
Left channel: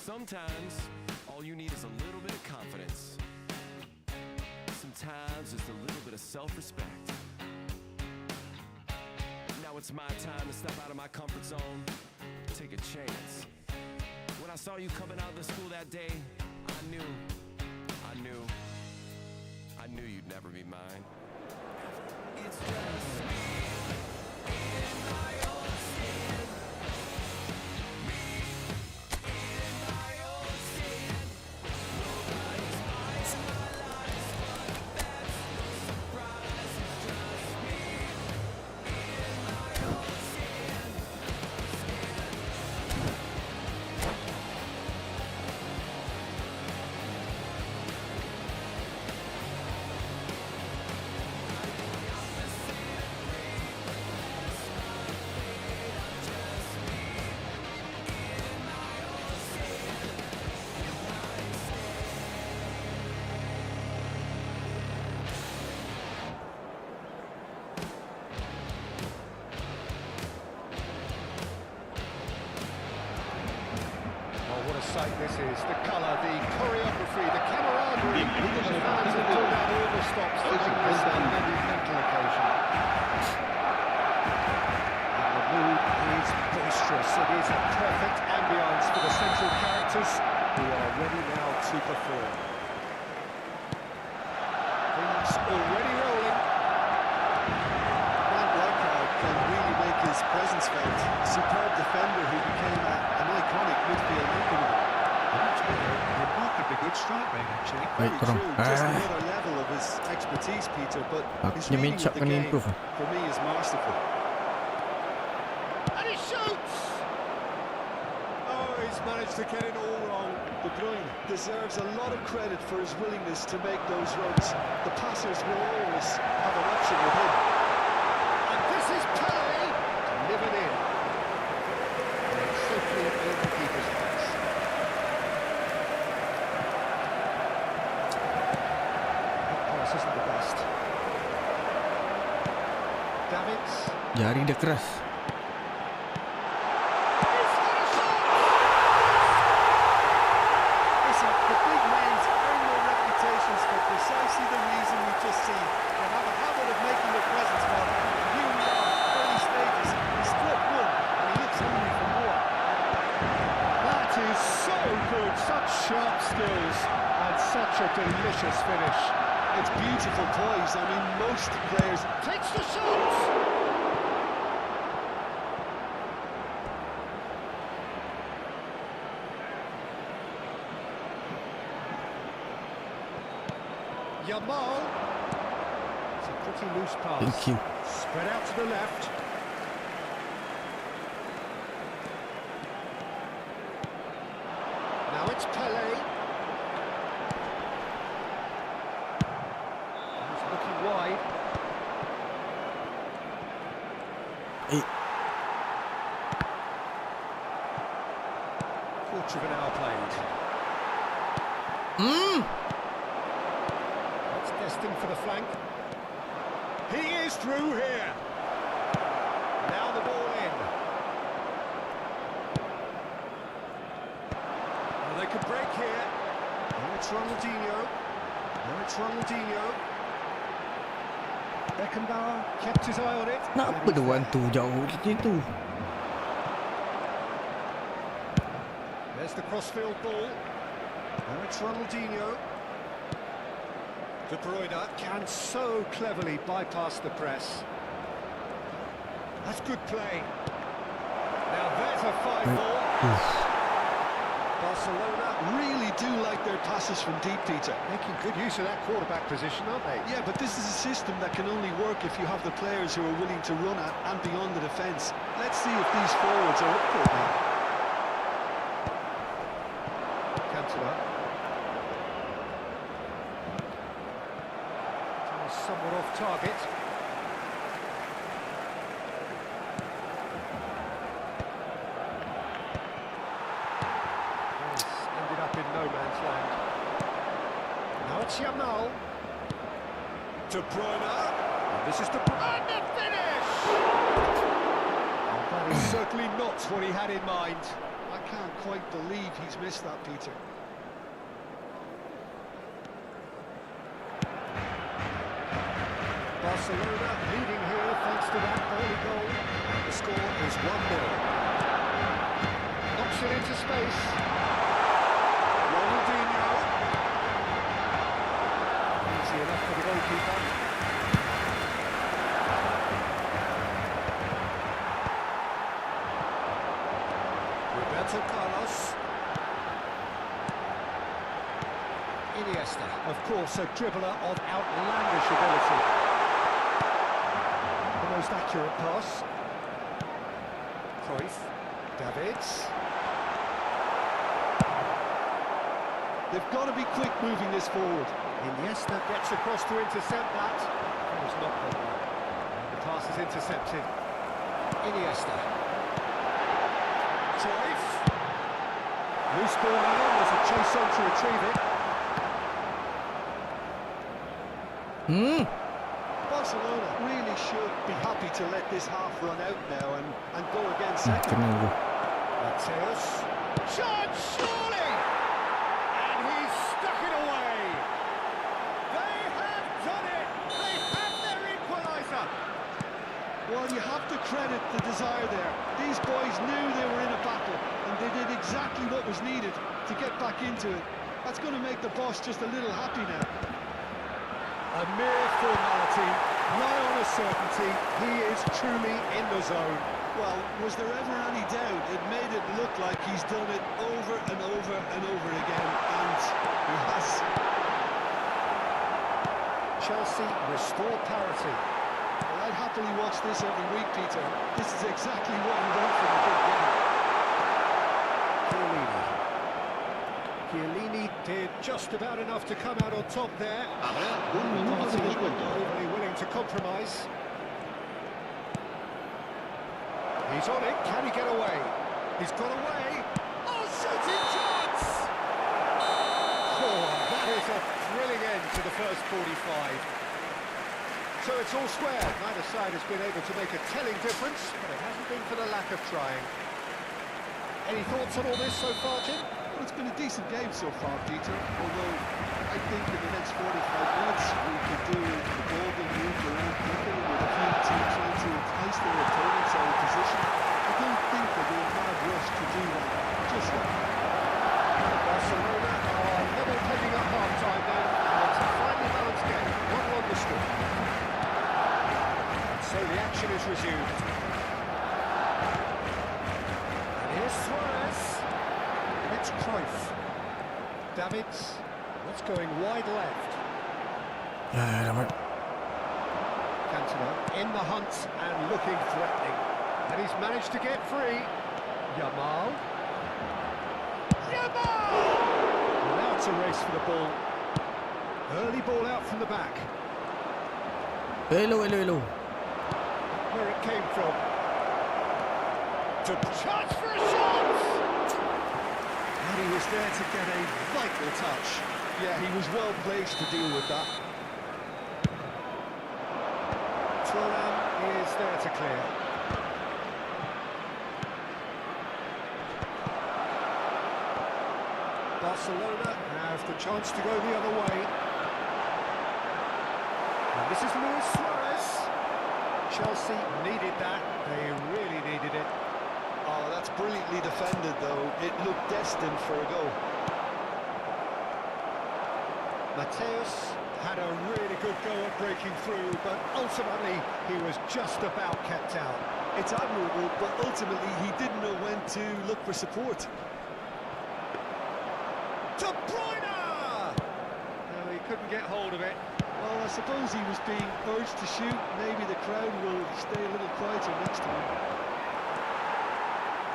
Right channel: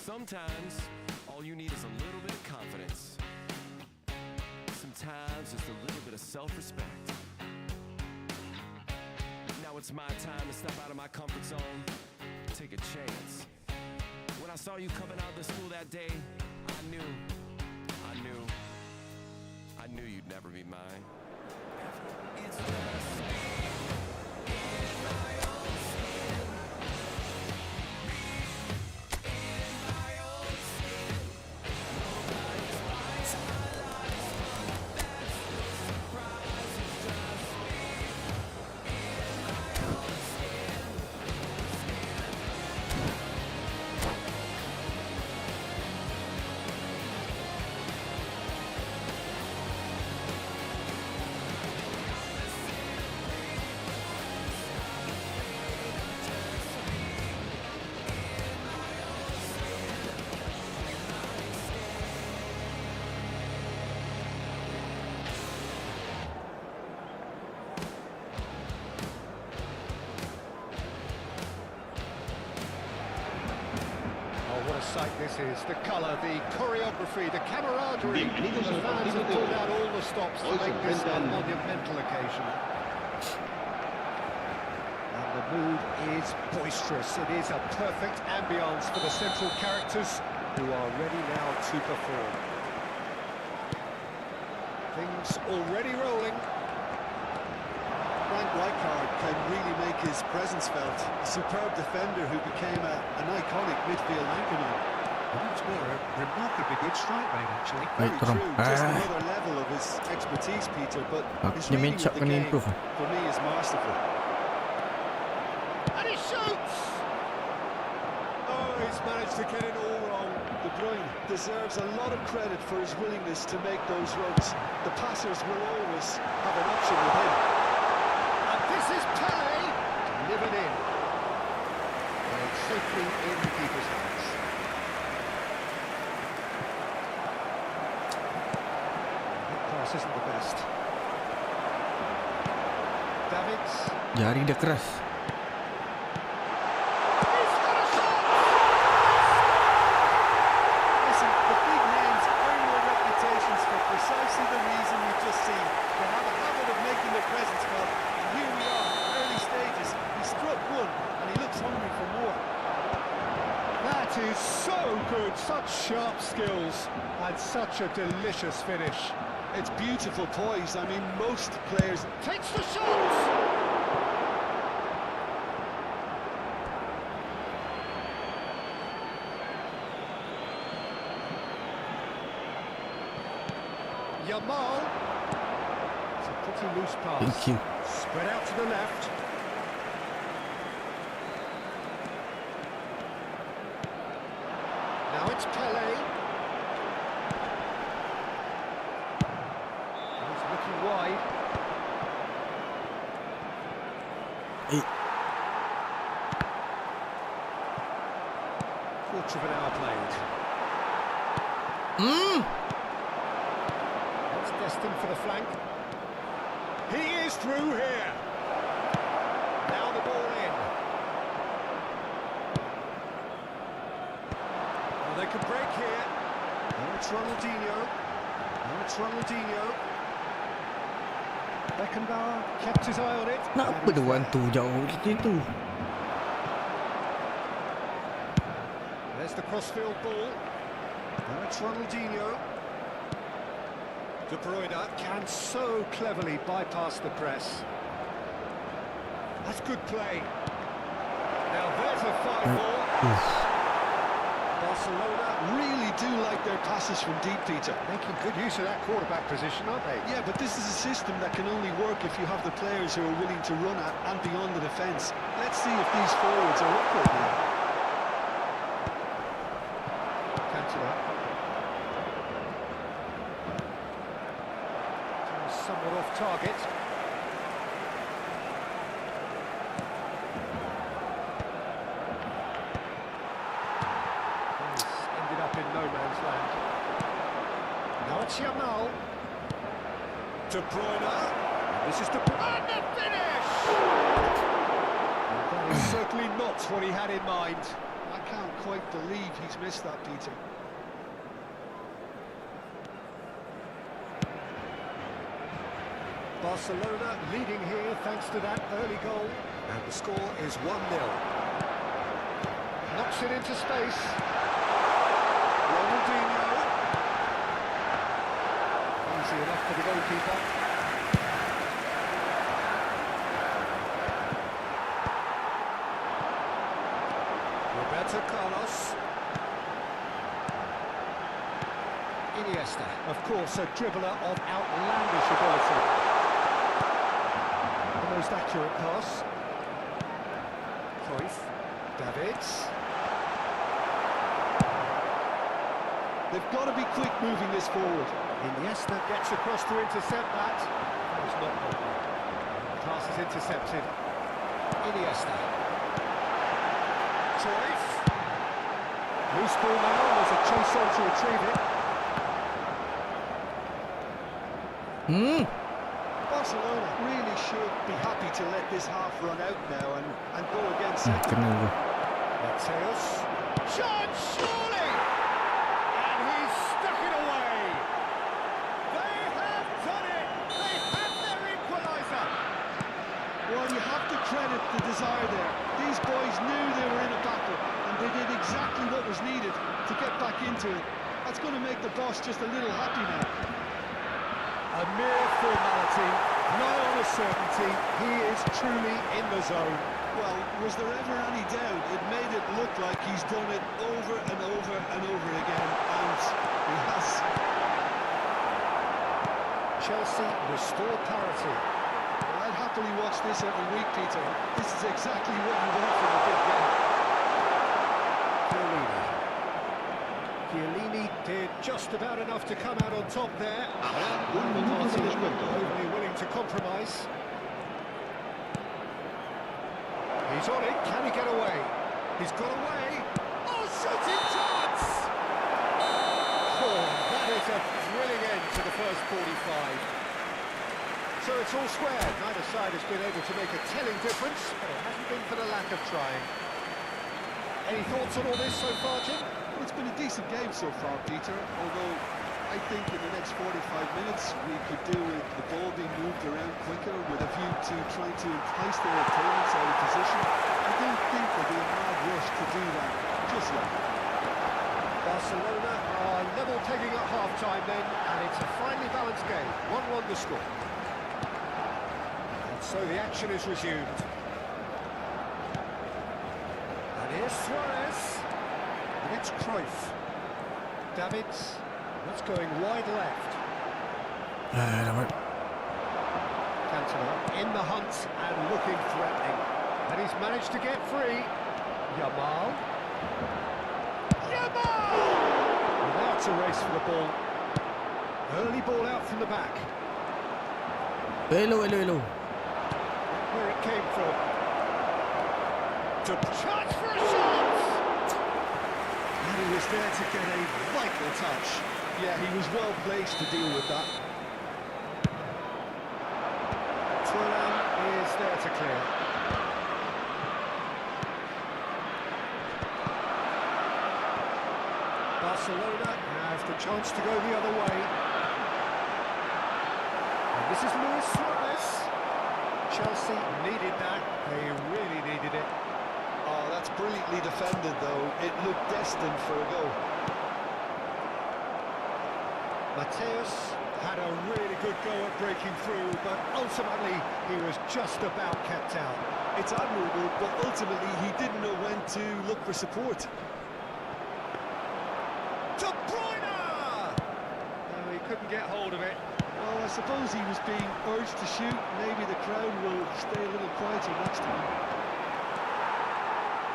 Sometimes, all you need is a little bit of confidence. Sometimes, just a little bit of self-respect. Now it's my time to step out of my comfort zone, take a chance. When I saw you coming out of the school that day, I knew you'd never be mine. It's just me in my own skin. Me in my own skin. Nobody's buying my lies, but that's no surprise. It's just me in my own skin. sight this is. The colour, the choreography, the camaraderie. Bienvenidos The al fans partido have de pulled hoy. out all the stops to Hoy se make this a enfrentan- monumental occasion. And the mood is boisterous. It is a perfect ambience for the central characters who are ready now to perform. Things already rolling. Frank Rijkaard can really make his presence felt. A superb defender who became an iconic midfield anchorman. Remarkably good strike rate, actually. Very Tolong. true, just another level of his expertise, Peter, but his Dia main reading shot of the kena game, improve. for me, is masterful. And he shoots! Oh, he's managed to get it all wrong. De Bruyne deserves a lot of credit for his willingness to make those runs. The passers will always have an option with him. And this is Pele, delivered in. And it's safely in the keeper's hands. That pass isn't the best. Davids. Jari dia keras. He's got a shot! Listen, the big names earn their reputations for precisely the reason we've just seen. They have a habit of making their presence felt. And here we are, early stages. He struck one, and he looks hungry for more. That is so good, such sharp skills, and such a delicious finish. It's beautiful poise. I mean, most players... Takes the shot! Yamal. It's a pretty loose pass. Thank you. Spread out to the left. Now it's Pele. He's looking wide. Eh, Quarter of an hour played. That's destined for the flank. He is through here. Now the ball in. Oh, they could break here. Now it's Ronaldinho. Now it's Ronaldinho. Beckenbauer kept his eye on it. Kenapa dia orang tu jauh macam tu? There's the crossfield ball. Now it's Ronaldinho. De Bruyne can so cleverly bypass the press. That's good play. Now there's a fine ball. Barcelona really do like their passes from deep, Peter. making good use of that quarterback position, aren't they? Yeah, but this is a system that can only work if you have the players who are willing to run at and beyond the defence. Let's see if these forwards are up for it now. Cantona. Somewhat off target. He's ended up in no man's land. Now it's Yamal. De Bruyne. And this is De Bruyne. And the finish! And that is certainly not what he had in mind. I can't quite believe he's missed that, Peter. Barcelona leading here thanks to that early goal. And the score is 1-0. Knocks it into space. Ronaldinho. Easy enough for the goalkeeper. Roberto Carlos. Iniesta, of course, a dribbler of outlandish ability. The most accurate pass. Cruyff. Davids. They've got to be quick moving this forward. Iniesta gets across to intercept that. That was not possible. The pass is intercepted. Iniesta. Cruyff. Loose ball now, there's a chase on to retrieve it. Barcelona really should be happy to let this half run out now and go again second. Kena tu. Mateus. Chance, surely! And he's stuck it away. They have done it. They have their equaliser. Well, you have to credit the desire there. These boys knew they were in a battle, and they did exactly what was needed to get back into it. That's going to make the boss just a little happy now. A mere formality, nigh on a certainty. He is truly in the zone. Well, was there ever any doubt? It made it look like he's done it over and over and over again, and he has. Chelsea restore parity. Well, I'd happily watch this every week, Peter. This is exactly what you want from a big game. Chiellini did just about enough to come out on top there. Habrá un minuto de descuento. Overly willing to compromise. He's on it, can he get away? He's got away. Oh, shooting chance! Oh, that is a thrilling end to the first 45. So it's all square. Neither side has been able to make a telling difference, but it hasn't been for the lack of trying. Any thoughts on all this so far, Jim? Well, it's been a decent game so far, Peter, although I think in the next 45 minutes we could do with the ball being moved around quicker with a view to trying to entice their opponents out of position. I don't think there'll be a mad rush to do that just yet. Barcelona are level pegging at half-time then, and it's a finely balanced game. 1-1 the score. And so the action is resumed. And here's Suarez. And it's Cruyff. Davids. That's going wide left. Cantona in the hunt and looking threatening. And he's managed to get free. Yamal. Well, now it's a race for the ball. Early ball out from the back. Hello. Where it came from. To chance for a shot! And he was there to get a vital touch. Yeah, he was well placed to deal with that. Thuram is there to clear. Barcelona have the chance to go the other way. And this is Luis Suarez. Chelsea needed that. They really needed it. Oh, that's brilliantly defended, though. It looked destined for a goal. Mateus had a really good go at breaking through, but ultimately he was just about kept out. It's admirable, but ultimately he didn't know when to look for support. De Bruyne! No, he couldn't get hold of it. Well, I suppose he was being urged to shoot. Maybe the crowd will stay a little quieter next time.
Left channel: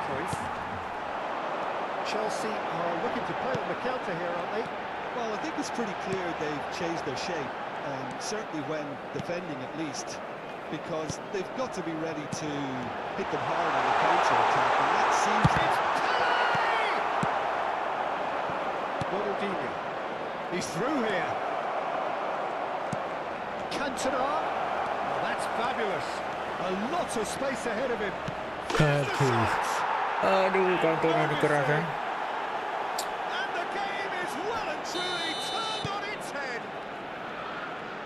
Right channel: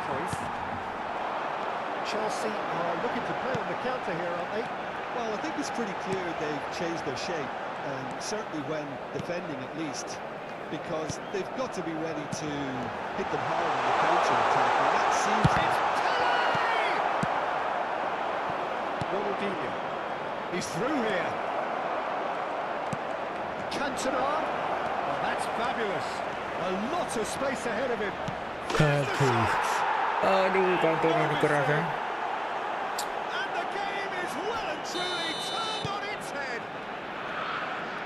Cruyff. Chelsea are looking to play on the counter here, aren't they? Well, I think it's pretty clear they've changed their shape, certainly when defending at least, because they've got to be ready to hit them hard on the counter-attack, and that seems... It's Ronaldinho. He's through here. Cantona. Oh, that's fabulous. A lot of space ahead of him. Aduh, Cantona dikeras ya. And the game is well and truly turned on its head.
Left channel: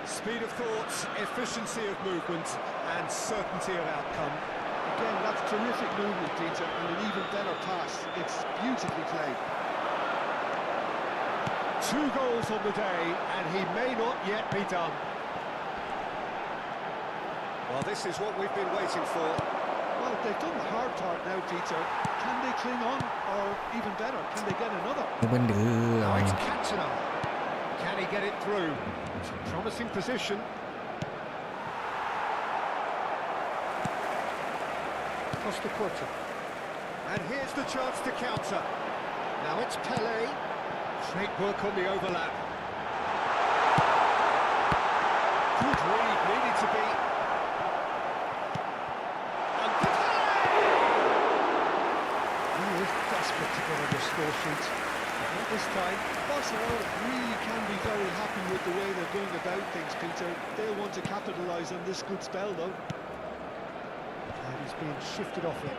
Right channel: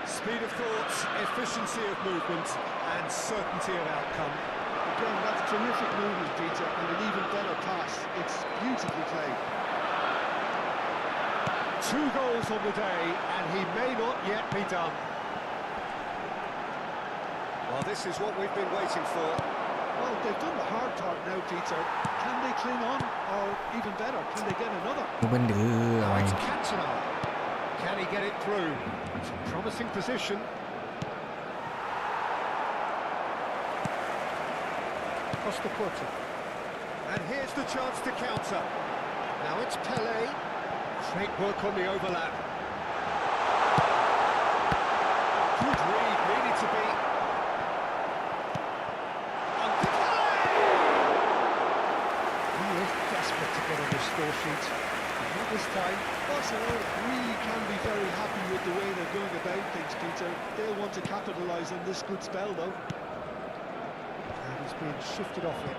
Speed of thought, efficiency of movement, and certainty of outcome. Again, that's terrific movement, Peter, and an even better pass. It's beautifully played. 2 goals on the day, and he may not yet be done. Well, this is what we've been waiting for. Well, they've done the hard part now, Peter. Can they cling on, or even better, can they get another? Benda Now it's Cantona. Can he get it through? It's a promising position. Costa Curta. And here's the chance to counter. Now it's Pelé. Great work on the overlap. Good read, needed to be. And Pelé! He is desperate to get on the score sheet. But not this time. Barcelona really can be very happy with the way they're going about things, Peter. They'll want to capitalise on this good spell, though. And he's being shifted off it.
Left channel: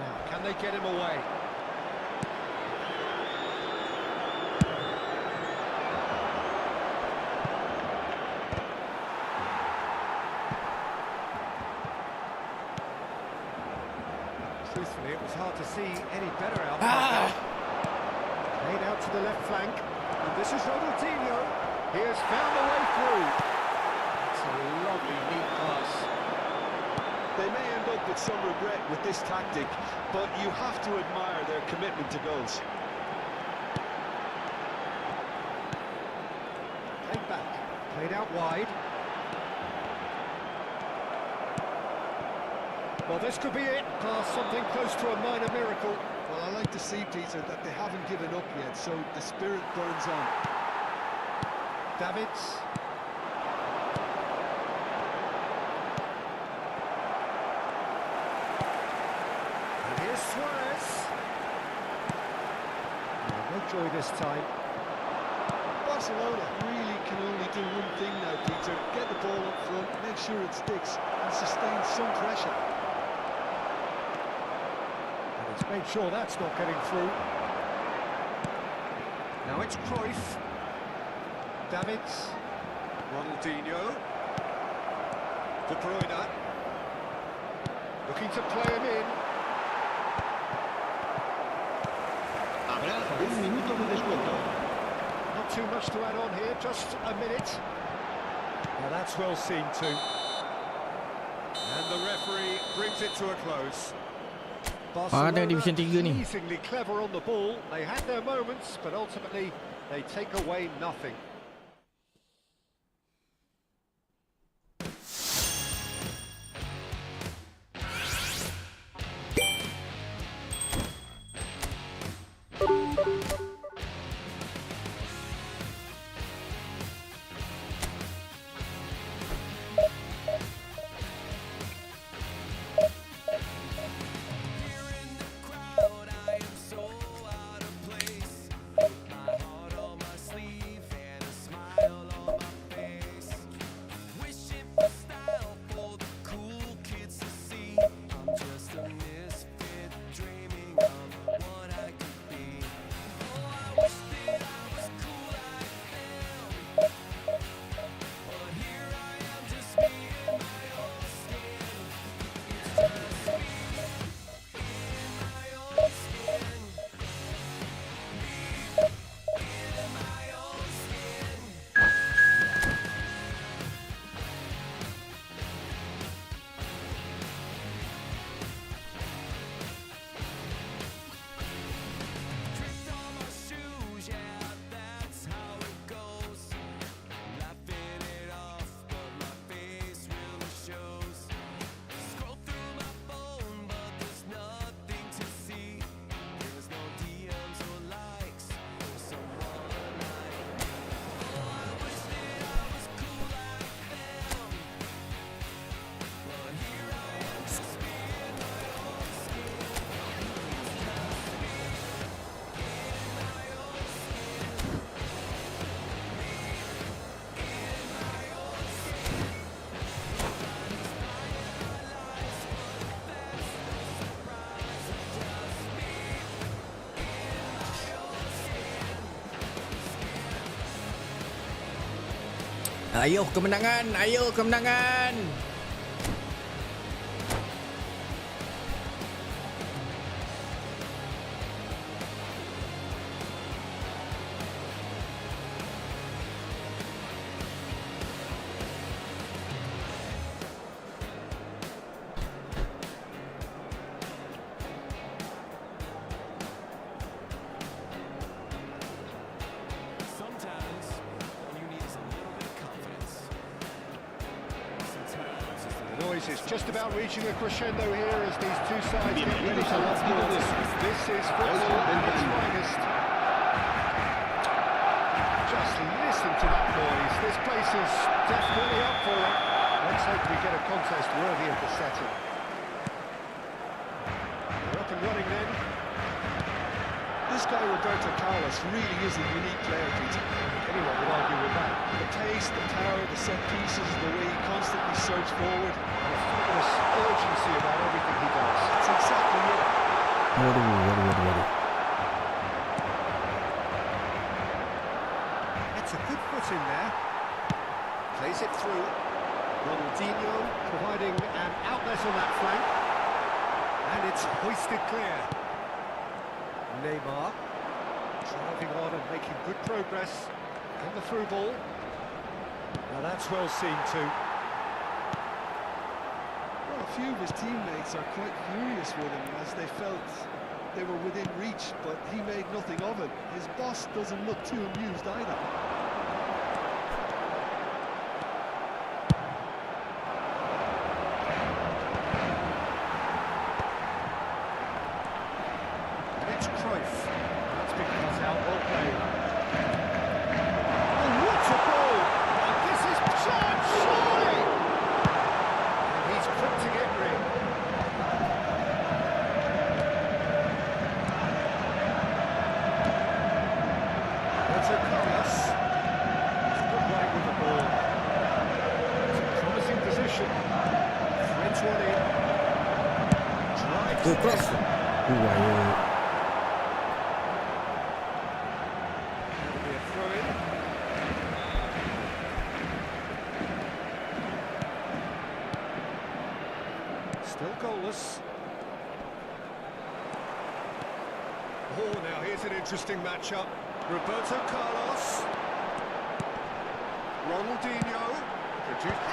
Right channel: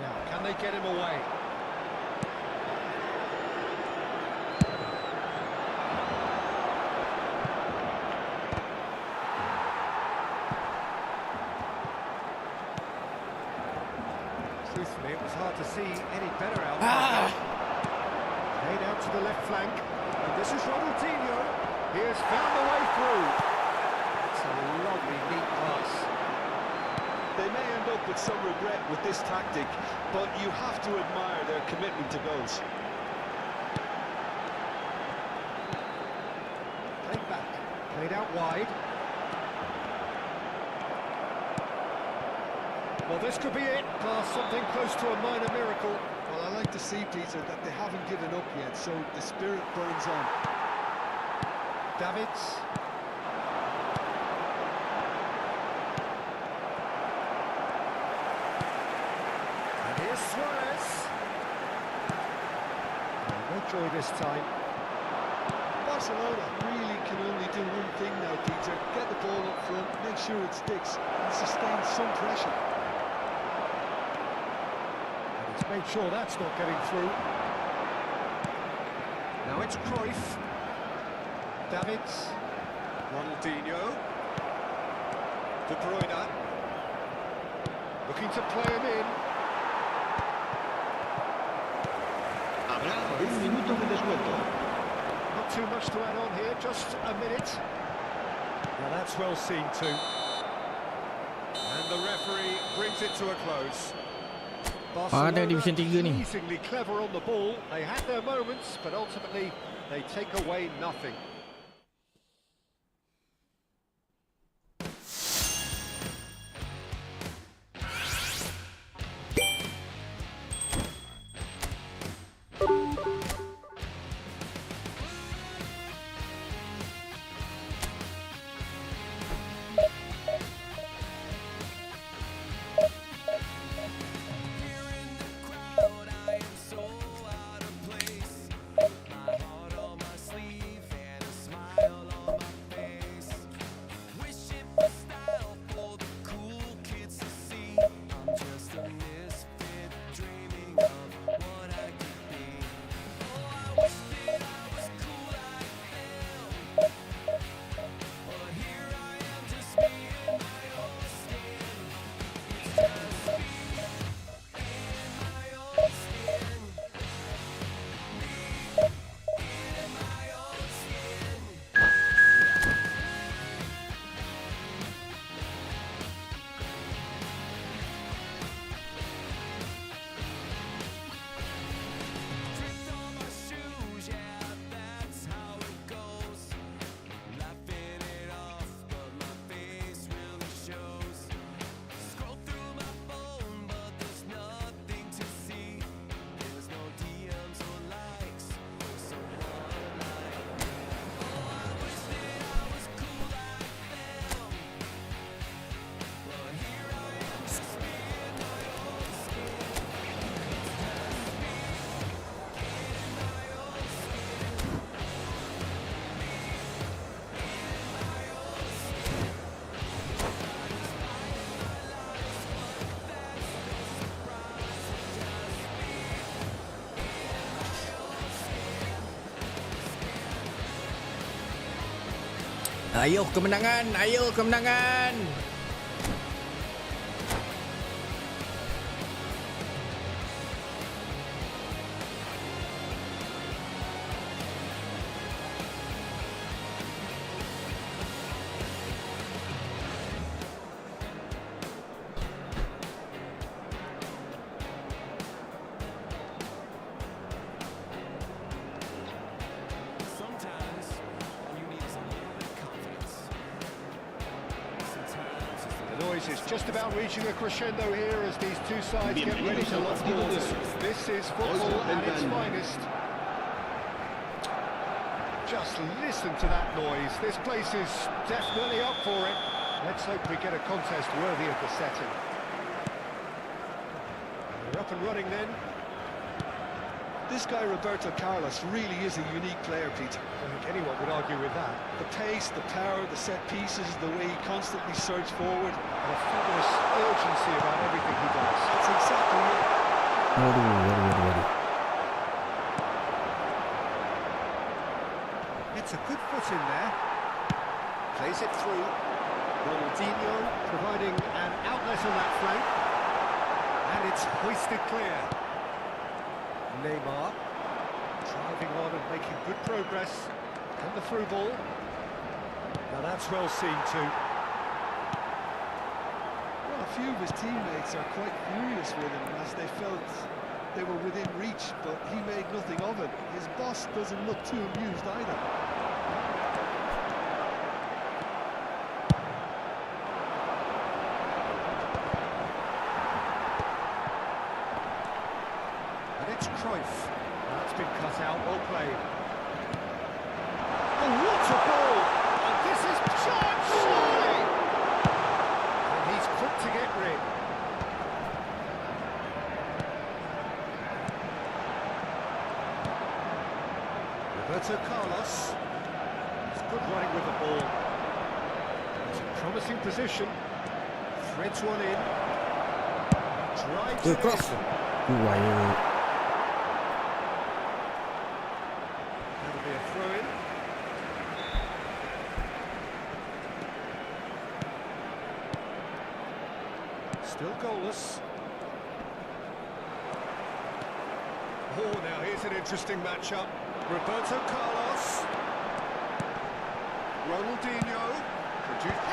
Now, Can they get him away? Truthfully, it was hard to see any better outcome. Played out to the left flank, and this is Ronaldinho. He has found a way through. It's a lovely, neat pass. They may end up with some regret with this tactic, but you have to admire their commitment to goals. Played back, played out wide. Well, this could be it. Past something close to a minor miracle. Well, I like to see, Peter, that they haven't given up yet, so the spirit burns on. Davids. And here's Suarez. Oh, no joy this time. Barcelona really can only do one thing now, Peter. Get the ball up front, make sure it sticks, and sustain some pressure. And he's made sure that's not getting through. Now it's Cruyff. Davids. Ronaldinho. De Bruyne. Looking to play him in. Habrá un minuto de descuento. Not too much to add on here, just a minute. Now that's well seen too. And the referee brings it to a close. Ada Division 3 ni. Amazingly clever on the ball. They had their moments, but ultimately they take away nothing. Ayo kemenangan, ayo kemenangan. Sometimes all you need is a little bit of confidence. Sometimes it's The noise is just about reaching a crescendo here as these two sides get ready to lock doors. This is football at its finest. Just listen to that noise. This place is definitely up for it. Let's hope we get a contest worthy of the setting. We're up and running then. This guy, Roberto Carlos, really is a unique player, Peter. I don't think anyone would argue with that. The pace, the power, the set pieces, the way he constantly surges forward. And a fabulous urgency about everything he does. That's exactly it. Waduh. It's a good foot in there. Plays it through. Ronaldinho providing an outlet on that flank. And it's hoisted clear. Neymar driving on and making good progress. And the through ball. Now that's well seen too. Well, a few of his teammates are quite furious with him as they felt they were within reach, but he made nothing of it. His boss doesn't look too amused either. And it's Cruyff. That's been cut out, well played. Oh, what a ball! And this is charged, surely! And he's quick to get rid. Roberto Carlos. He's good running with the ball. It's a promising position. Threads one in. Drives Ke it cross. in. Wire. That'll be a throw-in. Still goalless. Oh, now here's an interesting matchup. Roberto Carlos. Ronaldinho. Produced.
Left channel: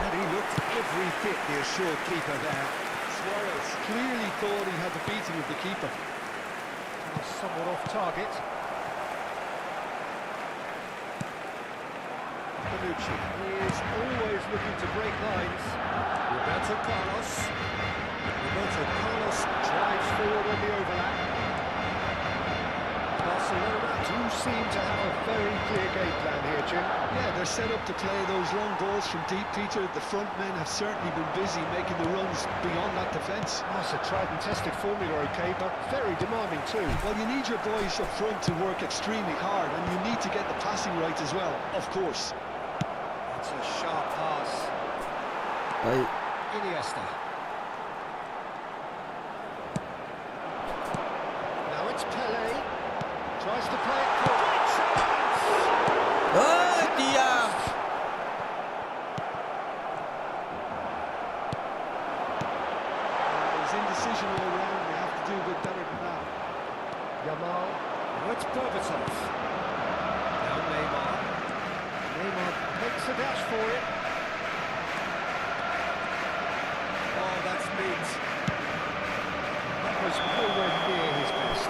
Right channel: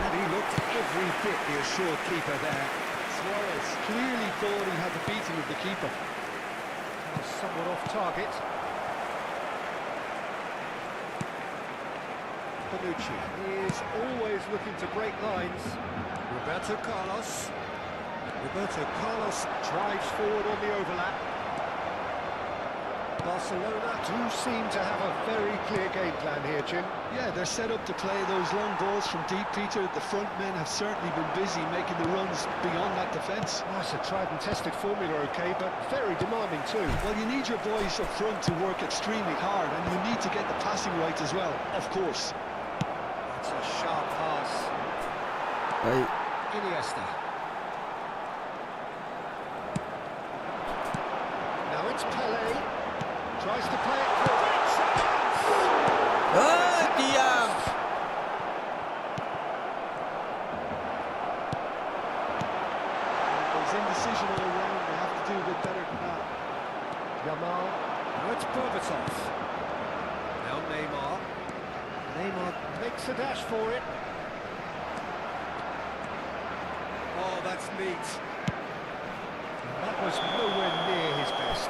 And he looked every bit the assured keeper there. Suarez clearly thought he had the beating of the keeper. Now somewhat off target. Bonucci, he is always looking to break lines. Roberto Carlos. Roberto Carlos drives forward on the overlap. Barcelona do seem to have a very clear game plan here, Jim. Yeah, they're set up to play those long balls from deep, Peter. The front men have certainly been busy making the runs beyond that defence. Oh, it's a tried and tested formula, okay, but very demanding too. Well, you need your boys up front to work extremely hard, and you need to get the passing right as well, of course. It's a sharp pass. Baik. Iniesta. Now it's Pele. Tries to play it through. Great chance! Diam. There's indecision all around. They have to do a bit better than that. Yamal. Now it's Berbatov. Now Neymar. Neymar makes a dash for it. Oh, that's neat. That was nowhere near his best.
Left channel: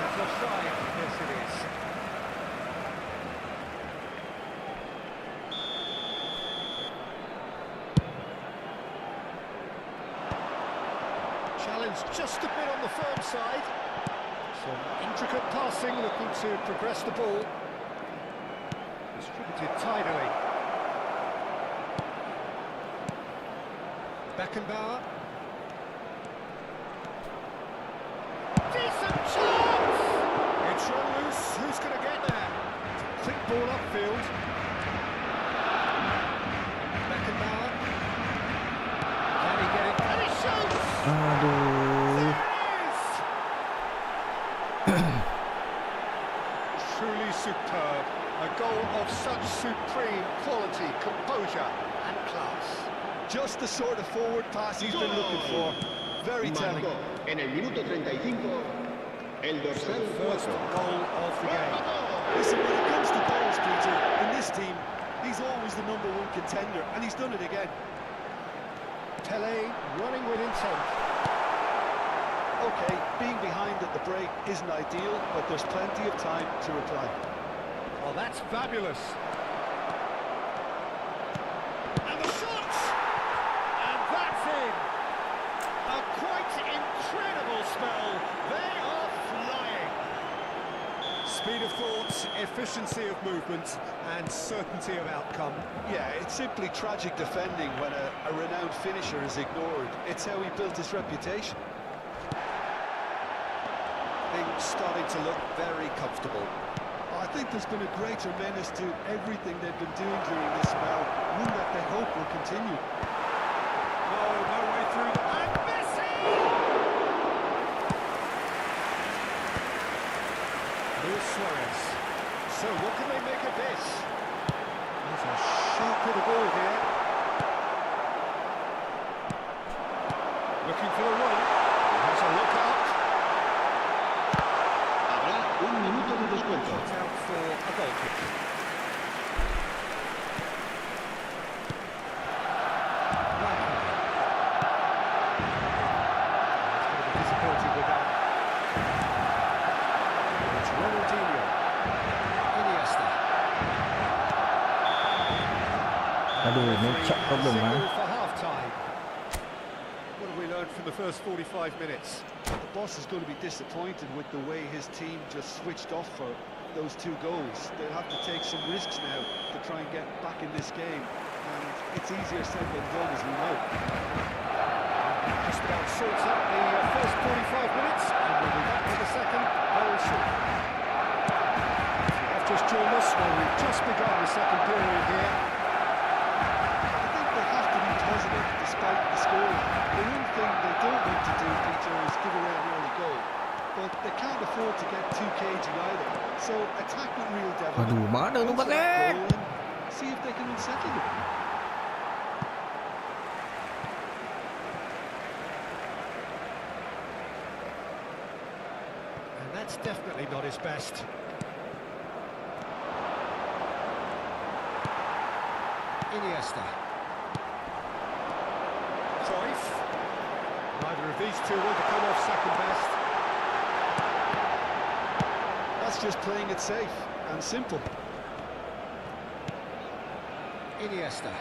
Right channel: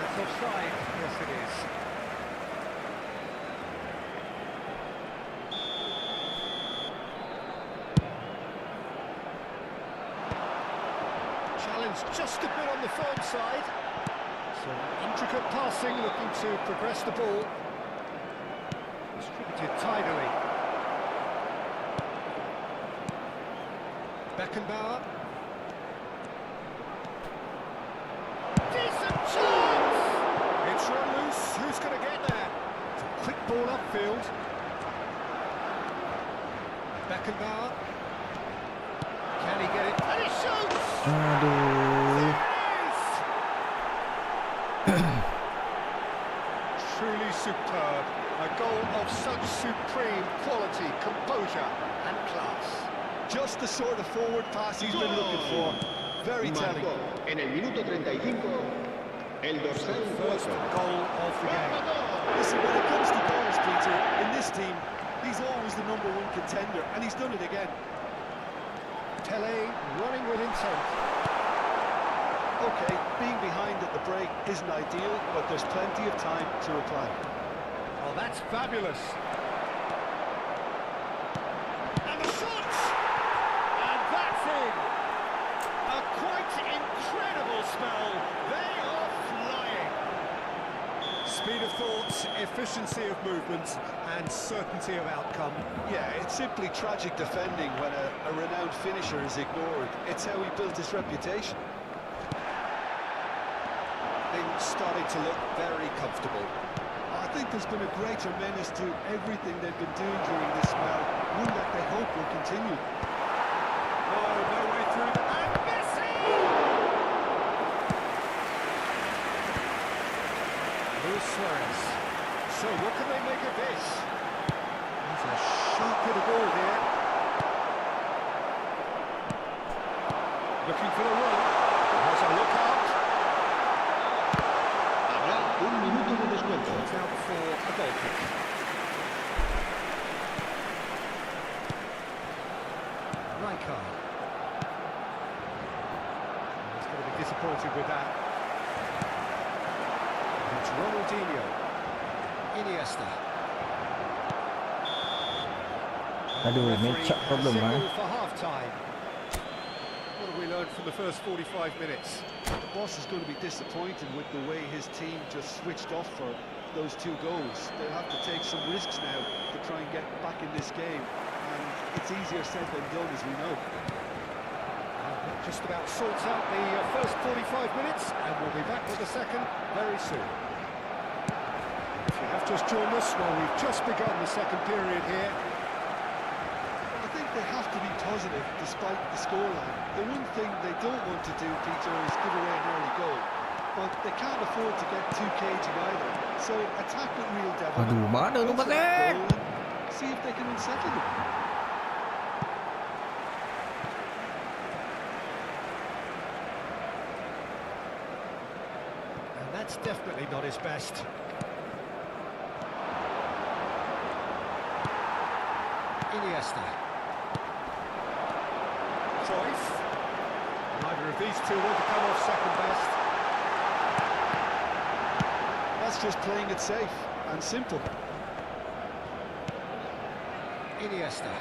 That's offside. Yes, it is. Challenge just a bit on the firm side. Some intricate passing, looking to progress the ball. Distributed tidily. Beckenbauer. Decent chance! It's run loose. Who's going to get there? It's a quick ball upfield. Beckenbauer. Can he get it? And he shoots! Aduh. There it is! Truly superb. A goal of such supreme quality, composure and class. Just the sort of forward pass he's been looking for. Very telling. Marcó en el minuto 35 el dorsal First 4. goal of the game. Listen, when it comes to goals, Peter, in this team, he's always the #1 contender, and he's done it again. Pele running with intent. Okay, being behind at the break isn't ideal, but there's plenty of time to reply. Oh, that's fabulous. And the shot! And that's in. A quite incredible spell. They are flying. Speed of thought, efficiency of movement, and certainty of outcome. Yeah, it's simply tragic defending when a renowned finisher is ignored. It's how he built his reputation. Things starting to look very comfortable. I think there's been a greater menace to everything they've been doing during this spell, one that they hope will continue. No way through the... And this is Looking for the run. He has a look out. Habrá un minuto de descuento. It's out for a goal kick. Rakai. He's going to be disappointed with that. It's Ronaldinho. Iniesta. Aduh, match-up problem ah. Signal for half-time. What have we learned from the first 45 minutes? The boss is going to be disappointed with the way his team just switched off for those 2 goals. They'll have to take some risks now to try and get back in this game. And it's easier said than done, as we know. Just about sorts out the first 45 minutes, and we'll be back with the second very soon. If you have just joined us, well, we've just begun the second period here. I think they have to be positive despite the scoreline. The one thing they don't want to do, Peter, is give away an early goal. But they can't afford to get too cagey either. So attack with real devil. Aduh, mana tu Patek? See if they can unsettle them. And that's definitely not his best. Iniesta. Cruyff. Neither of these two want to come off second best. That's just playing it safe and simple. Iniesta.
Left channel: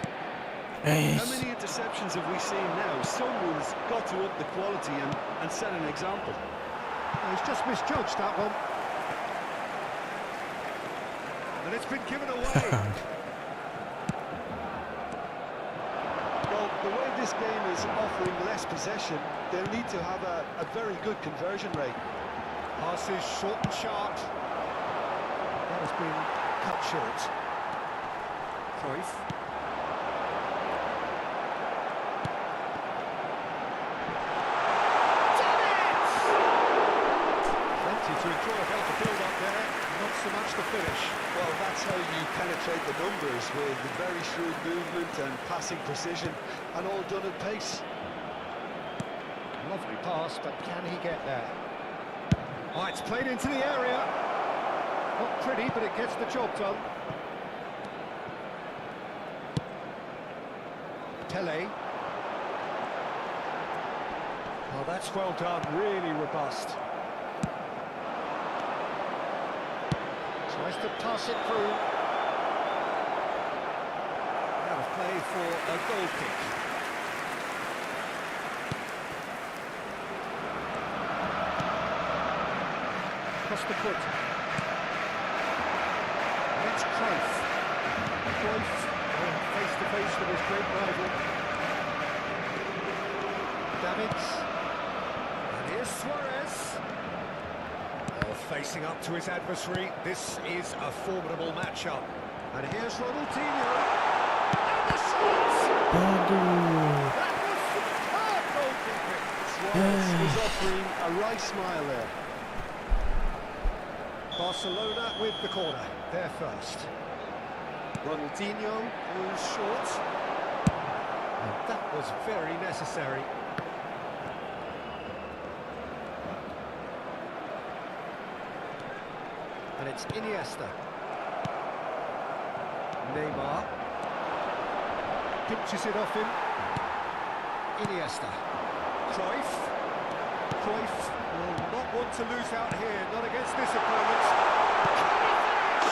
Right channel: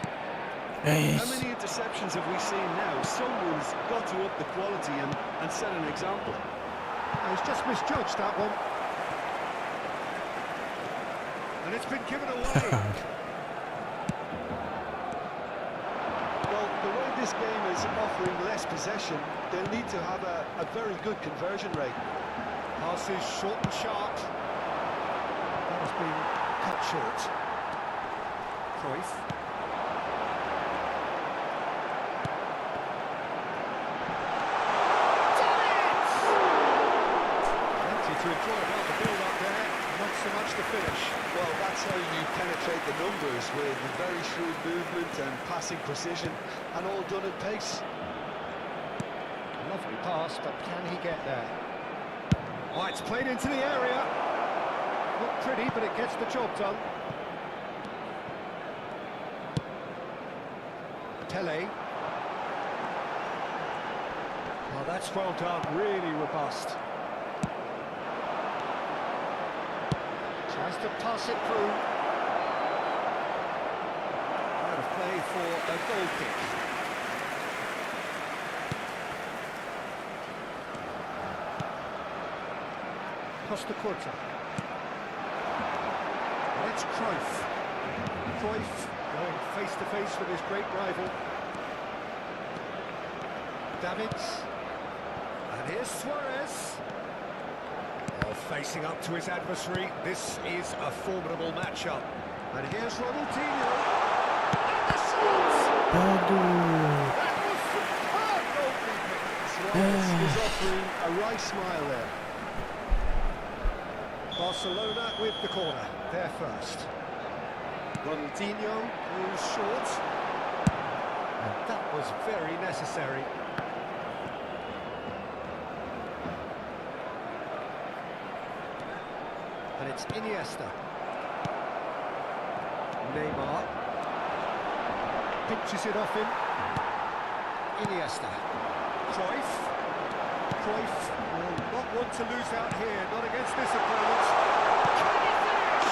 How many interceptions have we seen now? Someone's got to up the quality and set an example. He's just misjudged that one. And it's been given away. Well, the way this game is offering less possession, they'll need to have a very good conversion rate. Passes short and sharp. That has been cut short. Cruyff. Done it! Plenty to enjoy about the build-up there, not so much the finish. Well, that's how you penetrate the numbers, with very shrewd movement and passing precision, and all done at pace. Lovely pass, but can he get there? Oh, it's played into the area. Not pretty, but it gets the job done. Pele. Oh, that's well done, really robust. Tries to pass it through. Out of play for a goal kick. Costa Curta. That's Cruyff. Cruyff going face to face with his great rival. Davids. And here's Suarez. Oh, facing up to his adversary. This is a formidable matchup. And here's Ronaldinho. And the shot! Aduh. That was superb goalkeeping. Suarez is offering a right smile there. Barcelona with the corner, there first. Ronaldinho goes short. And that was very necessary. And it's Iniesta. Neymar. Pinches it off him. Iniesta. Cruyff. Cruyff will not want to lose out here, not against this opponent. Can he finish?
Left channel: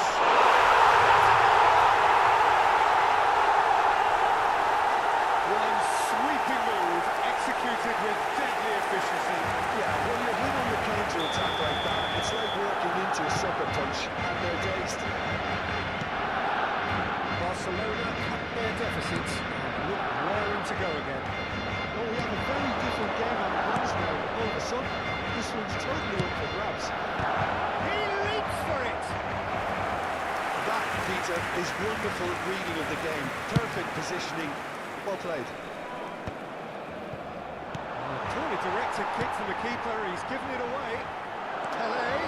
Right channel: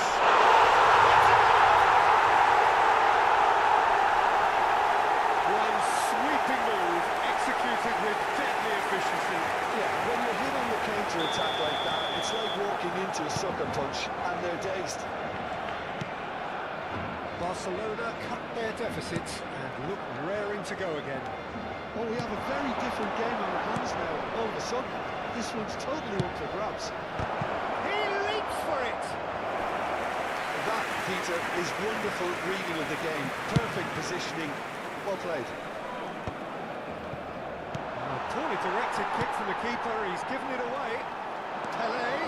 It's a goal! One sweeping move, executed with deadly efficiency. Yeah, when you're hit on the counter-attack like that, it's like walking into a sucker punch, and they're dazed. Barcelona cut their deficit and look raring to go again. Well, we have a very different game on our hands now. All of a sudden, this one's totally up for grabs. He leaps for it! That, Peter, is wonderful reading of the game. Perfect positioning. Well played. Poorly directed kick from the keeper, he's given it away. Pele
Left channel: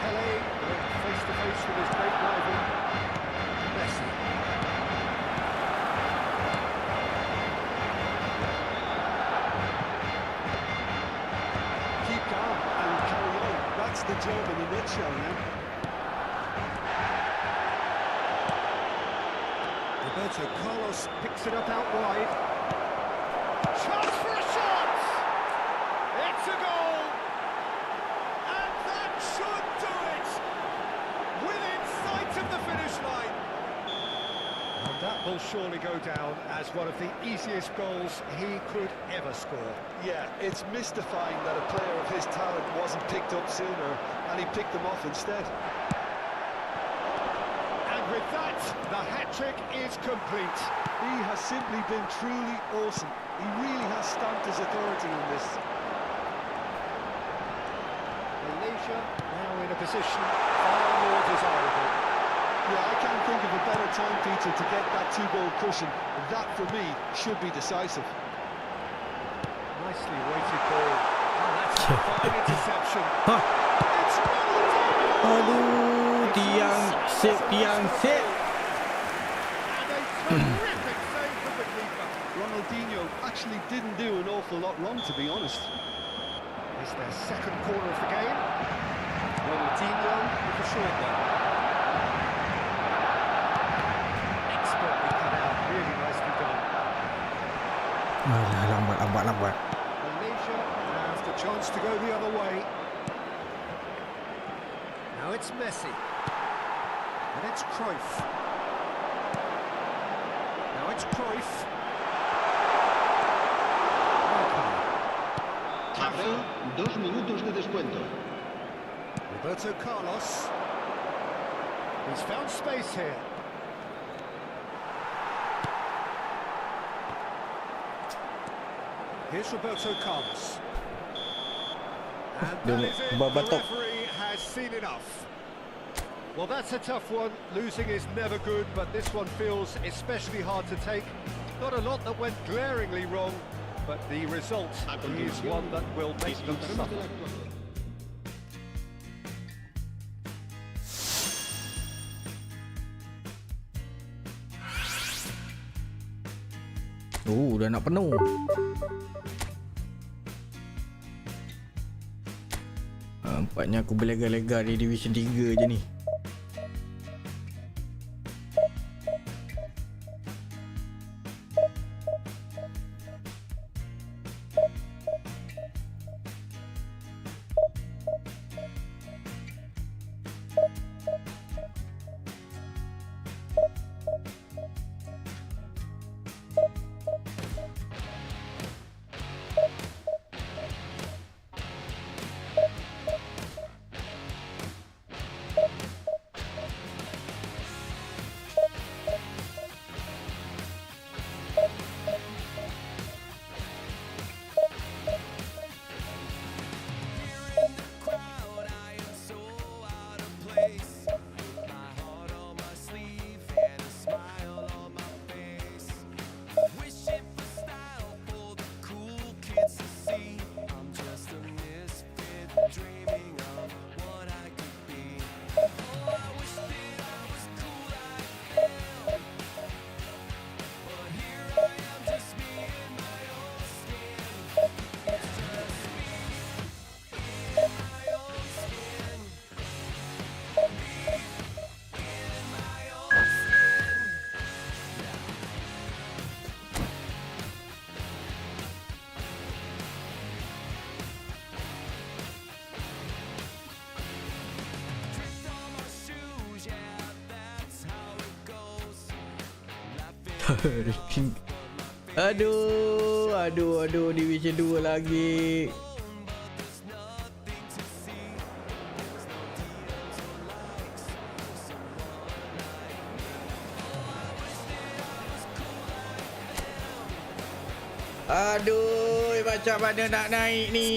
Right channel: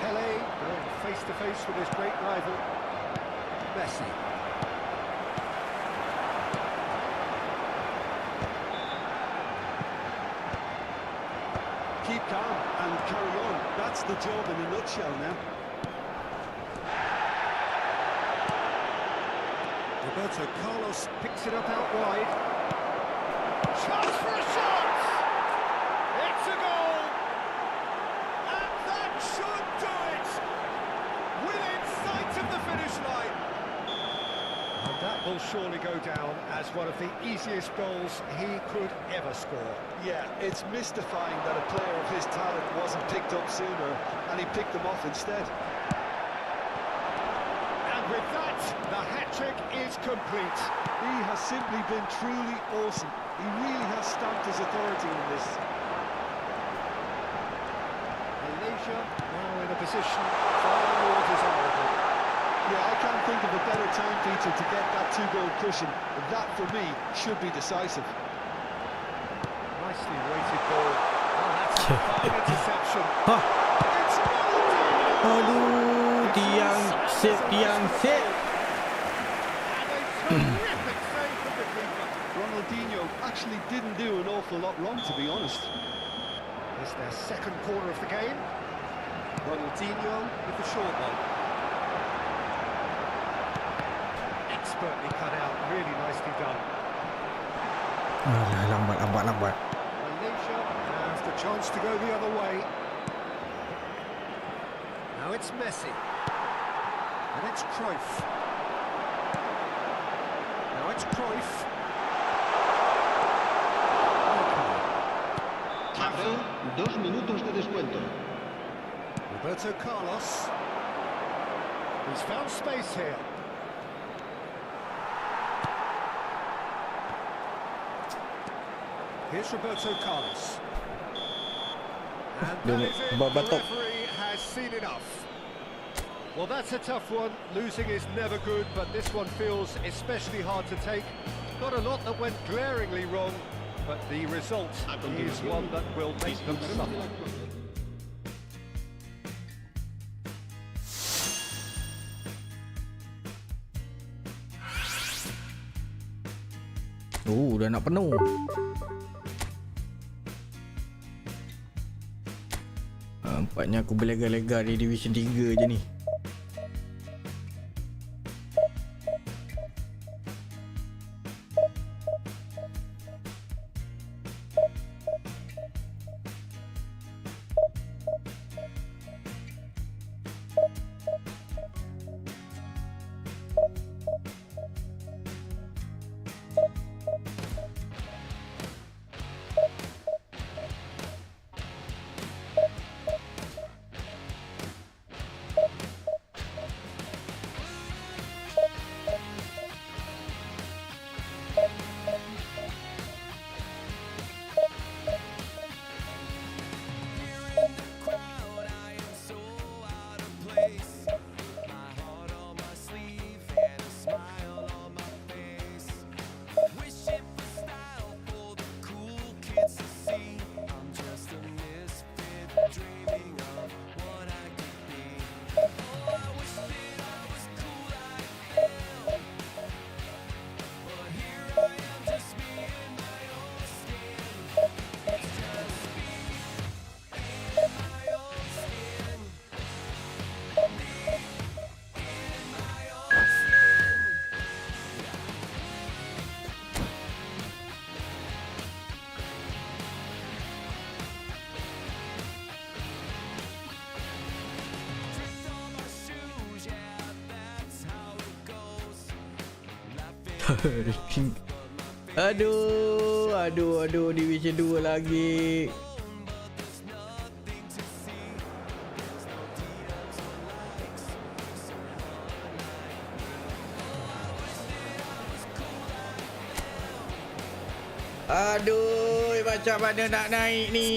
going face to face with his great rival, Messi. That's the job in a nutshell now. Roberto Carlos picks it up out wide. Chance for a shot! It's a goal! And that should do it! Within sight of the finish line! And that will surely go down as one of the easiest goals he could ever score. Yeah, it's mystifying that a player of his talent wasn't picked up sooner, and he picked them off instead. And with that, the hat-trick is complete. He has simply been truly awesome. He really has stamped his authority in this. Malaysia now in a position far more desirable. Yeah, I can't think of a better time, Peter, to get that two-goal cushion. That, for me, should be decisive. Nicely weighted ball. Oh, that's a fine interception. Hah. It's Ronaldinho! Aduh, tiang sip. And a terrific save from the keeper. Ronaldinho actually didn't do an awful lot wrong, to be honest. It's their second corner of the game. Ronaldinho with the short one. Expertly cut out, really nicely done. Alah, lambat. Malaysia have the chance to go the other way. Now it's Messi. And it's Cruyff. Now it's Cruyff. Okay. Habrá 2 minutos de descuento. Roberto Carlos. He's found space here. Here's Roberto Carlos. And that is it. The referee has seen enough. Well, that's a tough one. Losing is never good, but this one feels especially hard to take. Not a lot that went glaringly wrong, but the result is one that will make them suffer. Dah nak penuh. Nampaknya aku berlega-lega di Division 3 je ni. Aduh, Division 2 lagi. Aduh, macam mana nak naik ni?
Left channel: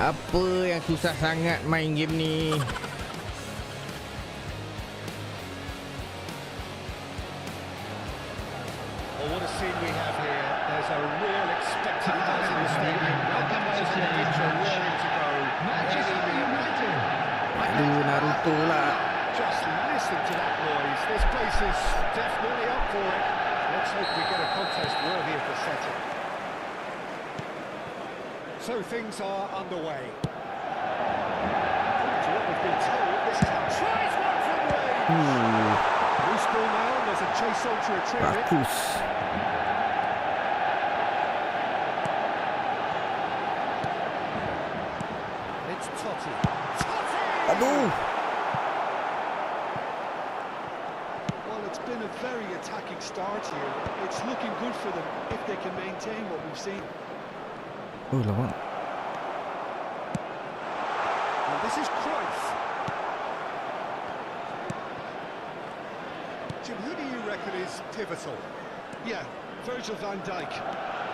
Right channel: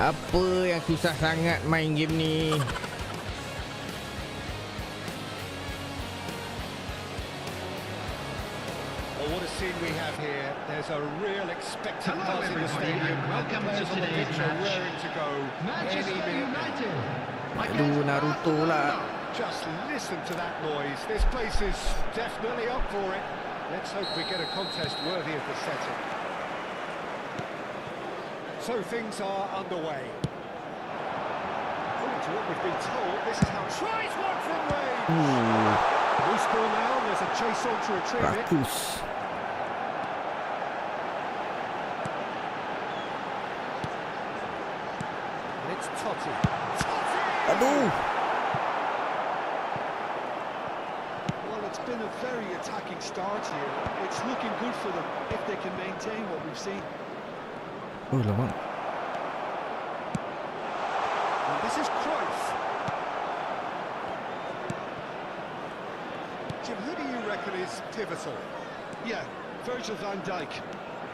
Apa yang susah sangat main game ni? Well, what a scene we have here. There's a real expectant buzz in the stadium. Welcome to Players on the today's pitch are match. raring to go. Manchester Any minute. United. Aduh, Naruto lah. Just listen to that noise. This place is definitely up for it. Let's hope we get a contest worthy of the setting. So things are underway. According to what we've been told, this is how tries one from range. Loose ball now, and there's a chase on to retrieve it. Rakus. And it's Totti. Totti! Aduh. Well, it's been a very attacking start here. It's looking good for them if they can maintain what we've seen. Oh, lawak. And this is Cruyff. Jim, who do you reckon is pivotal? Yeah, Virgil van Dijk.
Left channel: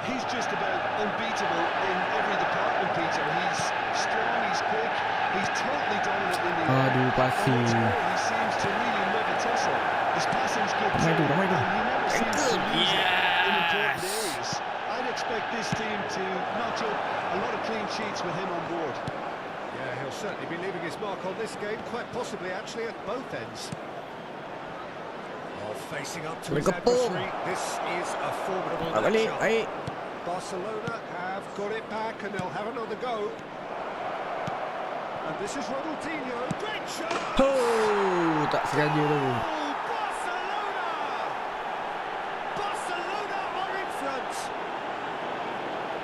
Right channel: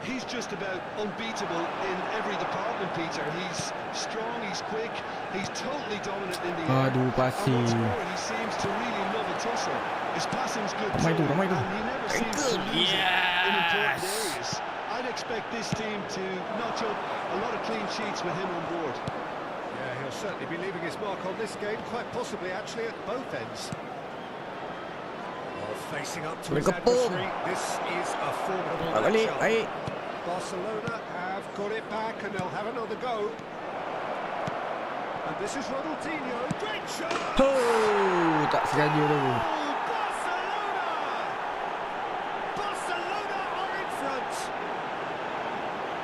He's just about unbeatable in every department, Peter. He's strong, he's quick, he's totally dominant in the air. Aduh, And what's passing. more, he seems to really love a tussle. His passing's good Ramai too, tu, ramai tu. and he never seems to lose it in important Yes. areas. I'd expect this team to notch up a lot of clean sheets with him on board. Yeah, he'll certainly be leaving his mark on this game, quite possibly actually at both ends. Oh, facing up to his Berkepung. adversary, this is a formidable Balik balik, matchup. baik. Barcelona have got it back and they'll have another go. And this is Ronaldinho, great shot! Oh, tak sengaja tu. Oh, Barcelona! Barcelona are in front!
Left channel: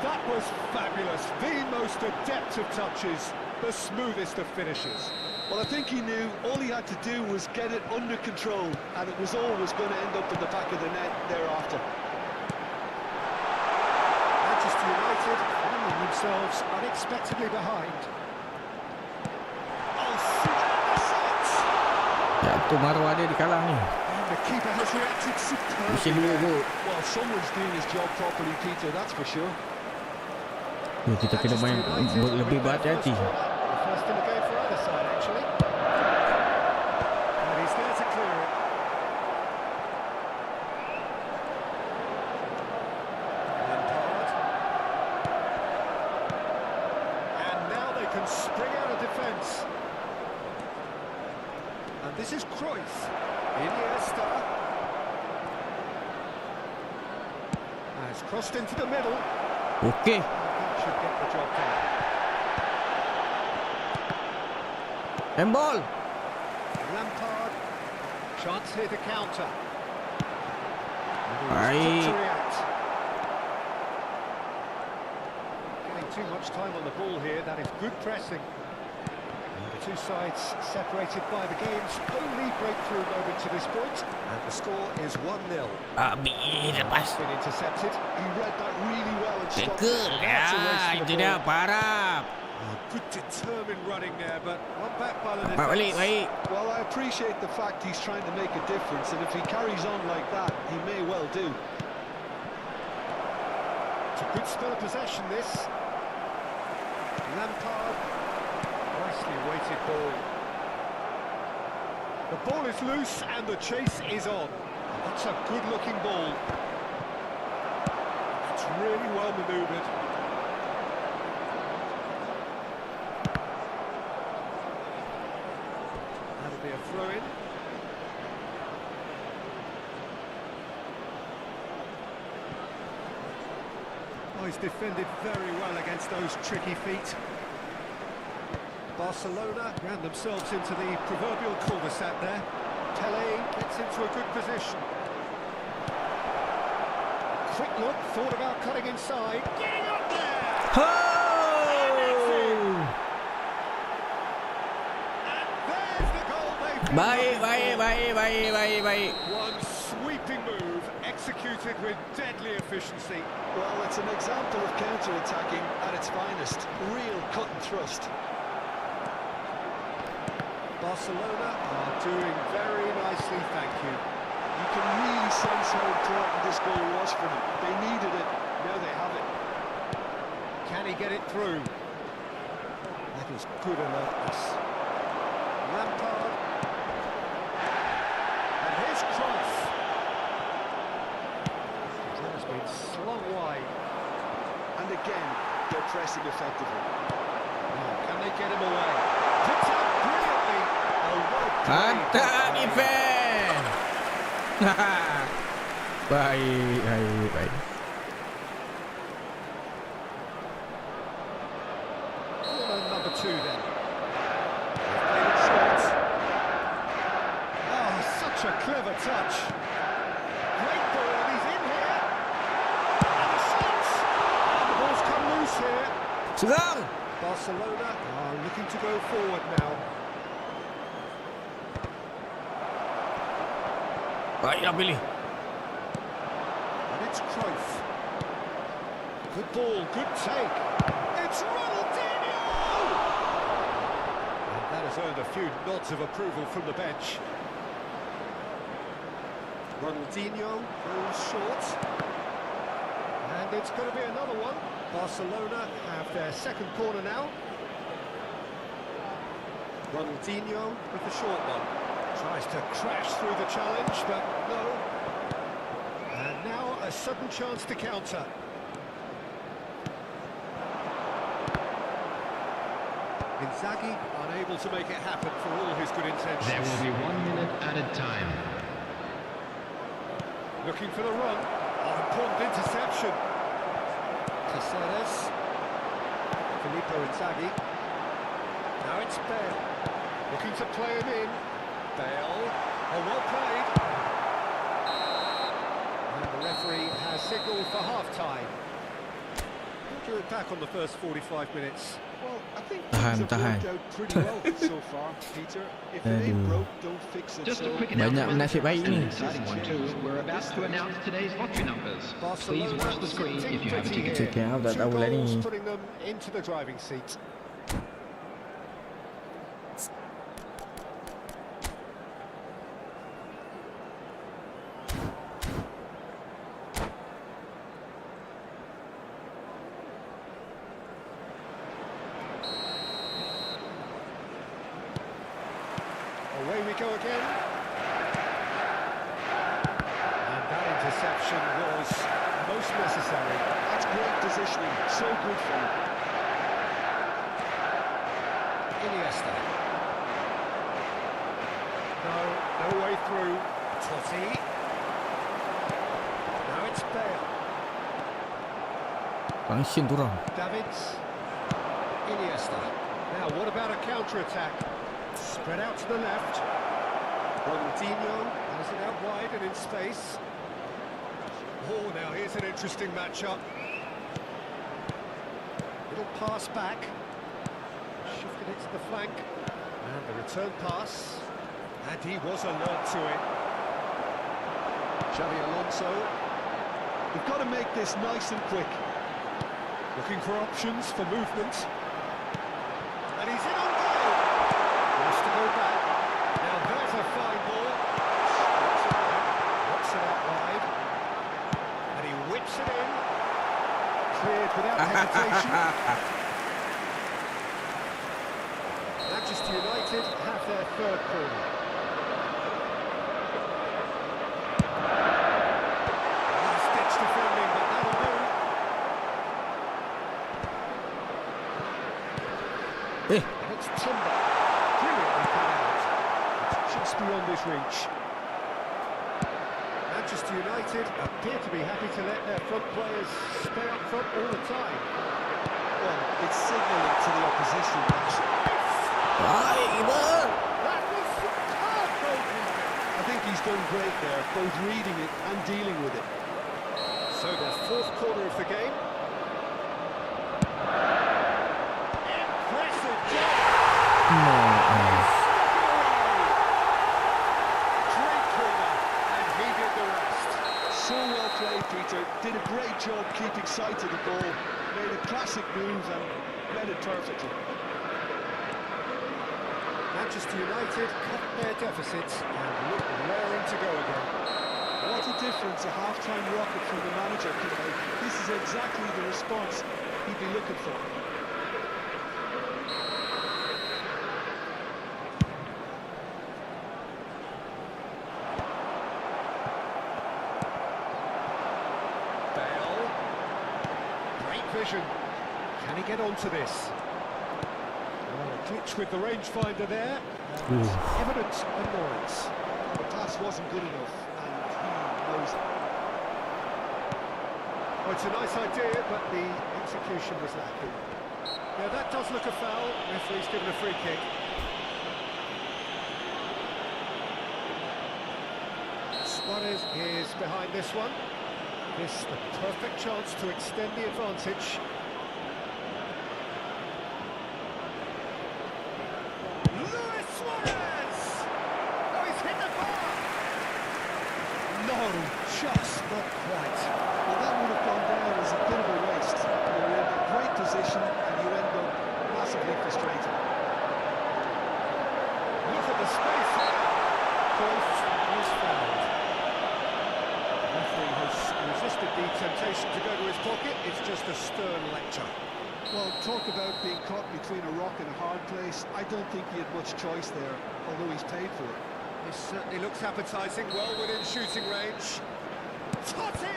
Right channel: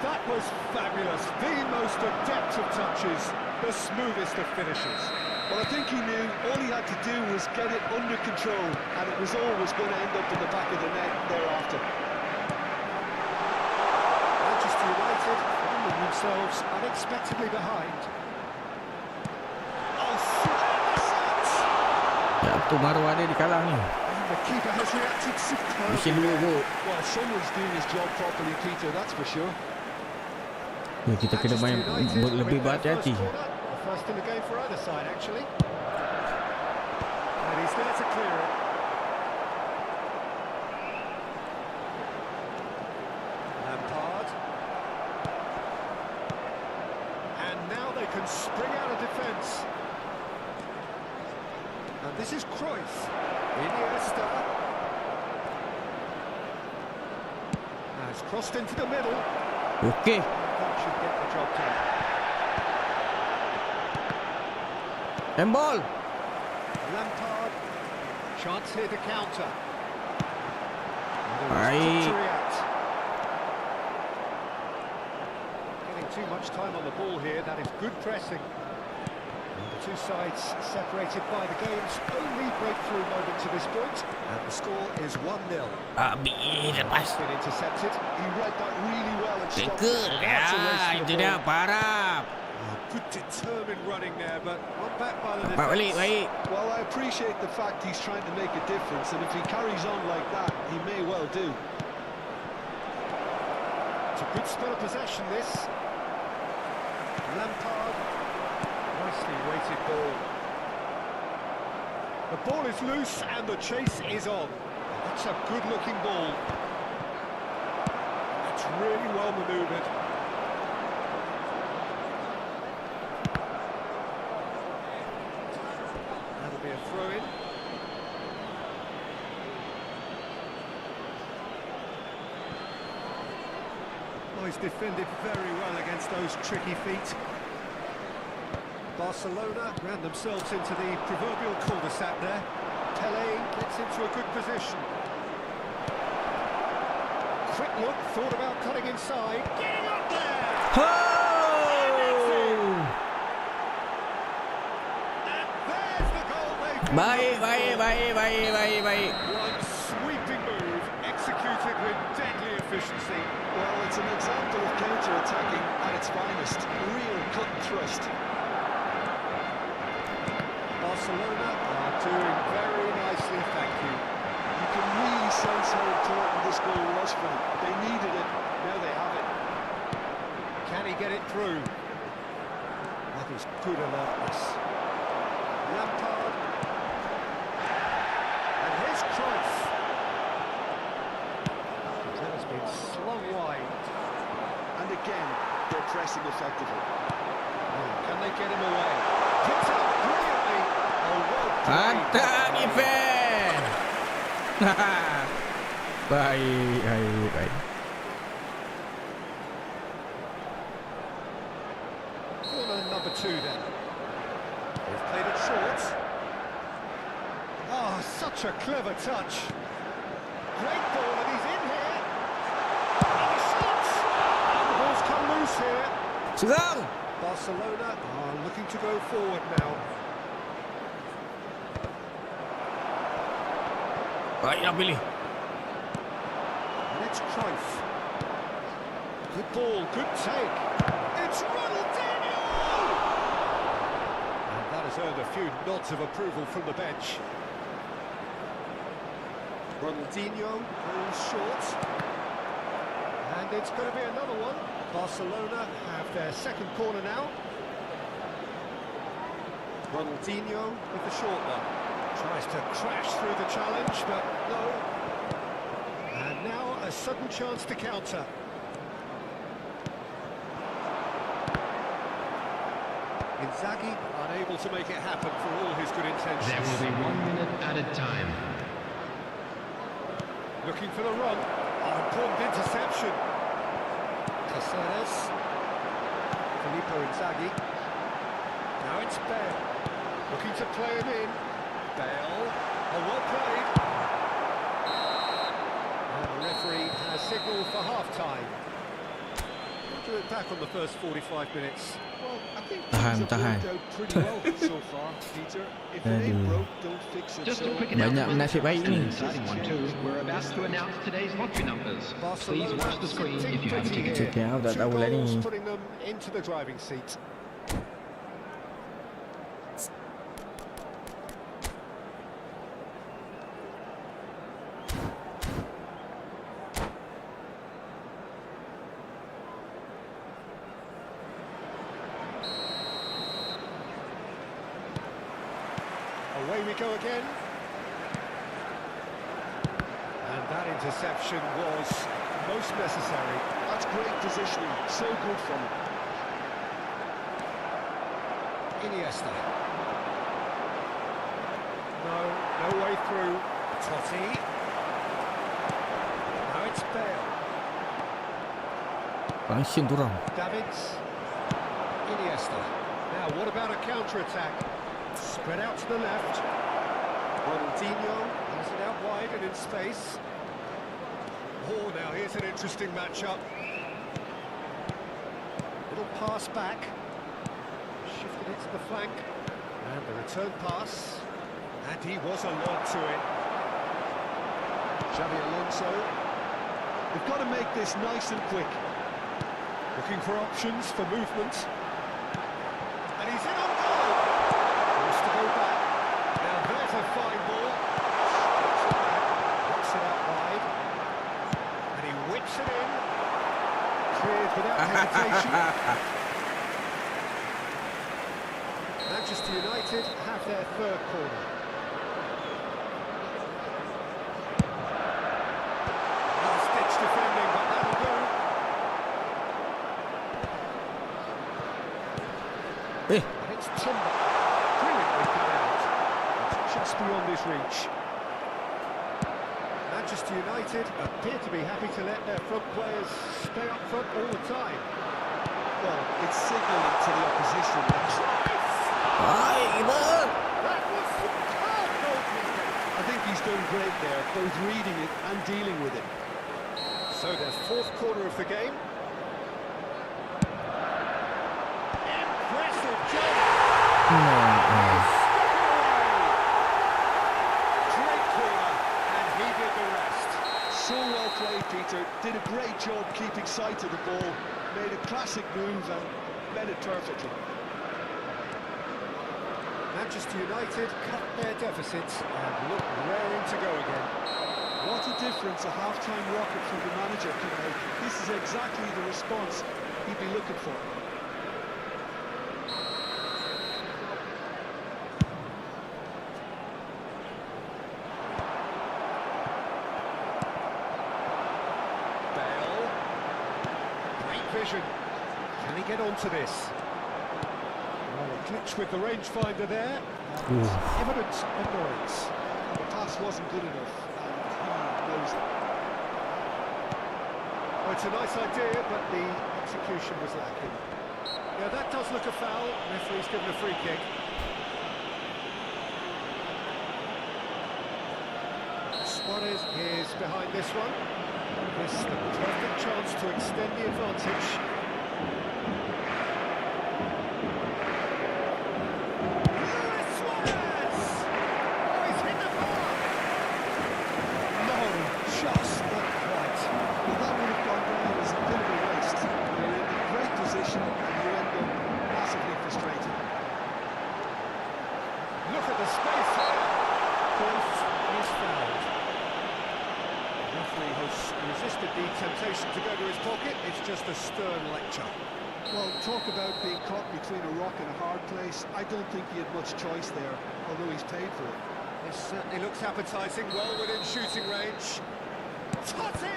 That was fabulous, the most adept of touches, the smoothest of finishes. Well, I think he knew all he had to do was get it under control, and it was always going to end up in the back of the net thereafter. Manchester United finding themselves unexpectedly behind. Oh, the shot! Ya, tu maruah dia dikalah ni. And the keeper has reacted superbly. Mesin dua kot. Well, someone's doing his job properly, Peter, that's for sure. Kita kena main lebih berhati-hati. The first in the game for either side, actually. And he's there to clear it. Lampard. And now they can spring out of defence. And this is Cruyff. Iniesta. Has crossed into the middle. Okey. That should get the job done. Handball. Lampard. Chance here to counter. Baik. To react. Getting too much time on the ball here. That is good pressing. And the two sides separated by the game's only breakthrough moment to this point. And the score is 1-0. Habis lepas. Been intercepted. He read that really well and stopped Tekel. it. That's a race Ya, for itu the dia ball. Oh, parah. good determined running there, but one back by the Dapat balik, defence. baik. Well, I appreciate the fact he's trying to make a difference, and if he carries on like that, he may well do. It's a good spell of possession, this. Lampard. Nicely weighted ball. The ball is loose and the chase is on. That's a good-looking ball. That's really well manoeuvred. That'll be a throw-in. Oh, he's defended very well against those tricky feet. Barcelona ran themselves into the proverbial cul-de-sac there. Pelé gets into a good position. Quick look, thought about cutting inside. Getting up there! Oh! And there's the goal they've been Baik, looking baik, for. baik, baik, baik, baik. One sweeping move, executed with deadly efficiency. Well, it's an example of counter-attacking at its finest. Real cut and thrust. Barcelona are doing very nicely, thank you. You can really sense how important this goal was for them. They needed it, now they have it. Can he get it through? That is good alertness. Lampard. And here's Cruyff. That has been slung wide. And again, they're pressing effectively. Can they get him away? Picked up brilliantly. Oh, well played. Mantap defense. Baik. Corner number 2 then. They've played it short. Oh, such a clever touch. Great ball, and he's in here. And the shot! And the ball's come loose here. Serang. Barcelona are looking to go forward now. Baiklah pilih. And it's Cruyff. Good ball, good take. It's Ronaldinho! And that has earned a few nods of approval from the bench. Ronaldinho goes short. And it's going to be another one. Barcelona have their second corner now. Ronaldinho with the short one. Tries to crash through the challenge, but no. And now a sudden chance to counter. Inzaghi unable to make it happen for all his good intentions. There will be 1 minute added time. Looking for the run. Oh, important interception. Caceres. Filippo Inzaghi. Now it's Bale. Looking to play him in. Bale. Oh, well played. And the referee has signalled for half-time. We'll do it back on the first 45 minutes. Well, I think things have worked out pretty well so far, Peter. If it ain't broke, don't fix it. Just a So quick Banyak announcement. nasib baik Still ni. an exciting one too. We're about to announce today's lottery numbers. Please watch the screen if you have a ticket. Tiket aku tak Two tahu lah goals ni. putting them into the driving seat. Away we go again. And that interception was most necessary. that's great positioning. So good from him. Iniesta. No way through. Totti. Now it's Bale. Function tu orang. Davids. Iniesta. Now what about a counter-attack? Spread out to the left. Ronaldinho has it out wide and in space. Oh, now here's an interesting matchup. Little pass back. Shifted it to the flank. And the return pass. And he was alert to it. Xavi Alonso. They've got to make this nice and quick. Looking for options for movement. And he's in on goal. Wants to go back. Now there's a fine ball. Strips it back. Knocks it out wide. And he whips it in. Cleared without hesitation. Manchester United have their third corner. Last-ditch defending, but that'll do. Eh, And it's Timber. Brilliantly cut out. It's just beyond his reach. Manchester United appear to be happy to let their front players stay up front all the time. Well, it's signalling to the opposition that baik keeper. That was superb goalkeeping. I think he's done great there, both reading it and dealing with it. So their fourth corner of the game. Impressive jump. Nah, Stuck it away. Great corner, and he did the rest. So well played, Peter. Did a great job keeping sight of the ball. Made a classic move and met it perfectly. Manchester United cut their deficits and look raring to go again. What a difference a half-time rocket from the manager can make. This is exactly the response he'd be looking for. vision. Can he get onto this? Well, a glitch with the rangefinder there. And evident annoyance. The pass wasn't good enough, and he knows it. Well, it's a nice idea, but the execution was lacking. Yeah, that does look a foul. Referee's given a free kick. Suarez is behind this one. This the perfect chance to extend the advantage. Luis Suarez! Oh, he's hit the bar! No, just not quite. Well, that would have gone down as a bit of a waste. You're in a great position and you end up massively frustrated. Look at the space here. Cruyff is fouled. The referee has resisted the temptation to go to his pocket. It's just a stern lecture. Well, talk about being caught between a rock and a hard place. I don't think he had much choice there, although he's paid for it. This certainly looks appetising, well within shooting range. Totti!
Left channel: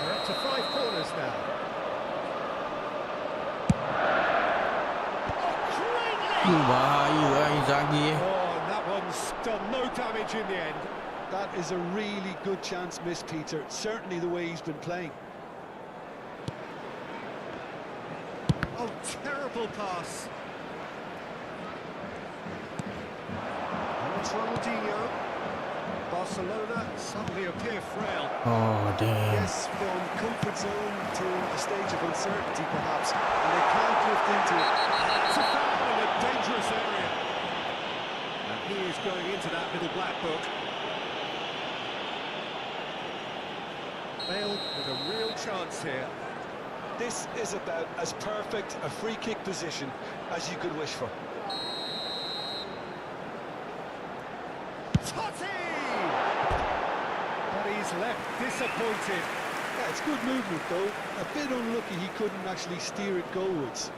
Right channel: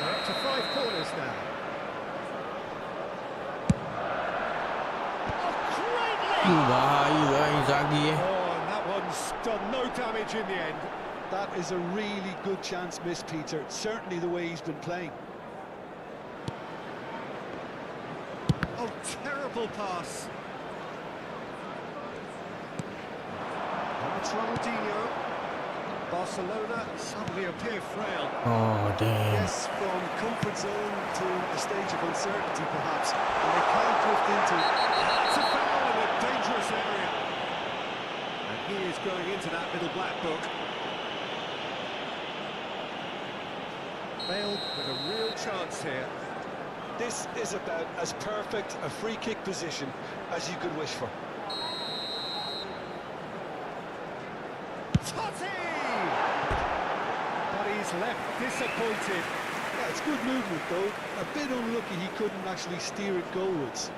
They're up to 5 corners now. Bahaya Inzaghi. Oh, and that one's done no damage in the end. That is a really good chance missed, Peter. Certainly the way he's been playing. Oh, terrible pass. And it's Ronaldinho. Barcelona suddenly appear frail. Oh damn. Yes, from comfort zone to a stage of uncertainty, perhaps, and they can't drift into it. That's a foul in a dangerous area. And he is going into that little black book. Bale with a real chance here. This is about as perfect a free kick position as you could wish for. Totti! But he's left disappointed. Yeah, it's good movement though. A bit unlucky he couldn't actually steer it goalwards.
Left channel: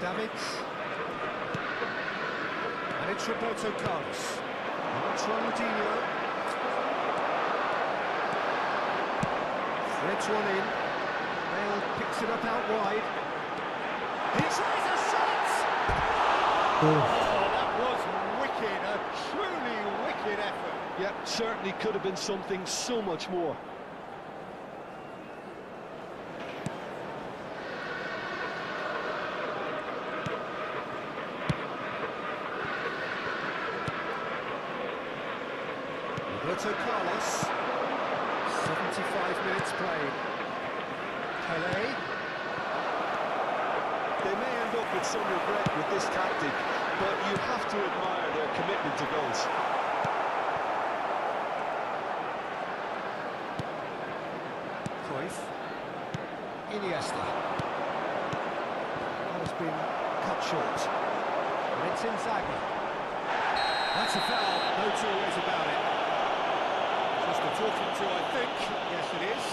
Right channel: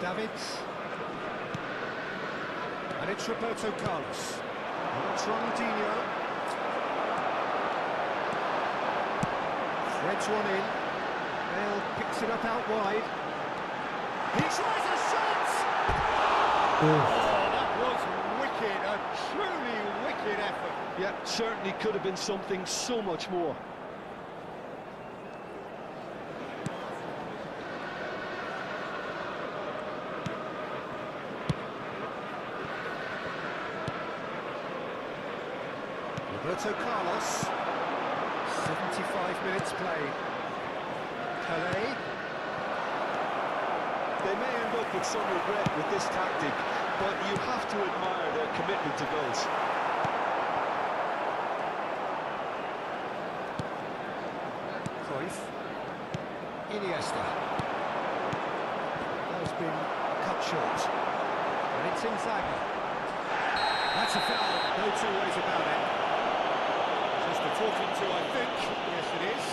Davids. And it's Roberto Carlos. And that's Ronaldinho. Threads one in. Bale picks it up out wide. He tries a shot! Oh, that was wicked. A truly wicked effort. Yeah, certainly could have been something so much more. Roberto Carlos. 75 minutes played. Pelé. They may end up with some regret with this tactic, but you have to admire their commitment to goals. Cruyff. Iniesta. That has been cut short. And it's Inzaghi. That's a foul, no two ways about it. Just a talking to, I think. Yes, it is.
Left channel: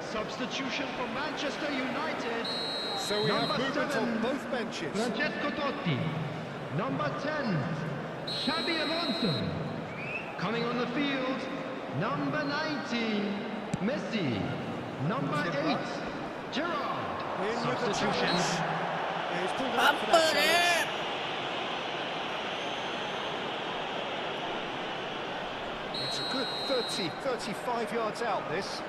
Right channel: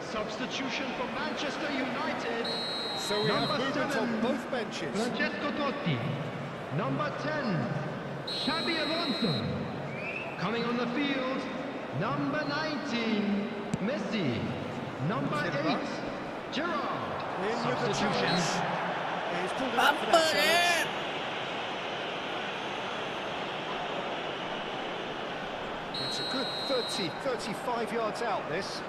Substitution for Manchester United. So we have movement on both benches. Francesco Totti. Number 10, Xabi Alonso. Coming on the field, number 19, Messi. Number 8, Gerrard. In with the Substitution. challenge. He's pulled it up for that challenge. It's a good 35 yards out, this.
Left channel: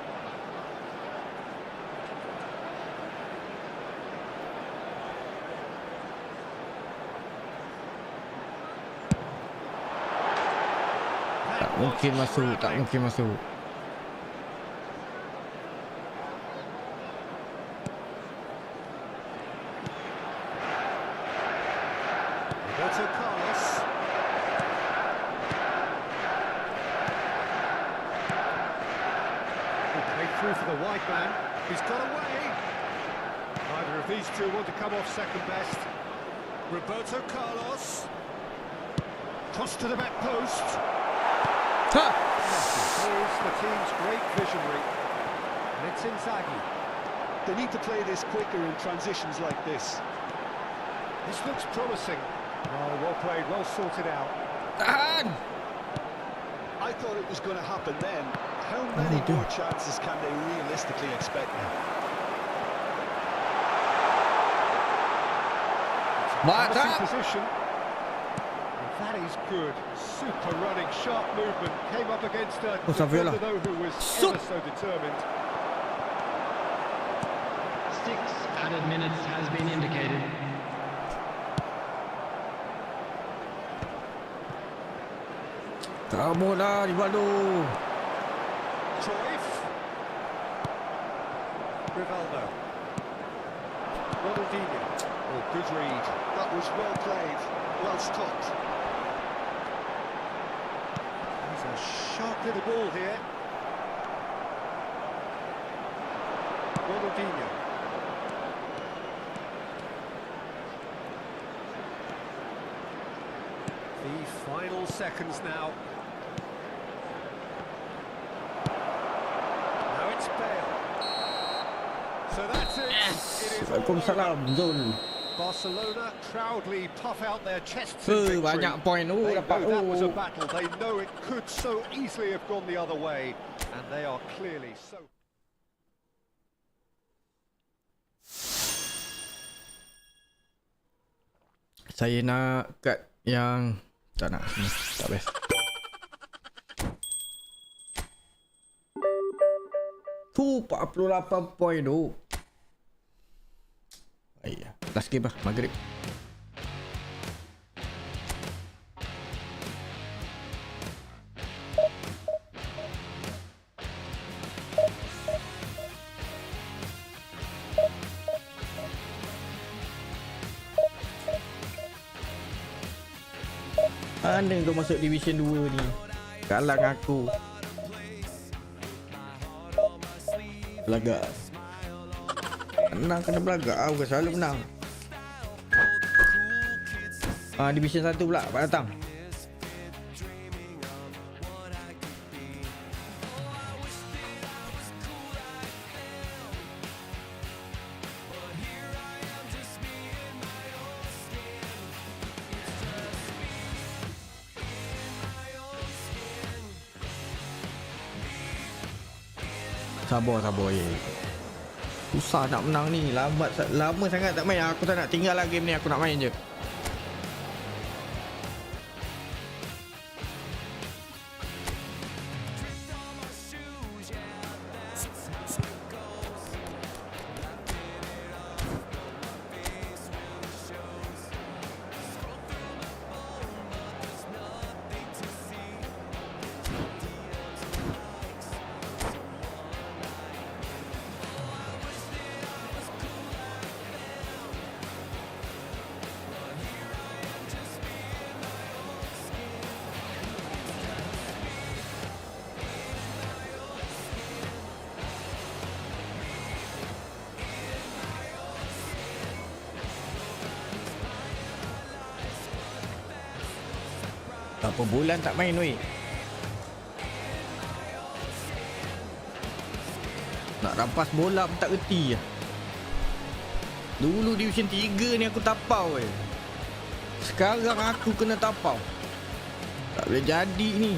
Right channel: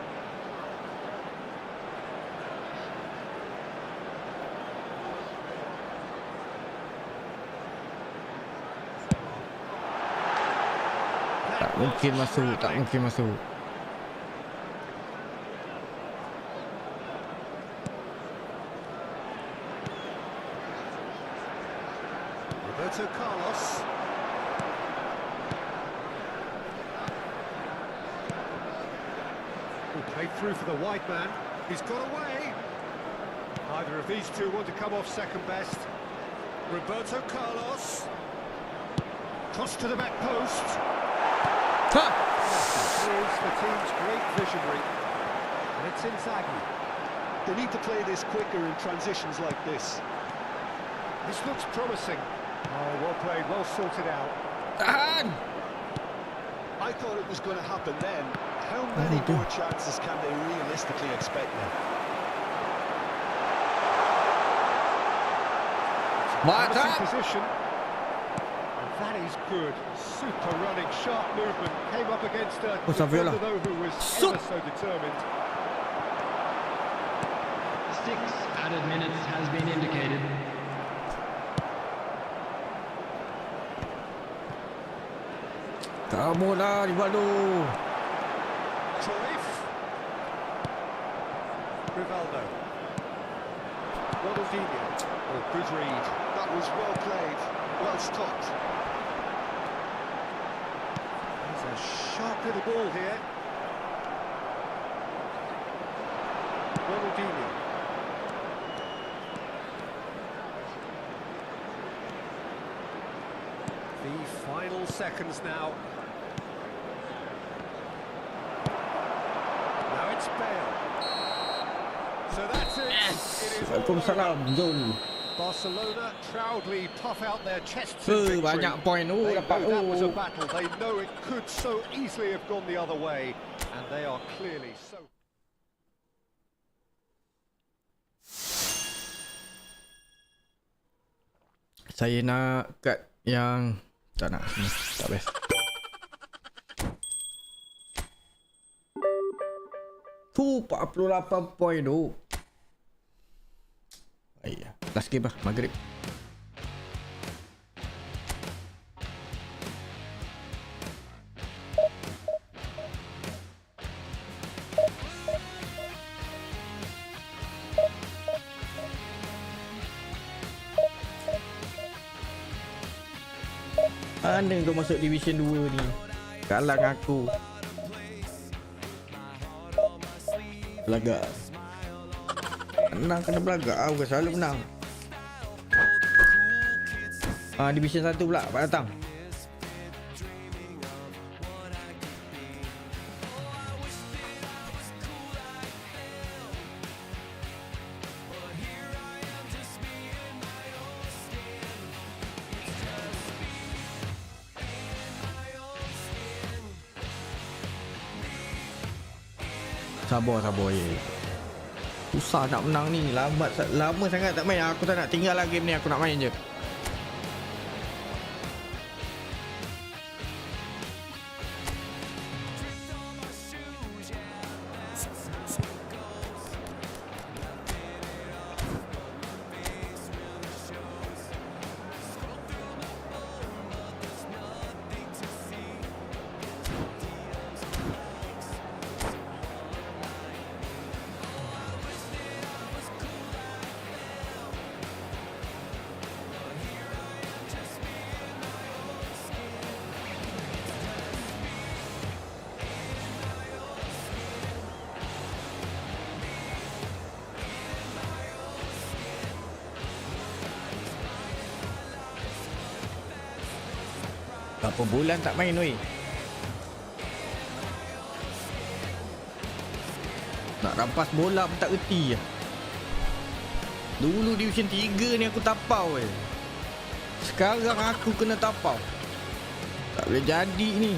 Tak mungkin masuk, tak mungkin masuk. Roberto Carlos. Played through for the wide man. He's got away. Neither of these two want to come off second best. Roberto Carlos. Cross to the back post. Ha! He is the team's great visionary. And it's Inzaghi. They need to play this quicker in transitions like this. This looks promising. Oh, well played, well sorted out. Tahan! I thought it was going to happen then. How many more chances can they realistically expect now? Promising position. And that is good. Super running, sharp movement. Came up against a defender though who was ever so determined. 6 added minutes has been indicated. Kamu lah, Rivaldo. Cruyff. Rivaldo. Ronaldinho. Oh, good read. That was well played, well stopped. He's a sharp little ball here. Ronaldinho. The final seconds now. Now it's Bale. So that's it. Yes. It is Waalaikumsalam, Zul. Barcelona proudly puff out their chests in victory. Banyak point tu They dapat. know that was a battle. They know it could so easily have gone the other way, and they are clearly so. Saya nak cut yang tak nak. Tak best. Tu 48 point tu. Ayah, last game lah, maghrib. Mana kau masuk Division 2 ni? Kalah dengan aku. Belagak. Menang kena belagak. Aku selalu menang. Division 1 pula Pak datang. Sabar ye. Susah nak menang ni. Lama sangat tak main. Aku tak nak tinggal lah game ni. Aku nak main je. Berapa bulan tak main weh. Nak rampas bola pun tak reti lah. Dulu Division 3 ni aku tapau weh. Sekarang aku kena tapau. Tak boleh jadi ni.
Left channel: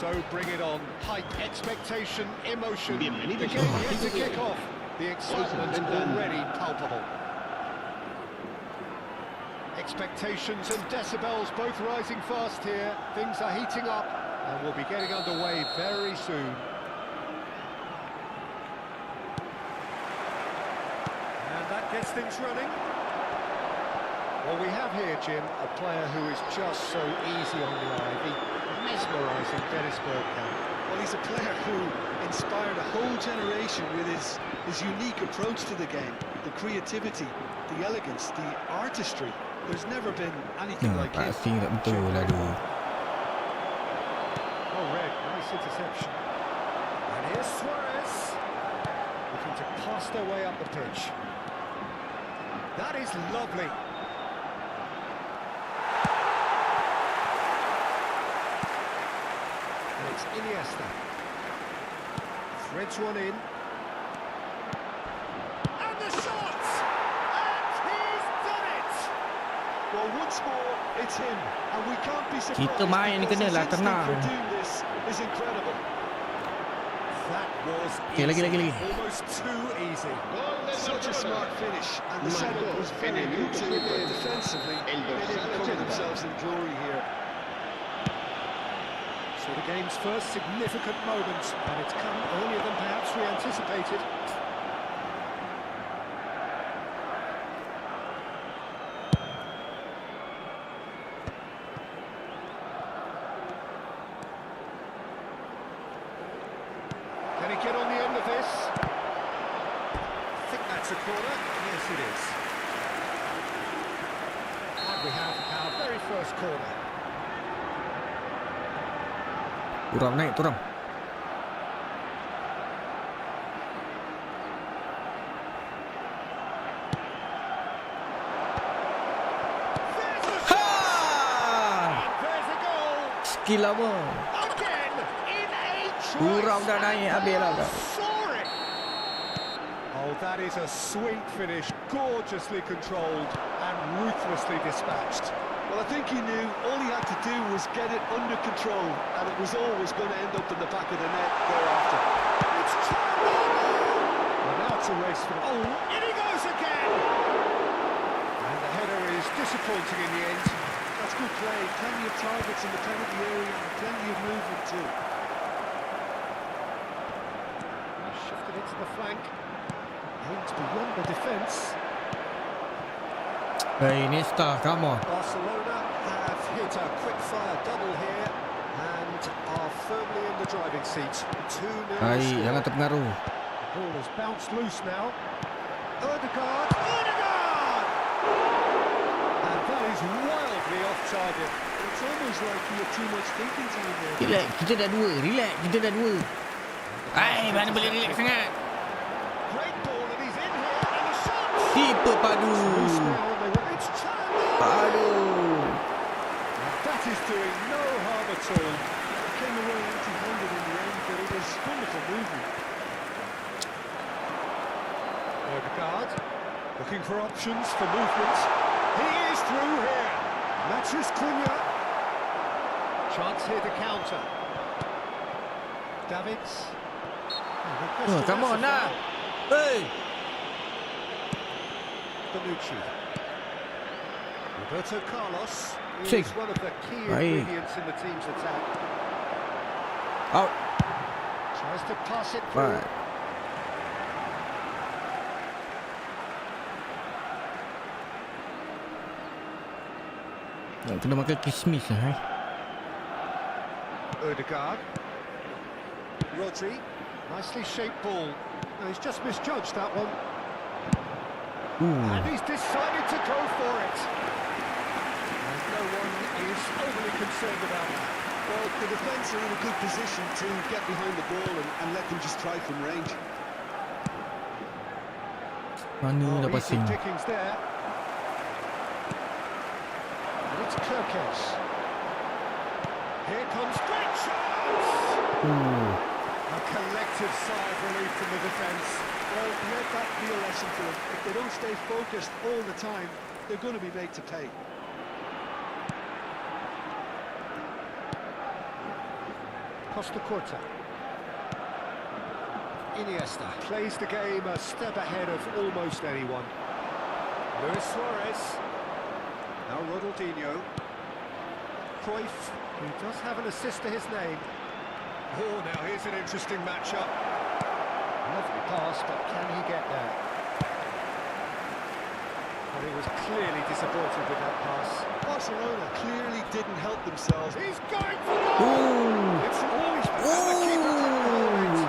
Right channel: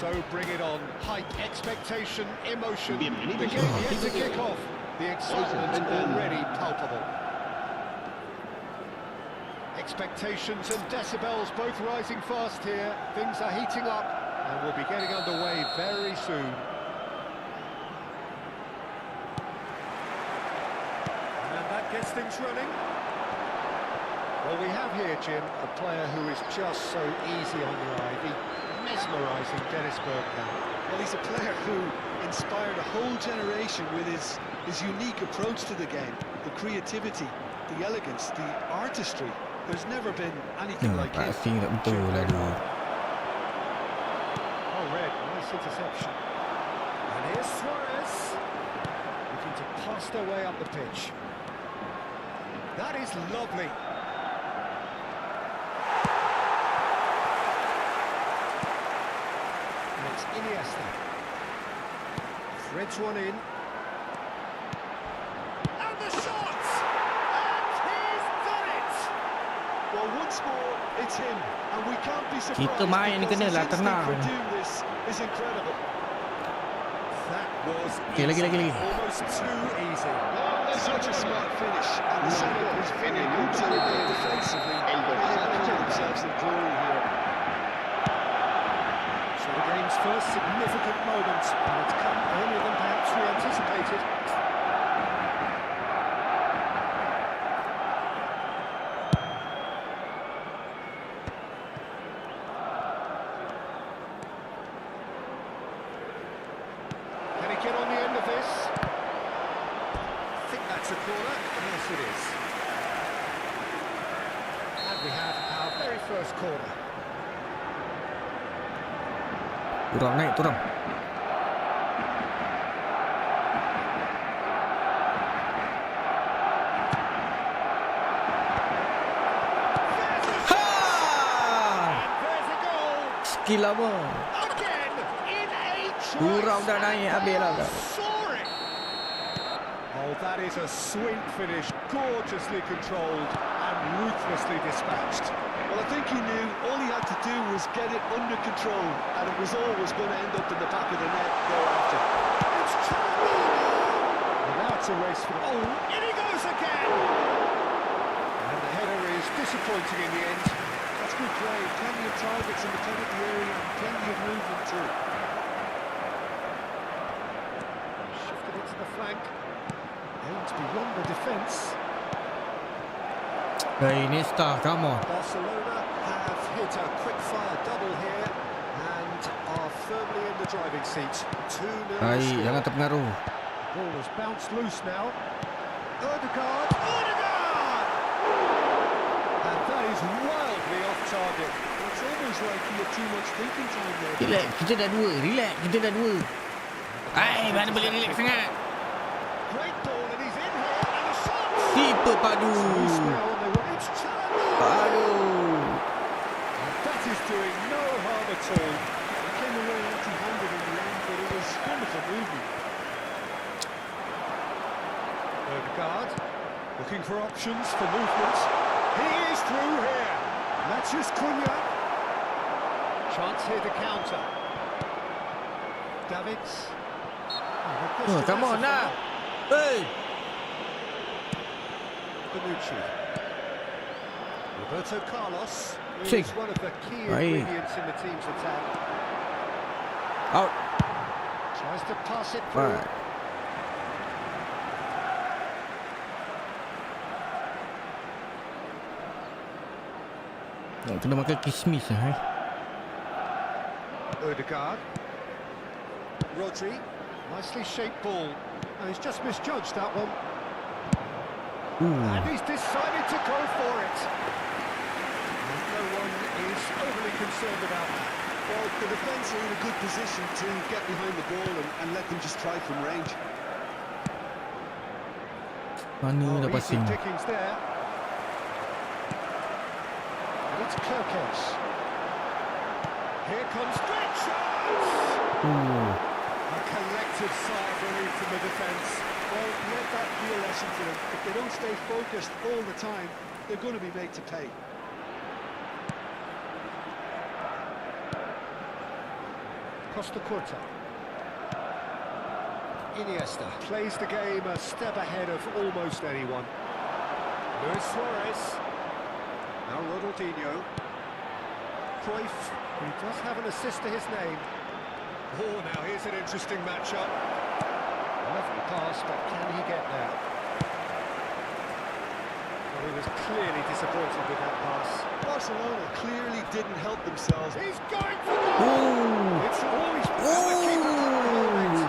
So bring it on. Height, expectation, emotion. The Bienvenidos game al yet to partido de kick hoy. off. The excitement already palpable. Expectations and decibels both rising fast here. Things are heating up and we'll be getting underway very soon. And that gets things running. Well, we have here, Jim, a player who is just so easy on the eye. The mesmerising Dennis Bergkamp. Well, he's a player who inspired a whole generation with his unique approach to the game, the creativity, the elegance, the artistry. There's never been anything like him. Pasti tak betul lah tu. Oh, Red, nice interception. And here's Suarez, looking to pass their way up the pitch. That is lovely. And it's Iniesta. Threads one in. And the shot! And he's done it! Well, once more, it's him, and we can't be surprised Kita main because kena his lah, instinct tenang. for doing this is incredible. That was Okay, lagi. almost too easy. Such a smart finish, and the setup was very good too, but defensively, they didn't cover themselves in glory here. So the game's first significant moment, and it's come earlier than perhaps we anticipated. Can he get on the end of this? I think that's a corner. Yes, it is. And we have our very first corner. Turun naik, turun. Ha! And there's a goal. Skill lama. Again, in a Turun dah naik, habis lah dah. soaring. Oh, that is a sweet finish, gorgeously controlled and ruthlessly dispatched. Well, I think he knew all he had to do was get it under control, and it was always going to end up in the back of the net thereafter. It's China! Well, now it's a race for... Oh, in he goes again! And the header is disappointing in the end. That's good play, plenty of targets in the penalty area and plenty of movement too. Shifted it to the flank. Aimed beyond the defence. Hey, Iniesta, come on. Barcelona have hit a quick-fire double here and are firmly in the driving seat. 2-0 Baik, score. jangan terpengaruh. The ball has bounced loose now. Ødegaard! Ødegaard! And that is wildly off target. It's almost like he had too much thinking time there. Relax, kita dah dua. Relax, kita dah dua. Hai, mana boleh relax sangat. Great ball and he's in here and the shot! Tipe padu. Loose now and they were... It's Chandler! Padu. And that is doing no harm at all. He came away empty-handed in the end, but it was wonderful movement. Ødegaard looking for options for movement. He is through here. Matches Cunha. Chance here to counter. Davids. Oh, come on now. Hey. Bonucci. Roberto Carlos Check. is one of the key Aye. ingredients in the team's attack. Out. Tries to pass it through. Right. Nak kena makan kismis lah, Ødegaard. Rodri. Nicely shaped ball. No, he's just misjudged that one. And he's decided to go for it. And no one is overly concerned about that. Well, the defence are in a good position to get behind the ball and let them just try from range. Mana dah Easy passing. pickings there. And it's Kirkes. Here comes great chance! A collective sigh of relief from the defence. Well, let that be a lesson for them. If they don't stay focused all the time, they're going to be made to pay. Costa Curta. Iniesta plays the game a step ahead of almost anyone. Luis Suarez. Now Ronaldinho. Cruyff, who does have an assist to his name. Oh, now here's an interesting matchup. Lovely pass, but can he get there? Well, he was clearly disappointed with that pass. Barcelona clearly didn't help themselves. He's going for goal! It's always been the keeper couldn't hold it.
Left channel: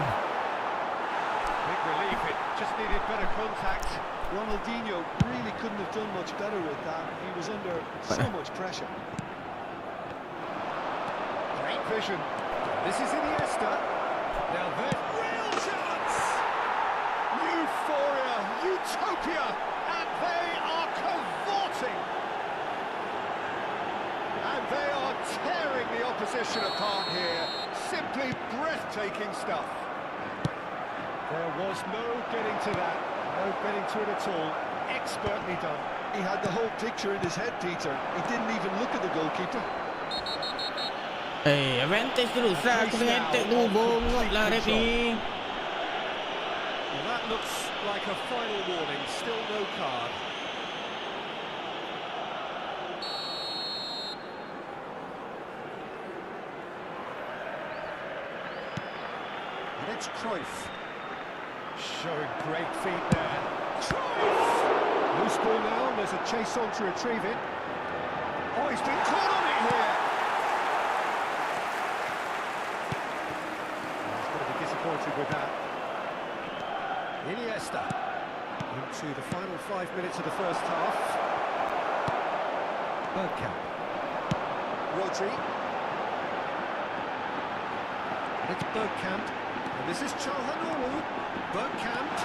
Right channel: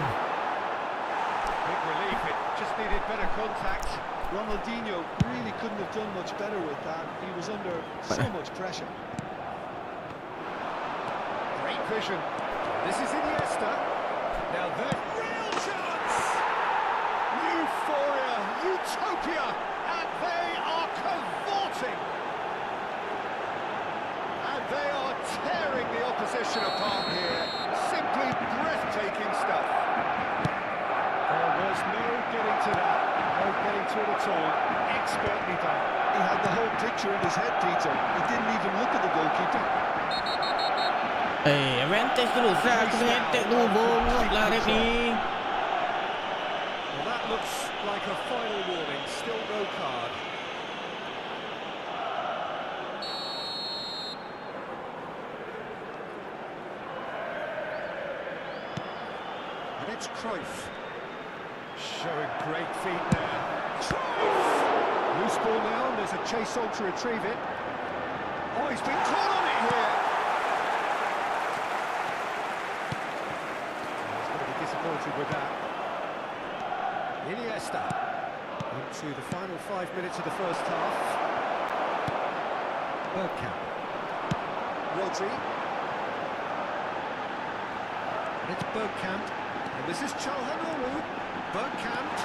Big relief, it just needed better contact. Ronaldinho really couldn't have done much better with that. He was under so much pressure. Great vision. This is Iniesta. Now there's real chance! Euphoria, utopia, and they are cavorting. And they are tearing the opposition apart here. Simply breathtaking stuff. There was no getting to that. No getting to it at all. Expertly done. He had the whole picture in his head, Peter. He didn't even look at the goalkeeper. Advantage terus lah. Aku dengan attack tu. Bongok lah ref ni. Well, that looks like a final warning. Still no card. And it's Cruyff. Showing great feet there. Cruyff! Loose ball now, and there's a chase on to retrieve it. Oh, he's been caught on it here. He's going to be disappointed with that. Iniesta into the final 5 minutes of the first half. Bergkamp. Rodri. And it's Bergkamp. And this is Çalhanoğlu. Bergkamp.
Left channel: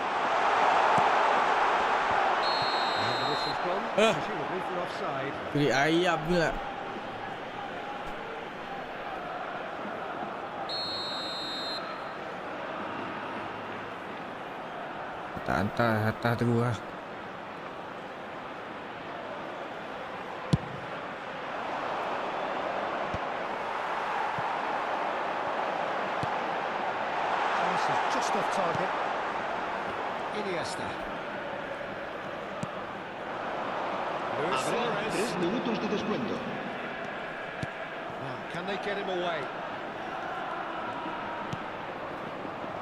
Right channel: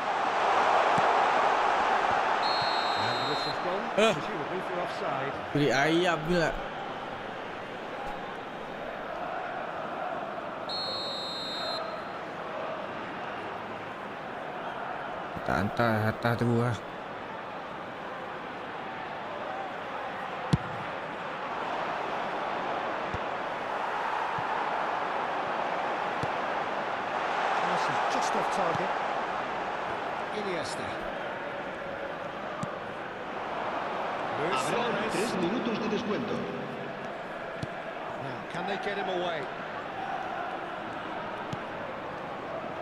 And the whistle's gone, presumably for offside. Beri ayam pula. Tak hantar terus lah. Pass is just off target. Iniesta. Luis Habrá Suarez. 3 minutos de descuento. Now, can they get him away?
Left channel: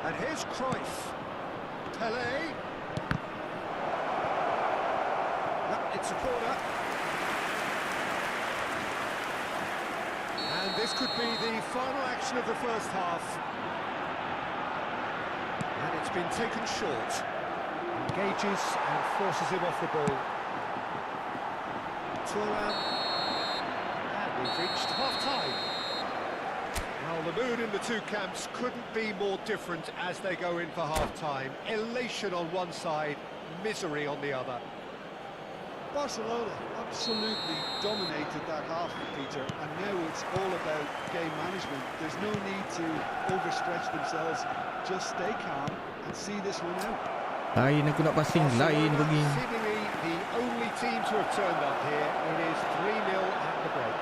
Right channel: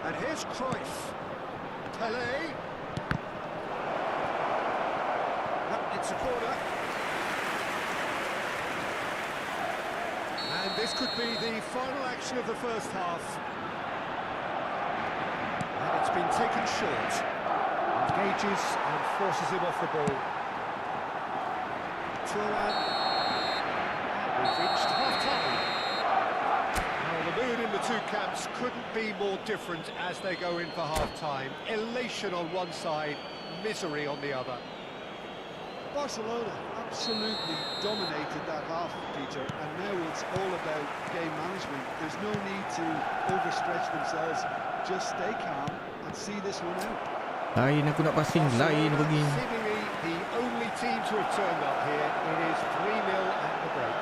And here's Cruyff. Pelé. No, it's a corner. And this could be the final action of the first half. And it's been taken short. Engages and forces him off the ball. Thuram. And we've reached half-time. Well, the mood in the two camps couldn't be more different as they go in for half-time. Elation on one side, misery on the other. Barcelona absolutely dominated that half, Peter, and now it's all about game management. There's no need to overstretch themselves. Just stay calm and see this one out. Lain aku nak passing. Lain pergi. Seemingly the only team to have turned up here. It is 3-0 at the break.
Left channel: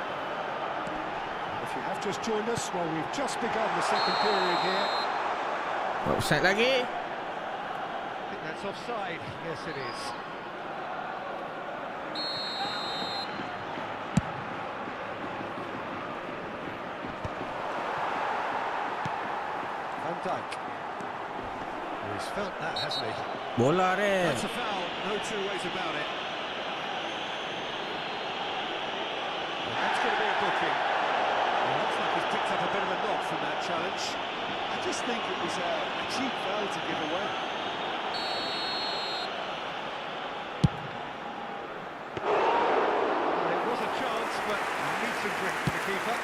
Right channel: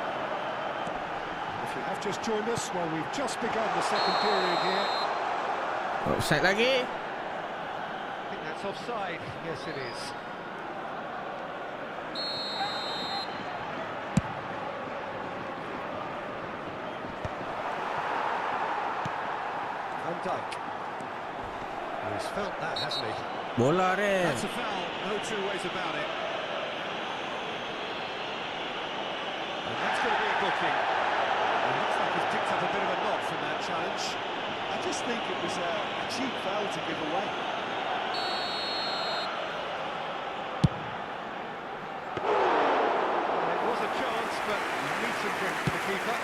If you have just joined us, well, we've just begun the second period here. Offside lagi. I think that's offside. Yes, it is. Van Dijk. He's felt that, hasn't he? Bola ref. That's a foul, no two ways about it. And that's going to be a booking. It looks like he's picked up a bit of a knock from that challenge. I just think it was a cheap foul to give away. Well, it was a chance, but neat and drink for the keeper.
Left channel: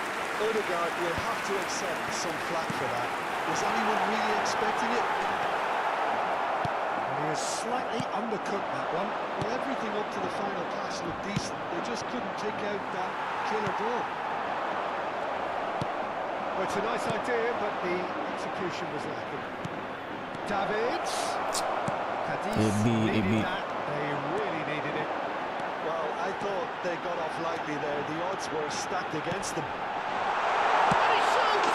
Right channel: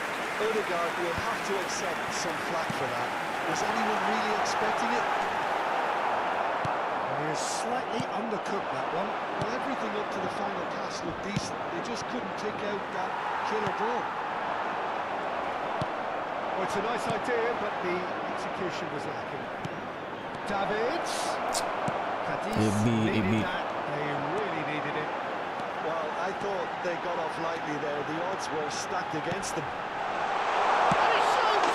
Odegaard will have to accept some flack for that. Was anyone really expecting it? And he has slightly undercooked that one. Well, everything up to the final pass looked decent. They just couldn't pick out that killer ball. Well, it's a nice idea, but the execution was lacking. Davids. Cadiz needed that. They really needed it. Well, I thought they got off lightly there. The odds were stacked against them. And he shoots!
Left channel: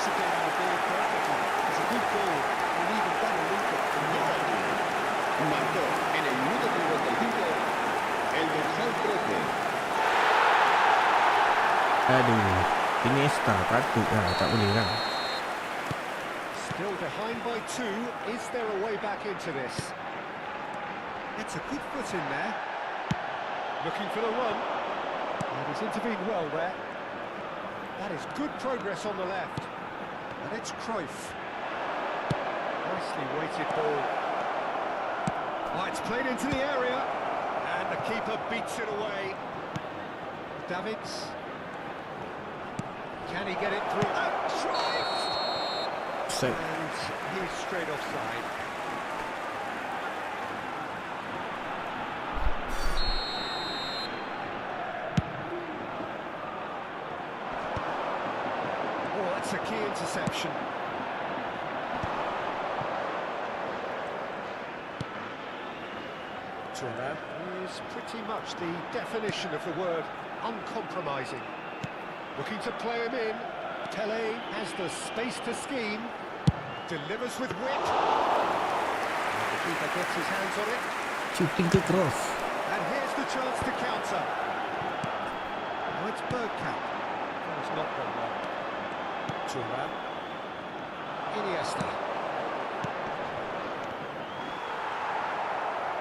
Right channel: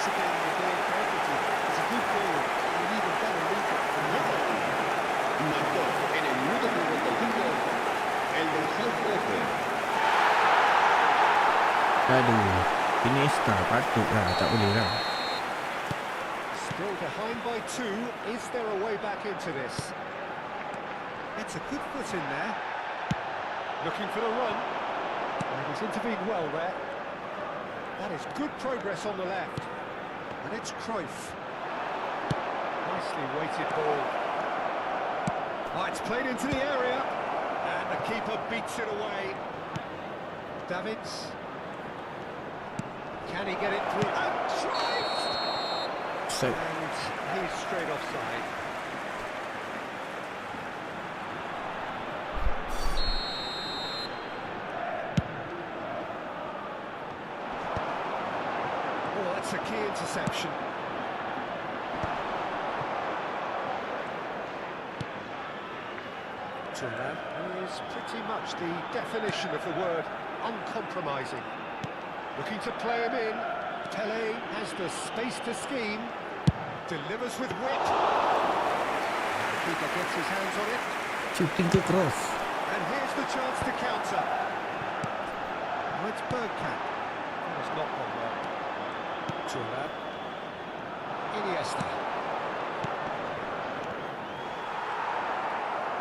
anticipating the ball perfectly. It's a good goal, and an even better link-up from Gol. Marcó en el minuto 55 el dorsal 13. Aduh, Iniesta patut lah, tak boleh lah. Still behind by 2. Is there a way back into this? It's a good foot in there. Looking for the run. And he's intervened well there. That is good progress on the left. And it's Cruyff. Nicely weighted ball. Oh, it's played into the area. And the keeper beats it away. Davids. Can he get it through? And Cruyff! Set. And he's straight offside. Oh, that's a key interception. Thuram is pretty much the definition of the word uncompromising. Looking to play him in. Pele has the space to scheme. Delivers with wit. And the keeper gets his hands on it. Shooting ke cross. And here's the chance to counter. Oh, it's Bergkamp. Oh, it's not gone well. Thuram. Iniesta.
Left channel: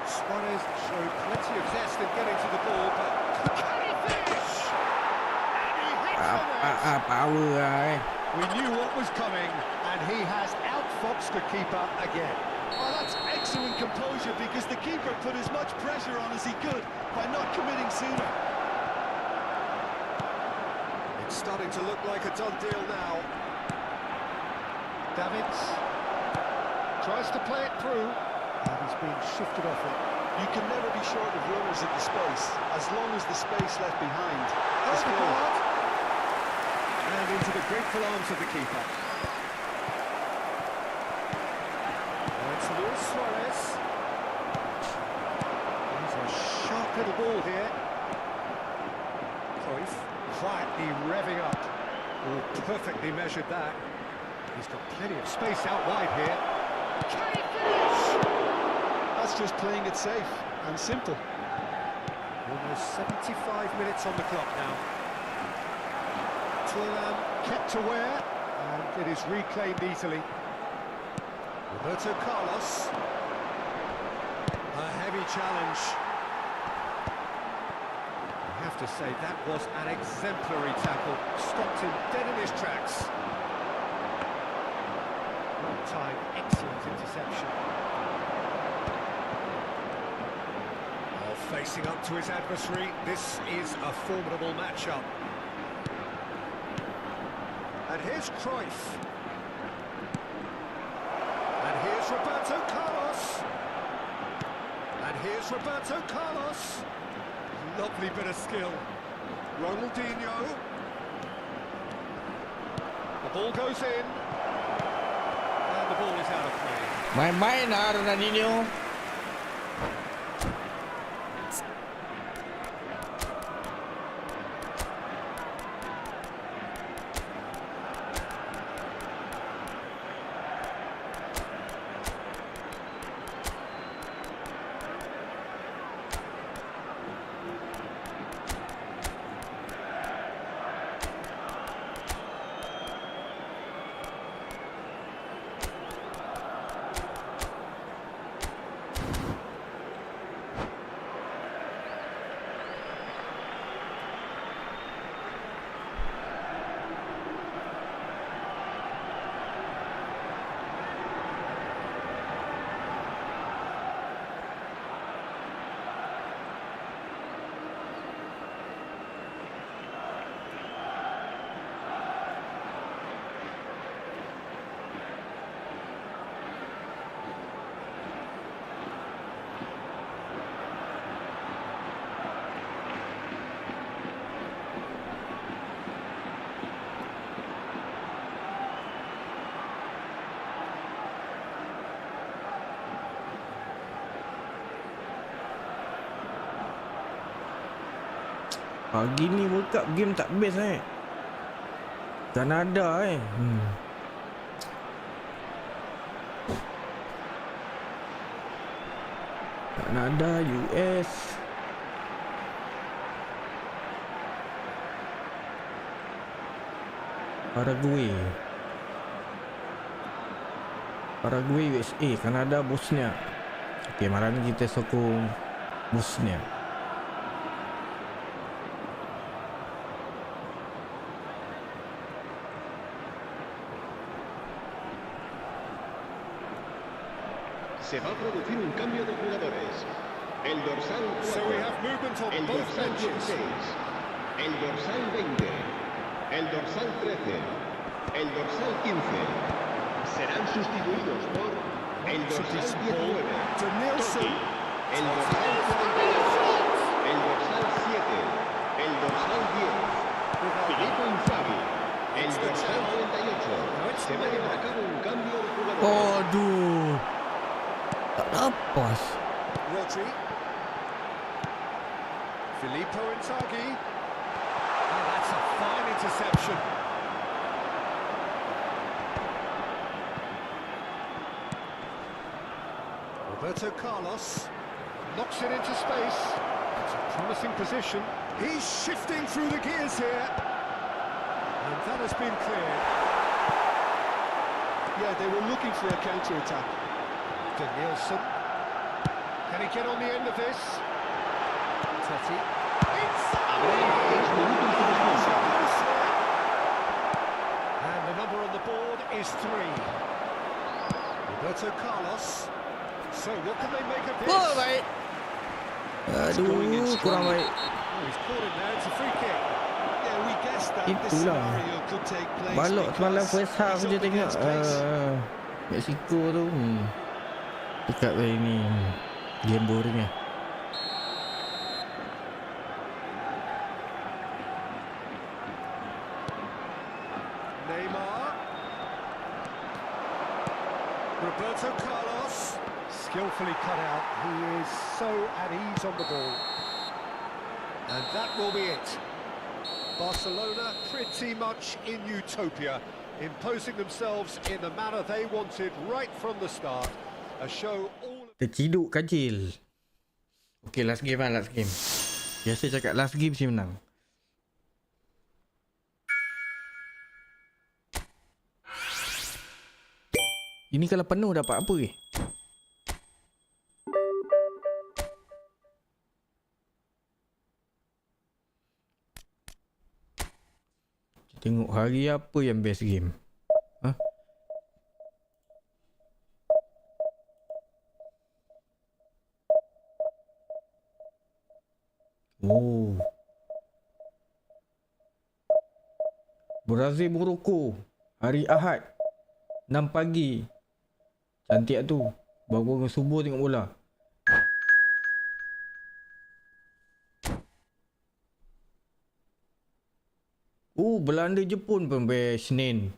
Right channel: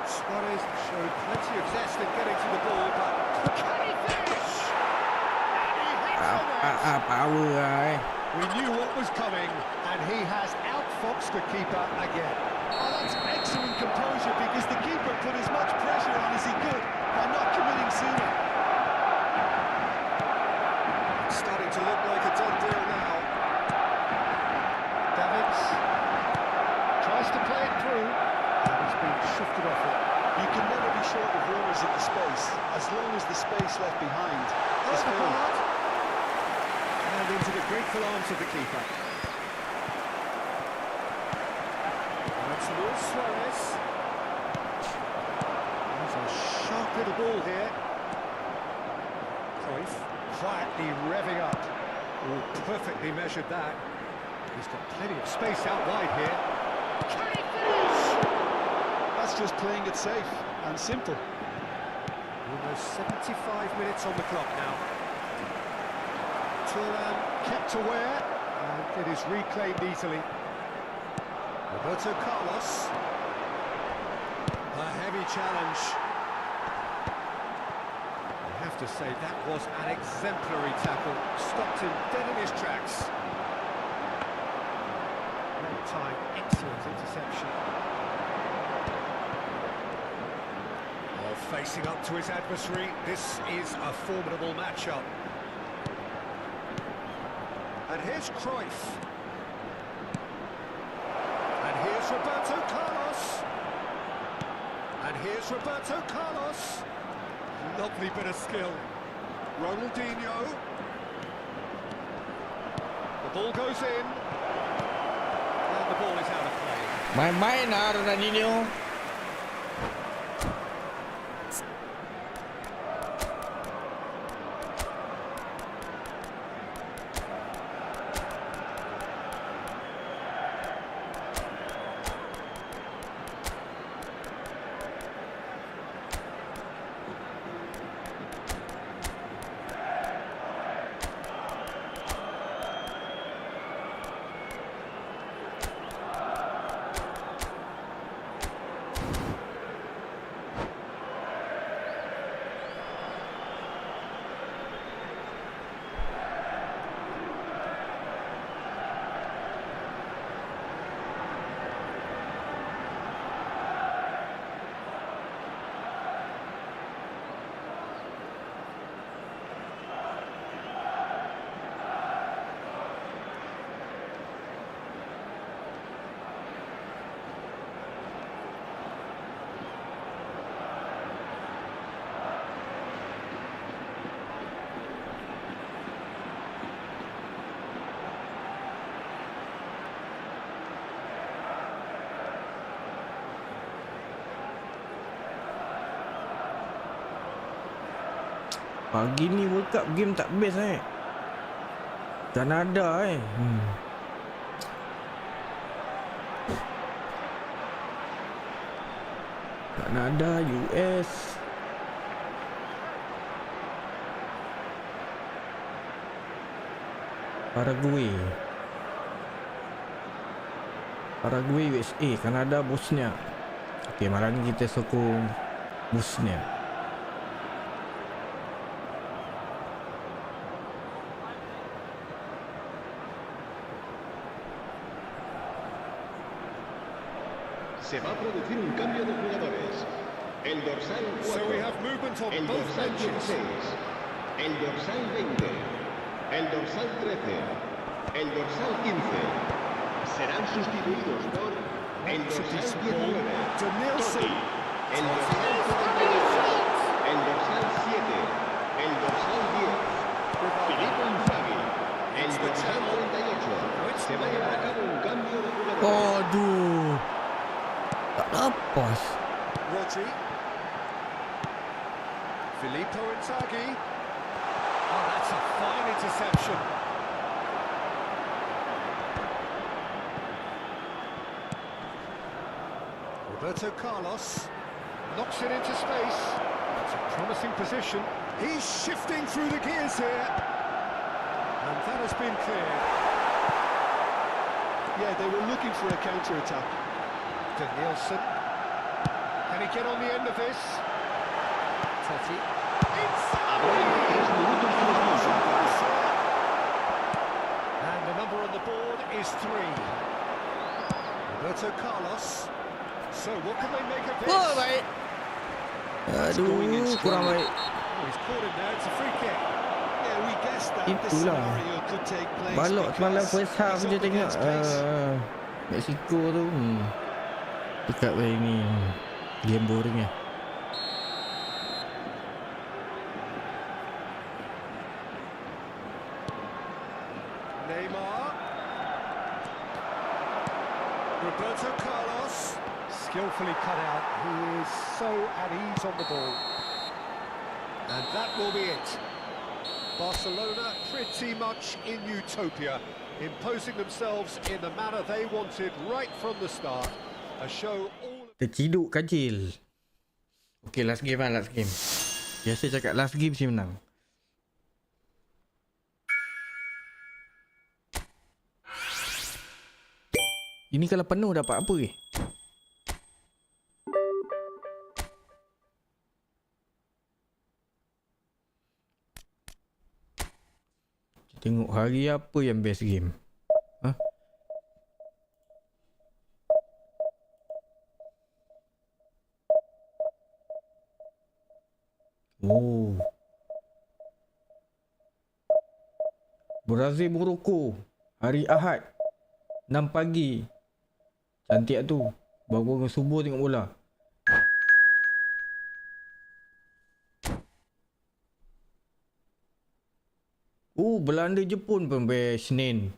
Suarez showed plenty of zest in getting to the ball, but can he finish? And he hits the net. Power lah We knew what was coming, and he has outfoxed the keeper again. Oh, that's excellent composure, because the keeper put as much pressure on as he could by not committing sooner. It's starting to look like a done deal now. Davids tries to play it through, and he's been shifted off it. You can never be short of runners in the space, as long as the space left behind is full. Odegaard. And into the grateful arms of the keeper. Now it's Luis Suarez. He's a sharp little ball here. Cruyff quietly revving up. Oh, perfectly measured that. He's got plenty of space out wide here. Can he finish? That's just playing it safe and simple. Almost 75 minutes on the clock now. Thuram kept aware, and it is reclaimed easily. Roberto Carlos. A heavy challenge. I have to say, that was an exemplary tackle. Stopped him dead in his tracks. Long time, excellent interception. Oh, facing up to his adversary, this is a formidable matchup. And here's Cruyff. And here's Roberto Carlos. And here's Roberto Carlos. Lovely bit of skill. Ronaldinho. The ball goes in. And the ball is out of play. Main-main lah Ronaldinho. Pagi ni World Cup game tak best Kanada Kanada, US. Paraguay, USA, Kanada, Bosnia. Okey, malam ni kita sokong Bosnia. Se va a producir un cambio de jugadores. El dorsal 4. So we have movement on El both dorsal benches. 16. El dorsal 20. El dorsal 13. El dorsal 15. Serán sustituidos por el dorsal 19. Totti. El dorsal 42. El dorsal 7. El dorsal 10. Filippo Inzaghi. El dorsal 38. Se va a llevar a cabo un cambio de jugadores. Aduh. Tak lepas. Rodri. Filippo Inzaghi. Oh, that's a fine interception. Roberto Carlos knocks it into space. It's a promising position. He's shifting through the gears here. And that has been cleared. Yeah, they were looking for a counter-attack. Danielson. Can he get on the end of this? Totti. Habrá 3 minutos de descanso. And the number on the board is 3. Roberto Carlos. So what can they make of this? Oh, baik. Aduh, kurang baik. Oh, he's caught him there. It's a free kick. Yeah, we guessed that this Itulah. scenario could take place. Balok semalam because first half he's je up tengok against pace. Mexico tu. Dekat saya ni game boring lah. Neymar. Roberto Carlos. Skillfully cut out. He is so at ease on the ball. And that will be it. Barcelona pretty much in utopia, imposing themselves in the manner they wanted right from the start. A show all... Terciduk kacil. Okay, last game lah, last game. Biasa cakap last game si menang. Ini kalau penuh dapat apa ke? Tengok hari apa yang best game. Ha? Oh. Brazil Morocco hari Ahad 6 pagi. Cantik tu. Bangun subuh tengok bola. Belanda Jepun pun best Senin.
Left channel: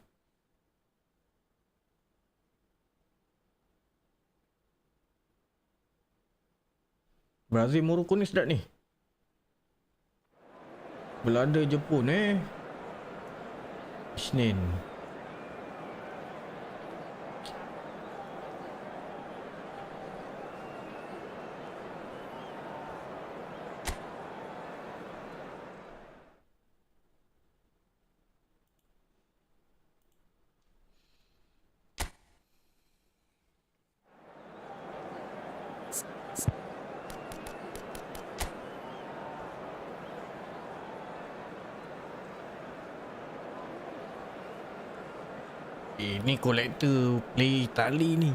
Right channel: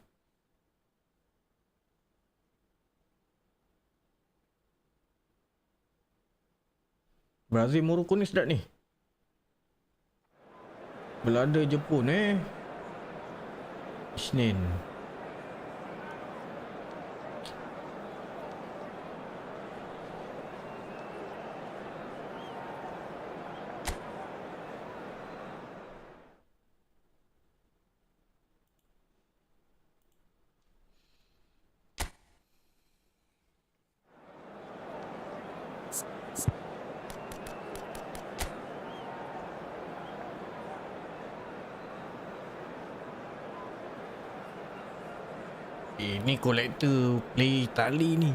Brazil Morocco ni sedap ni. Belanda Jepun Senin. Ni kolektor play Itali ni.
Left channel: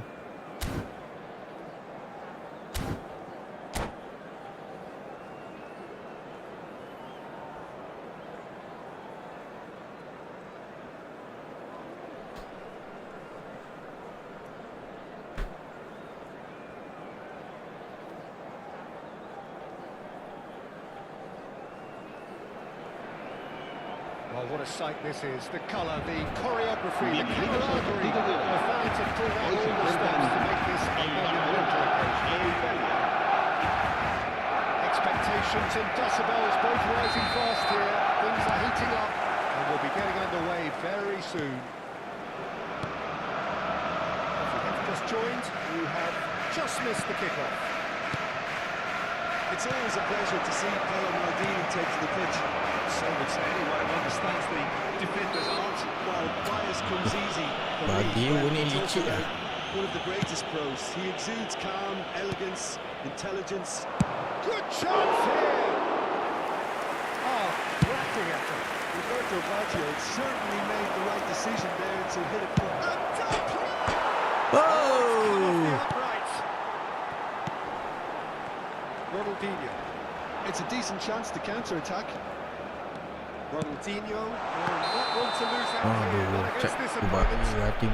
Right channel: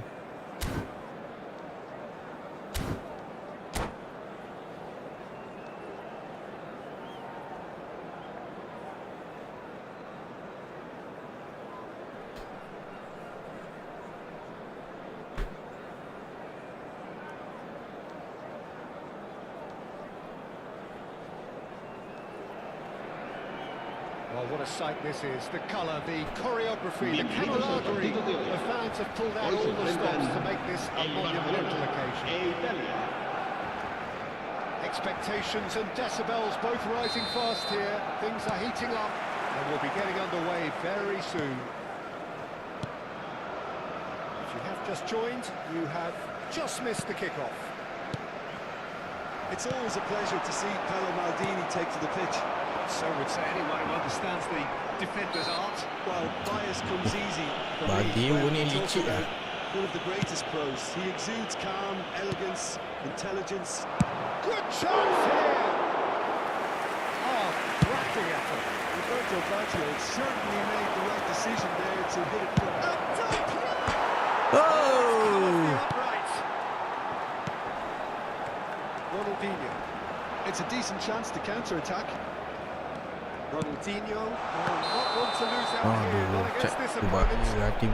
Well, what a sight this is. The colour, the choreography, the camaraderie. The fans have pulled out all the stops to make this a monumental occasion. Expectations and decibels both rising fast here. Things are heating up and we'll be getting underway very soon. If you have just joined, you have just missed the kickoff. It's always a pleasure to see Paolo Maldini take to the pitch. So would say anyone who understands the defender's art. Well, bias comes easy for Bagi me when ni we talk licik about one of the greatest pros. He exudes calm, elegance, intelligence. Good chance here. Oh, cracking effort. Roberto Baggio certainly made the right decision there to hit it for... And Del Piero! Oh! The upright. Ronaldinho. It's a decent chance to counter-attack. Ronaldinho will not want to lose out here, Aduh, not cak against this tu bagi opponent. hati.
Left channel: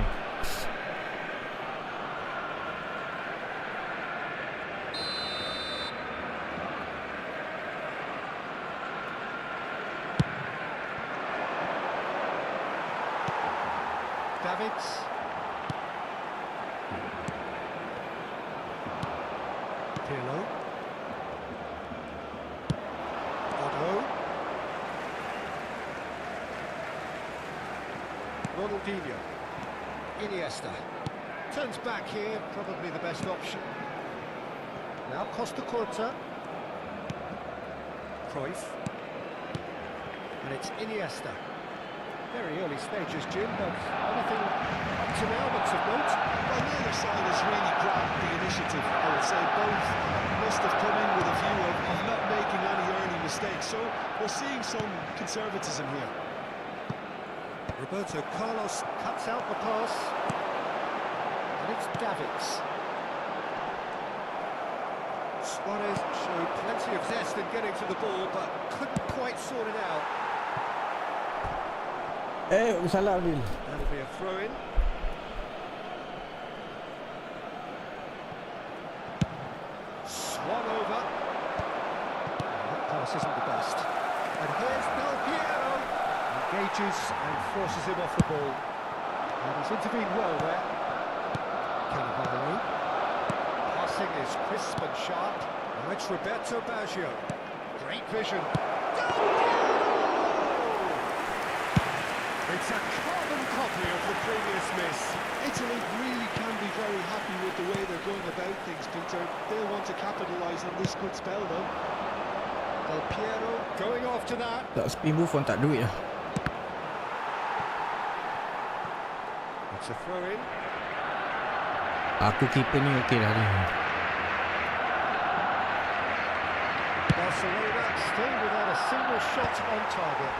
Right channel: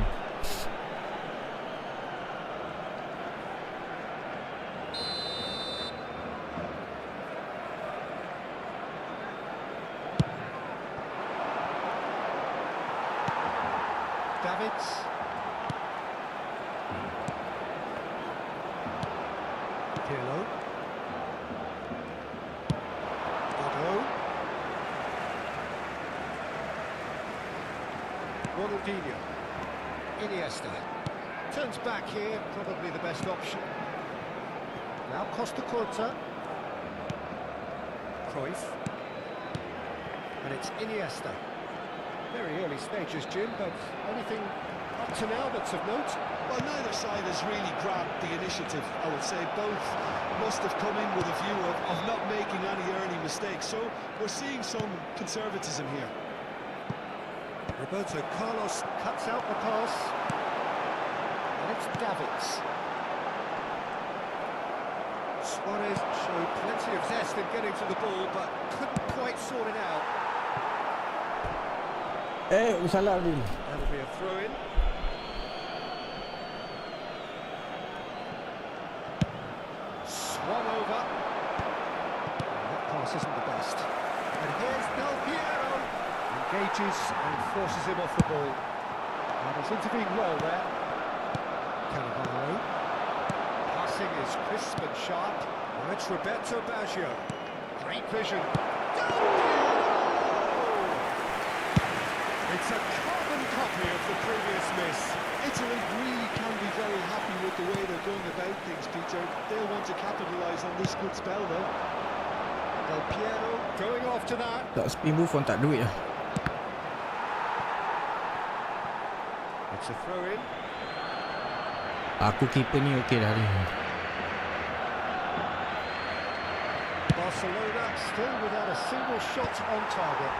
Davids. Pirlo. Otto. Ronaldinho. Iniesta. Turns back here, probably the best option. Now Costa Curta. Cruyff. And it's Iniesta. Very early stages, Jim, but anything up to now that's of note? Well, neither side has really grabbed the initiative, I would say. Both must have come in with a view of not making any early mistakes. So we're seeing some conservatism here. Roberto Carlos cuts out the pass. And it's Davids. Suarez showed plenty of zest in getting to the ball, but couldn't quite sort it out. Salah Adil. That'll be a throw-in. Swung over. That pass isn't the best. And here's Del Piero. Engages and forces him off the ball. And he's intervened well there. Cannavaro. Passing is crisp and sharp. Now it's Roberto Baggio. Great vision. Del Piero! It's a carbon copy of the previous miss. Italy really can be very happy with the way they're going about things, Peter. They'll want to capitalise on this good spell, though. Del Piero going after that. Tak spin Buffon tak duit lah. It's a throw-in. Aku keeper ni okey dah ni. Barcelona still without a single shot on target.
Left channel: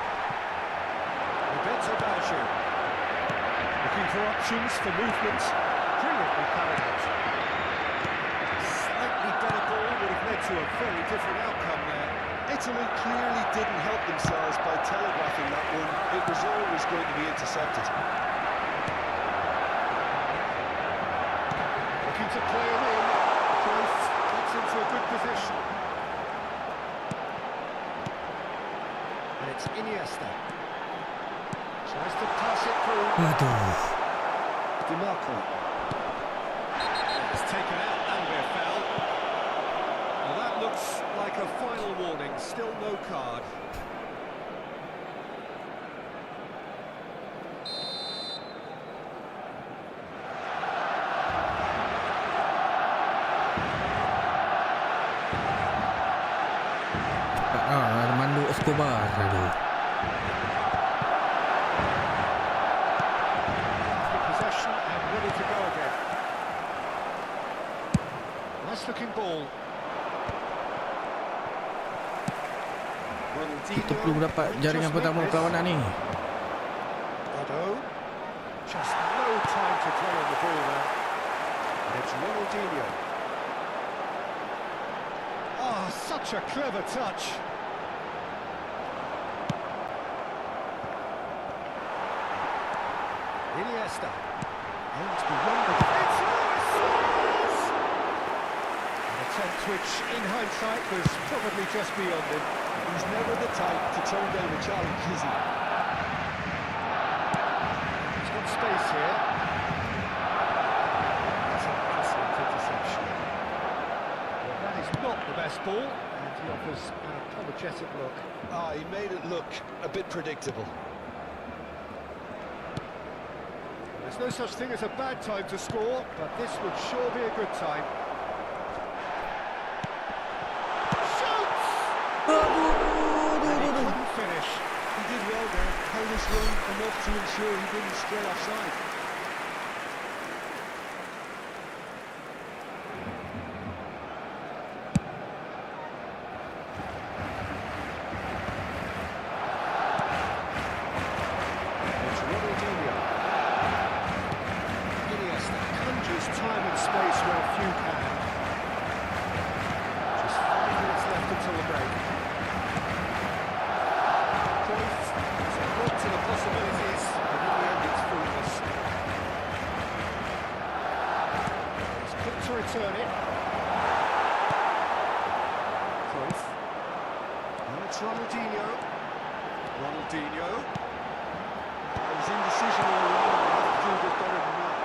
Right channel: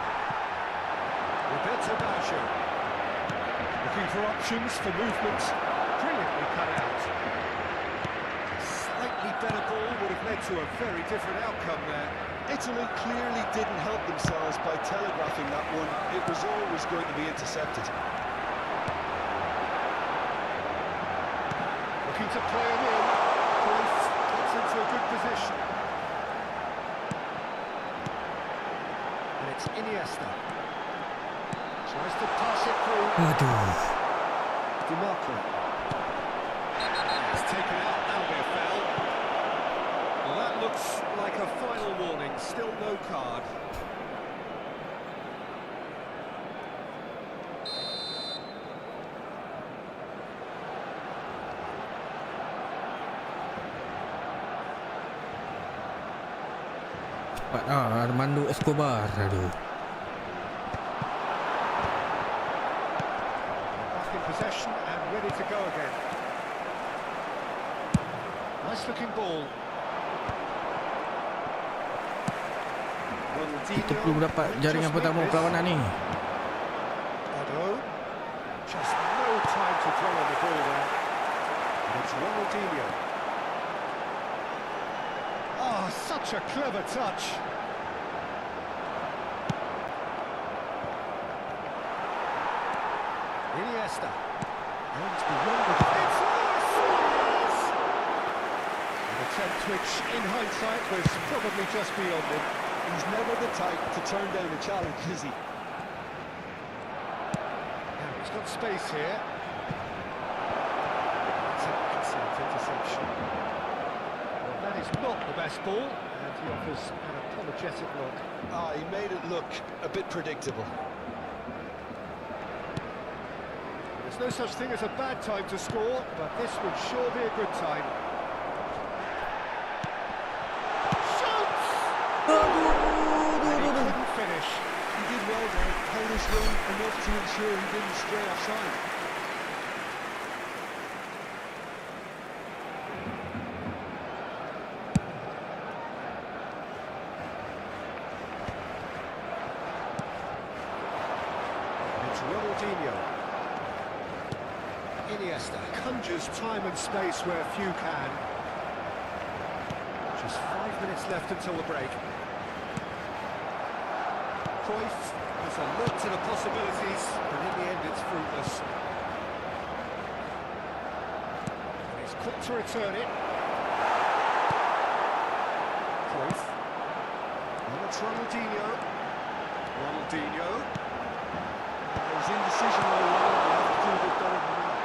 Roberto Baggio looking for options for movement. Brilliantly cut it out. A slightly better ball would have led to a very different outcome there. Italy clearly didn't help themselves by telegraphing that one. It was always going to be intercepted. Looking to play him in. Cruyff gets into a good position. And it's Iniesta. Tries to pass it through. Aduh. DiMarco. It's taken out, that'll be a foul. Well, that looks like a final warning, still no card. Armando Escobar. Aduh. Possession and ready to go again. Nice looking ball. Kita perlu dapat jaringan pertama perlawanan ni. Otto. Just no time to dwell on the ball there. And it's Ronaldinho. Oh, such a clever touch. Iniesta. Aims beyond the... It's Luis Suarez! An attempt which, in hindsight, was probably just beyond him. He's never the type to turn down a challenge, is he? And he's got space here. That's an excellent interception. Well, that is not the best ball, and he offers an apologetic look. Ah, he made it look a bit predictable. There's no such thing as a bad time to score, but this would sure be a good time. And he couldn't finish. He did well there, held his run enough to ensure he didn't stray offside. It's Ronaldinho. Iniesta conjures time and space where few can. Just 5 minutes left until the break. Cruyff has a look to the possibilities, but in the end it's fruitless. He's quick to return it. Cruyff. And it's Ronaldinho. Ronaldinho. It was indecision all around. He had to do a bit better than that.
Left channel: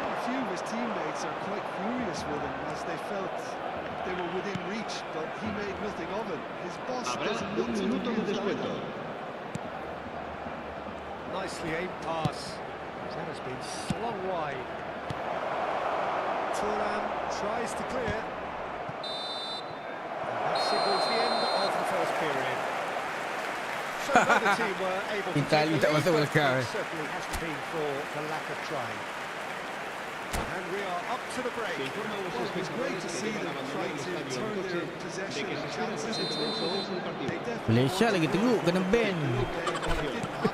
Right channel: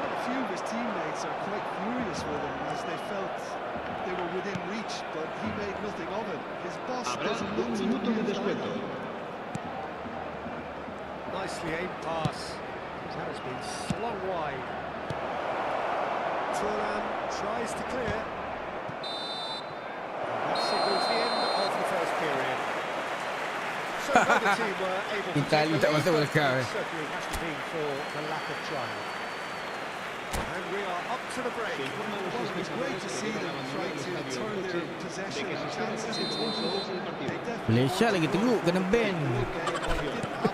Well, a few of his teammates are quite furious with him as they felt they were within reach, but he made nothing of it. His boss Habrá doesn't look un to minuto de understand descuento. that. Nicely aimed pass. That has been slung wide. Thuram tries to clear. And that signals the end of the first period. So neither team were able to Italy take tak the masuk lead, World Cup, but it certainly has to be for the lack of trying. And we are up to the break. Well, it was great to see them trying to turn their possession and chances into a goal. They definitely Malaysia lagi teruk, kena ban.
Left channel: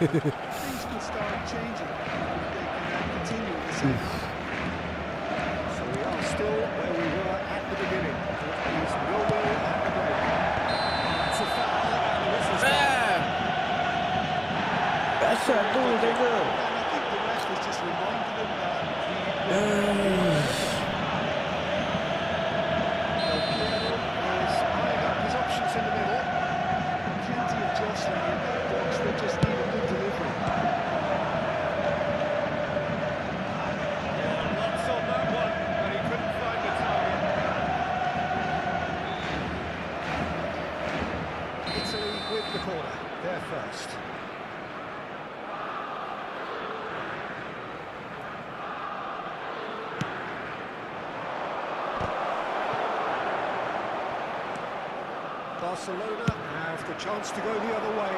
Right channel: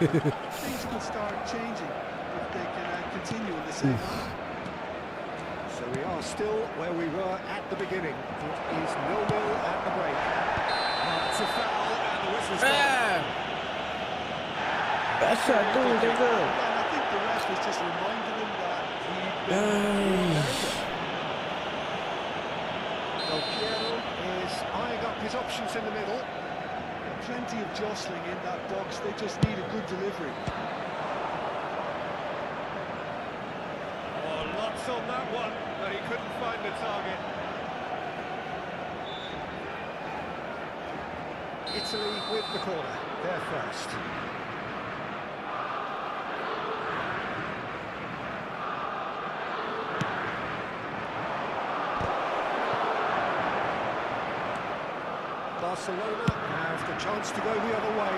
Things could start changing if they can continue in the same manner. So we are still where we were at the beginning. It is 0-0 at the break. It's a foul and the whistle's gone. Biasa tu jaga. And I think the ref was just reminding him that Del Piero is eyeing up his options in the middle. plenty of jostling in that box. They just need a good delivery. Oh, lots on that one, but he couldn't find the target. Italy with the corner, they're first. Barcelona have the chance to go the other way.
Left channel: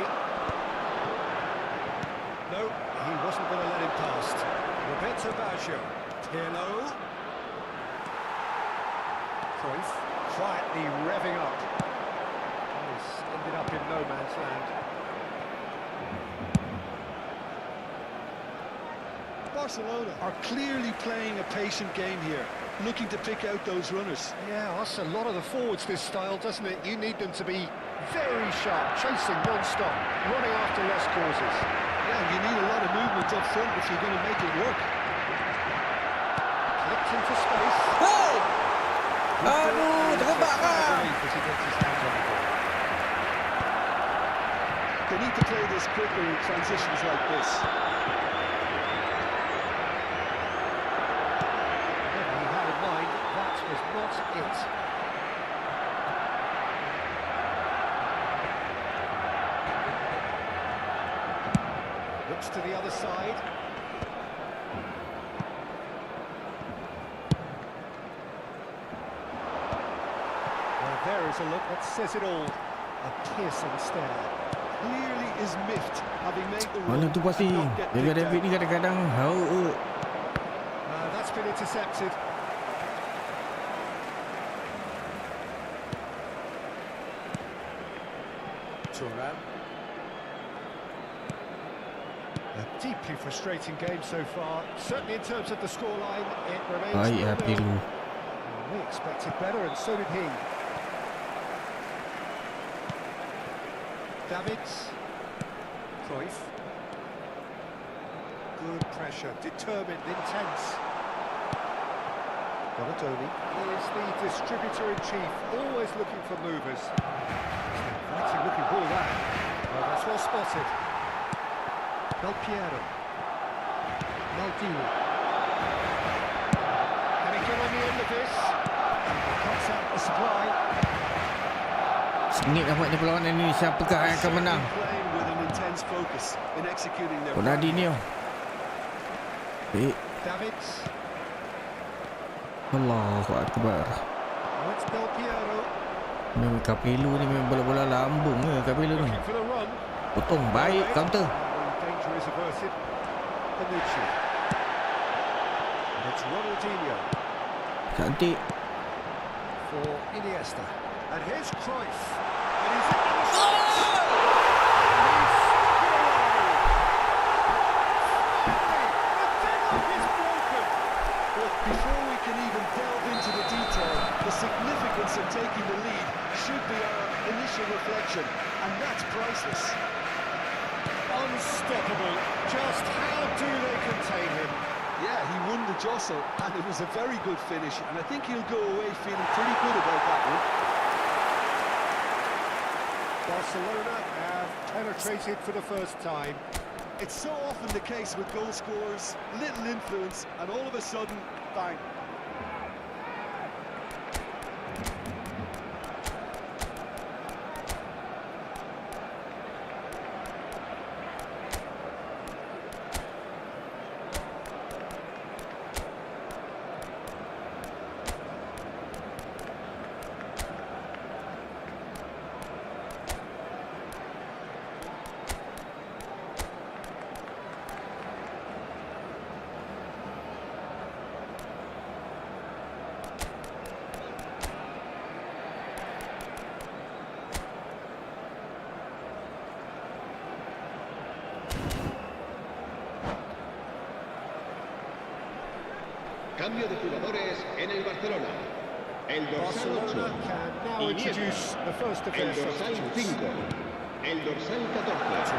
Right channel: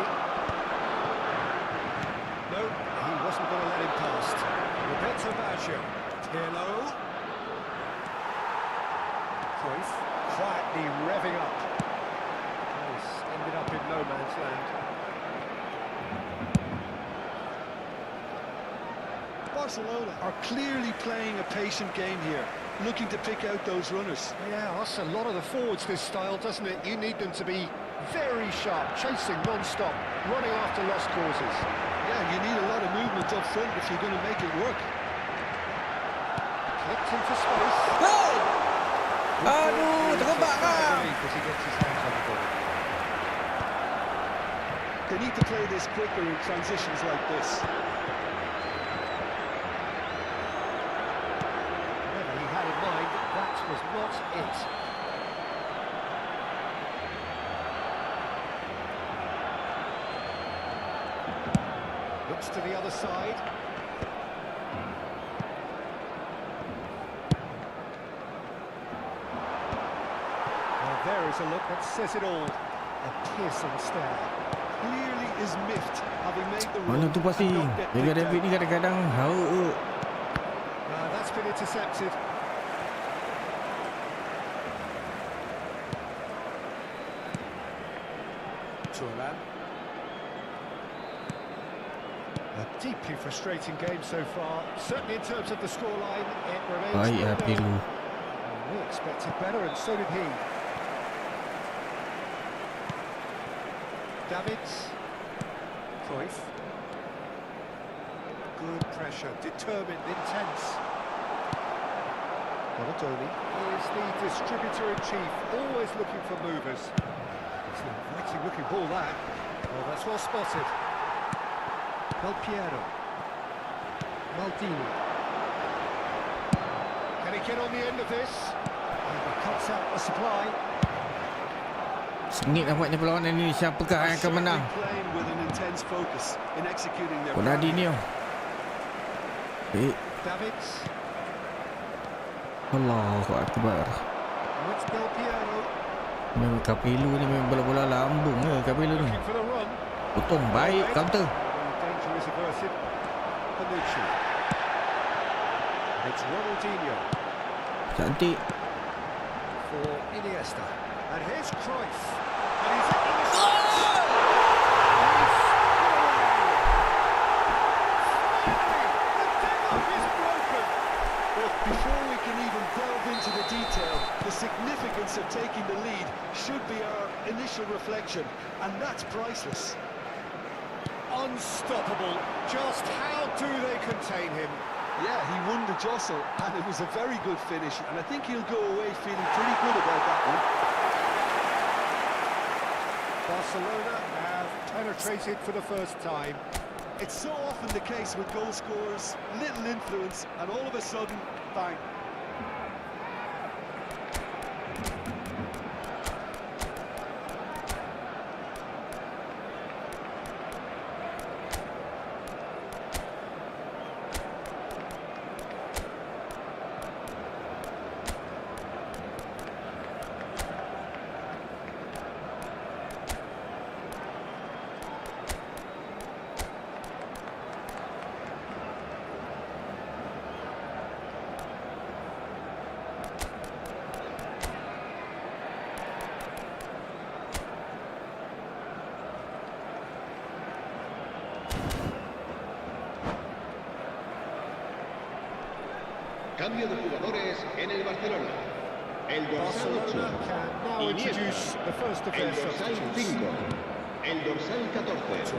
No, he wasn't going to let him past. Roberto Baggio. Pirlo. Cruyff quietly revving up. He's ended up in no man's land. Barcelona are clearly playing a patient game here, looking to pick out those runners. Yeah, that's a lot of the forwards, this style, doesn't it? You need them to be very sharp, chasing non-stop, running after lost causes. Yeah, you need a lot of movement up front if you're going to make it work. Flicked into space. Hey! Aduh, terkebak kah? As he gets his hands on the ball. They need to play this quicker in transitions like this. Whatever he had in mind, that was not it. Looks to the other side. Well, there is a look that says it all. A piercing stare. Clearly is miffed, having made the Mana run tu pasti. and not get Jaga picked David out. ni kadang-kadang hauk. That's been intercepted. Thuram. A deeply frustrating game so far. Certainly in terms of the scoreline, it remains Baik lah 0-0. Pirlo. We expected better, and so did he. Davids. Cruyff. Good pressure, determined, intense. Donadoni is the distributor-in-chief, always looking for movers. It's an inviting-looking ball, that. Oh, that's well spotted. Del Piero. Maldini. Can he get on the end of this? And he cuts out the supply. Sengit nampaknya perlawanan ini. Siapakah yang akan menang? Playing with an intense focus in executing their plan. Ronaldinho. Davids. Allahu Akbar. Oh, it's Del Piero. Memang Capello ni memang bola-bola lambung ke Capello ni. Looking for the run. Potong baik counter. The danger is averted. Bonucci. And it's Ronaldinho Cantik. for Iniesta. And here's Cruyff. And he's into the shot. And he's stuck it away. Finally, the deadlock is broken. But before we can even delve into the detail, the significance of taking the lead should be our initial reflection, and that's priceless. Unstoppable. Just how do they contain him? Yeah, he won the jostle, and it was a very good finish, and I think he'll go away feeling pretty good about that one. Barcelona have penetrated for the first time. It's so often the case with goal scorers, little influence, and all of a sudden, bang. Cambio de jugadores en el Barcelona. El dorsal 8. Barcelona can now introduce the first of El their dorsal substitutes. 5. El dorsal 14.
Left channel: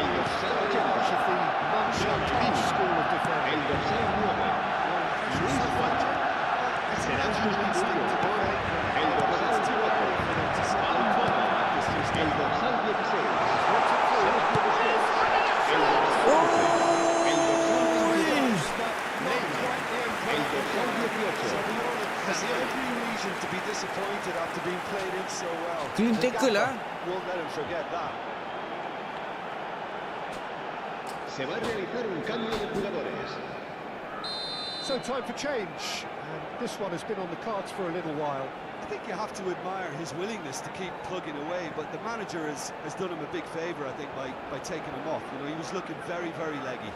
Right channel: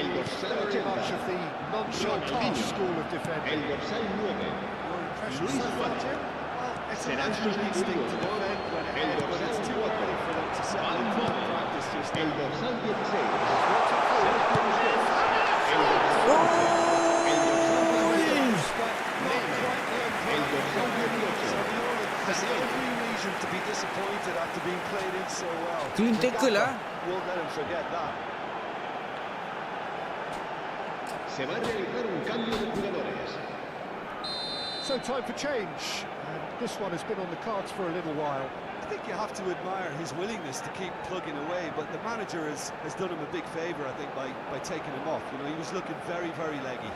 El dorsal Very much of 80. the non-touch school of defending. El dorsal 9. Luis Suárez. Serán sustituidos por el dorsal 4. Van Bommel. El dorsal 16. Sergio Busquets. El dorsal 11. El dorsal 22. El dorsal 18. Has every reason to be disappointed after being played in so well. Clean tackle lah. Won't let him forget that. Se va a realizar un cambio de jugadores. So time for change, and this one has been on the cards for a little while. I think you have to admire his willingness to keep plugging away, but the manager has done him a big favour, I think, by taking him off. You know, he was looking very, very leggy.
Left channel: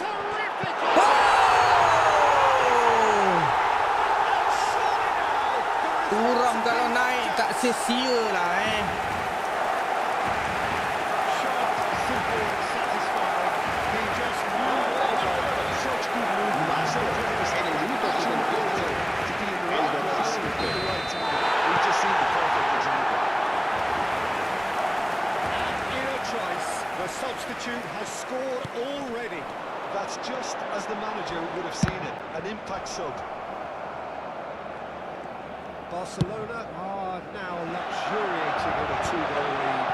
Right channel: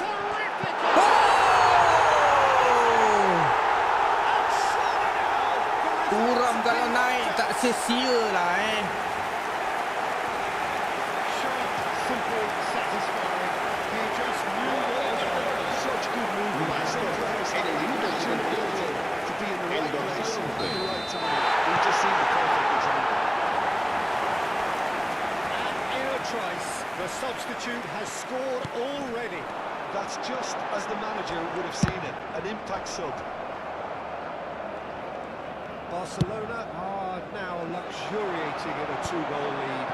Terrific! Oh! And surely now the results Turam have kalau been naik tak sia-sia lah sharp, simple, satisfying. He just knew what to do. Such good movement, so close. En el minuto 78. To be in the El right dorsal place 11. at the right time. We've just seen the perfect example. And in a trice, the substitute has scored already. That's just as the manager would have seen it, an impact sub. Barcelona are now luxuriating in a 2-goal lead.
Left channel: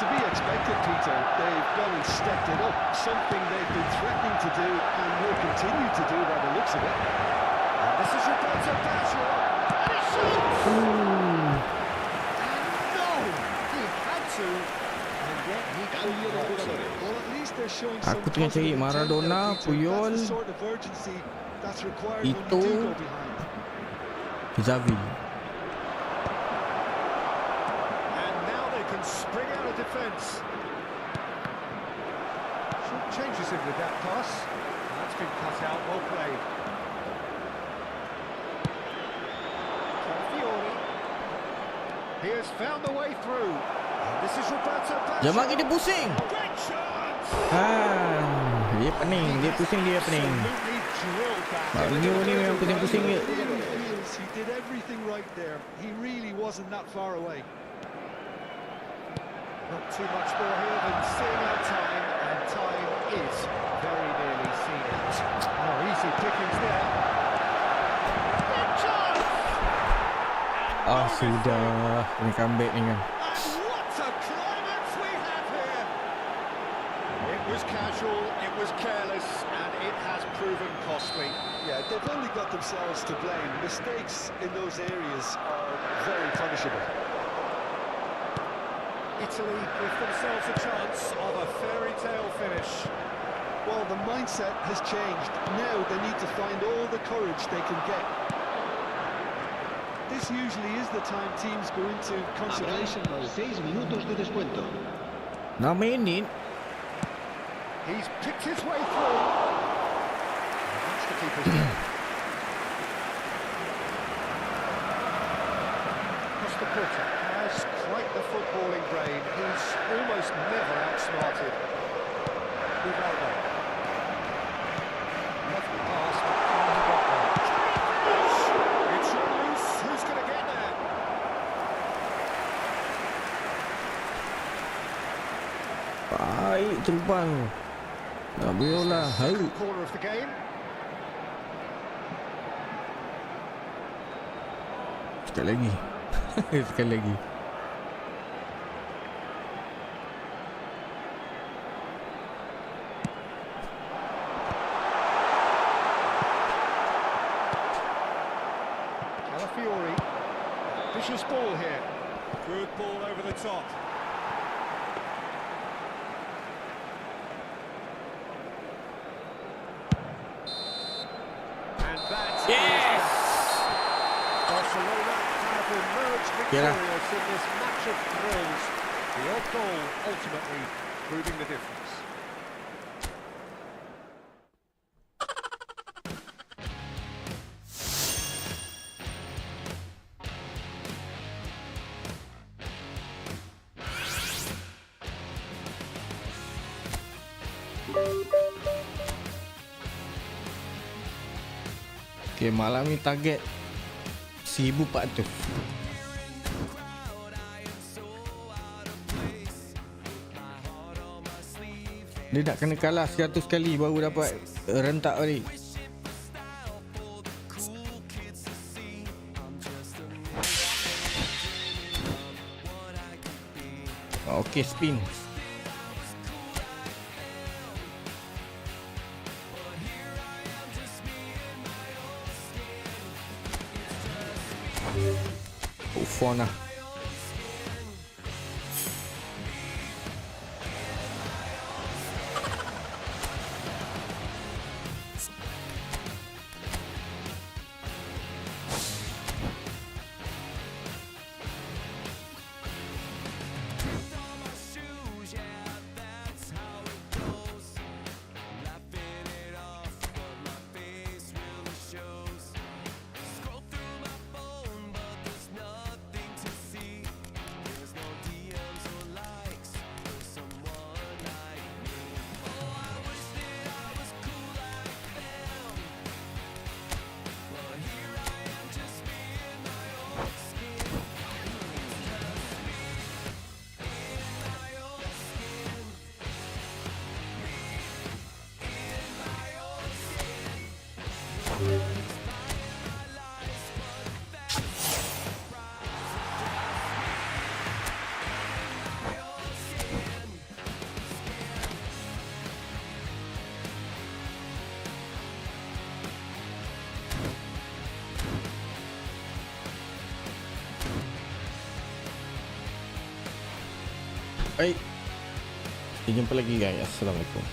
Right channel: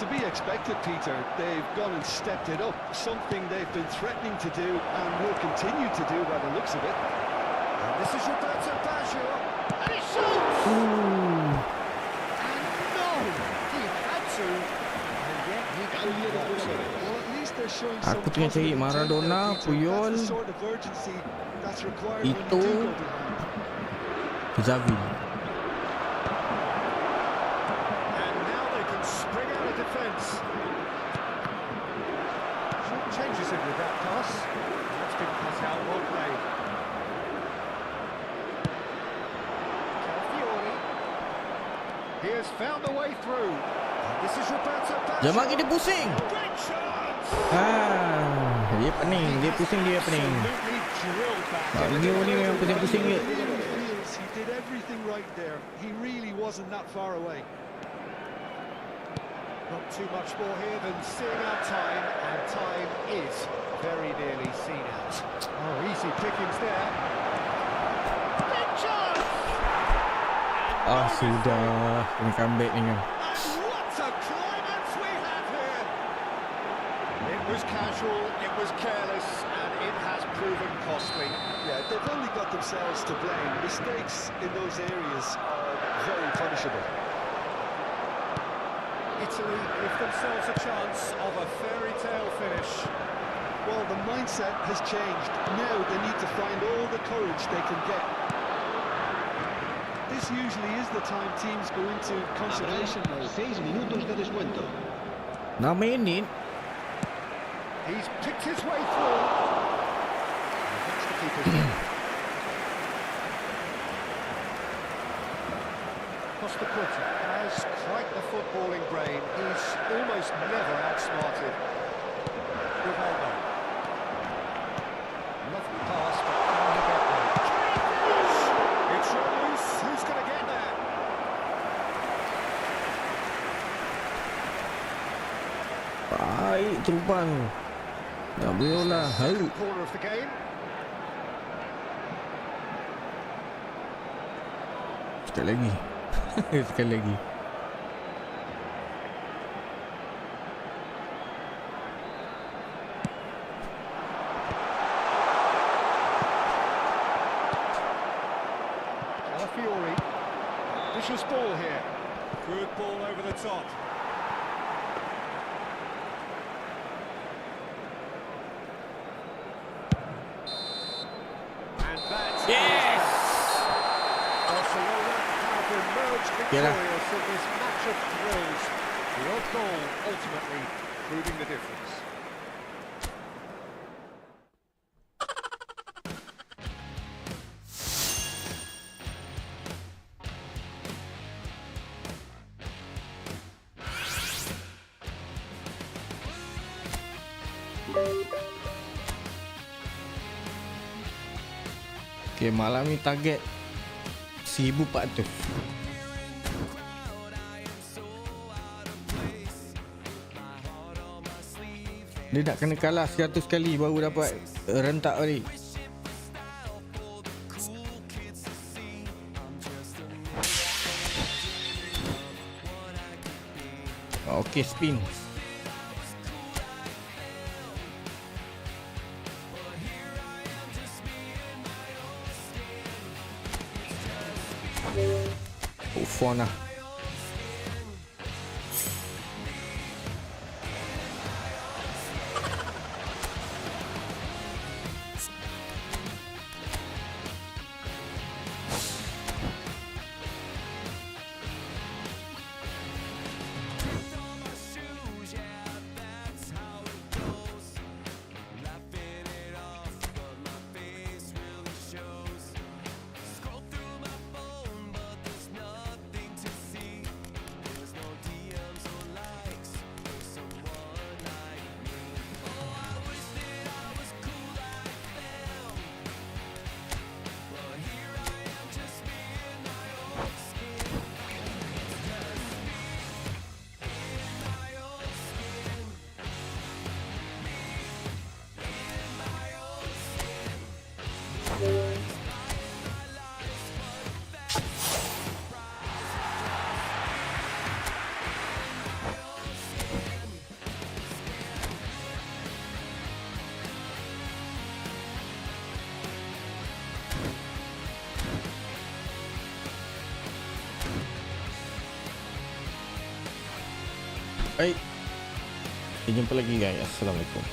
To be expected, Peter, they've gone and stepped it up, something they've been threatening to do and will continue to do by the looks of it. And this is Roberto Baggio, and he shoots! And no, he had to, and yet he Cambio de couldn't. jugadores. Well, at least they're showing some Aku tengah cari positive intent Maradona, there, Peter. Puyol, That's the sort of urgency that's required when you Ito. do go behind. Xavi. And now they can spring out of defence. Short changes him with that pass. That's been cut out, well played. Calafiori. He has found the way through. And this is Roberto Baggio. Jangan bagi dia pusing. Great chance! Dia pening, dia pusing, dia pening. Absolutely drilled that. Baggio ni memang pusing-pusing je. He feels he did everything right there. He really wasn't that far away. Not too much more here than seeing out time, and time is very nearly seen out. Oh, easy pickings there. Big chance! Ah, sudah. Kena comeback ni kan. And what a climax we have here! It was casual, it was careless, and it has proven costly. Yeah, they've only got themselves to blame. Mistakes in those areas are very punishable. Italy give themselves a chance of a fairy tale finish. Well, the mindset has changed. Now they need to find all the courage they can get. this usually is the time teams go into conservation Habrá mode. 6 minutos de descuento. 6 minit. He's picked his way through. And that's the keeper's job. Costa Curta has quite the footballing brain. He's almost never outsmarted. Rivaldo. Lovely pass, but can he get there? Can he finish? It's on loose. Who's going to get there? Baik terupan. Tak boleh lah. Hai. Second corner of the game. Sekali lagi. Sekali lagi. Calafiori. Vicious ball here. Good ball over the top. And that's Barcelona have emerged victorious in this match of thrills. The odd goal ultimately proving the difference. Okay, malam ni target 1400. Dia nak kena kalah 100 kali baru dapat rentak balik. Okay, spin. Fun lah. Baik. Kita jumpa lagi guys. Assalamualaikum.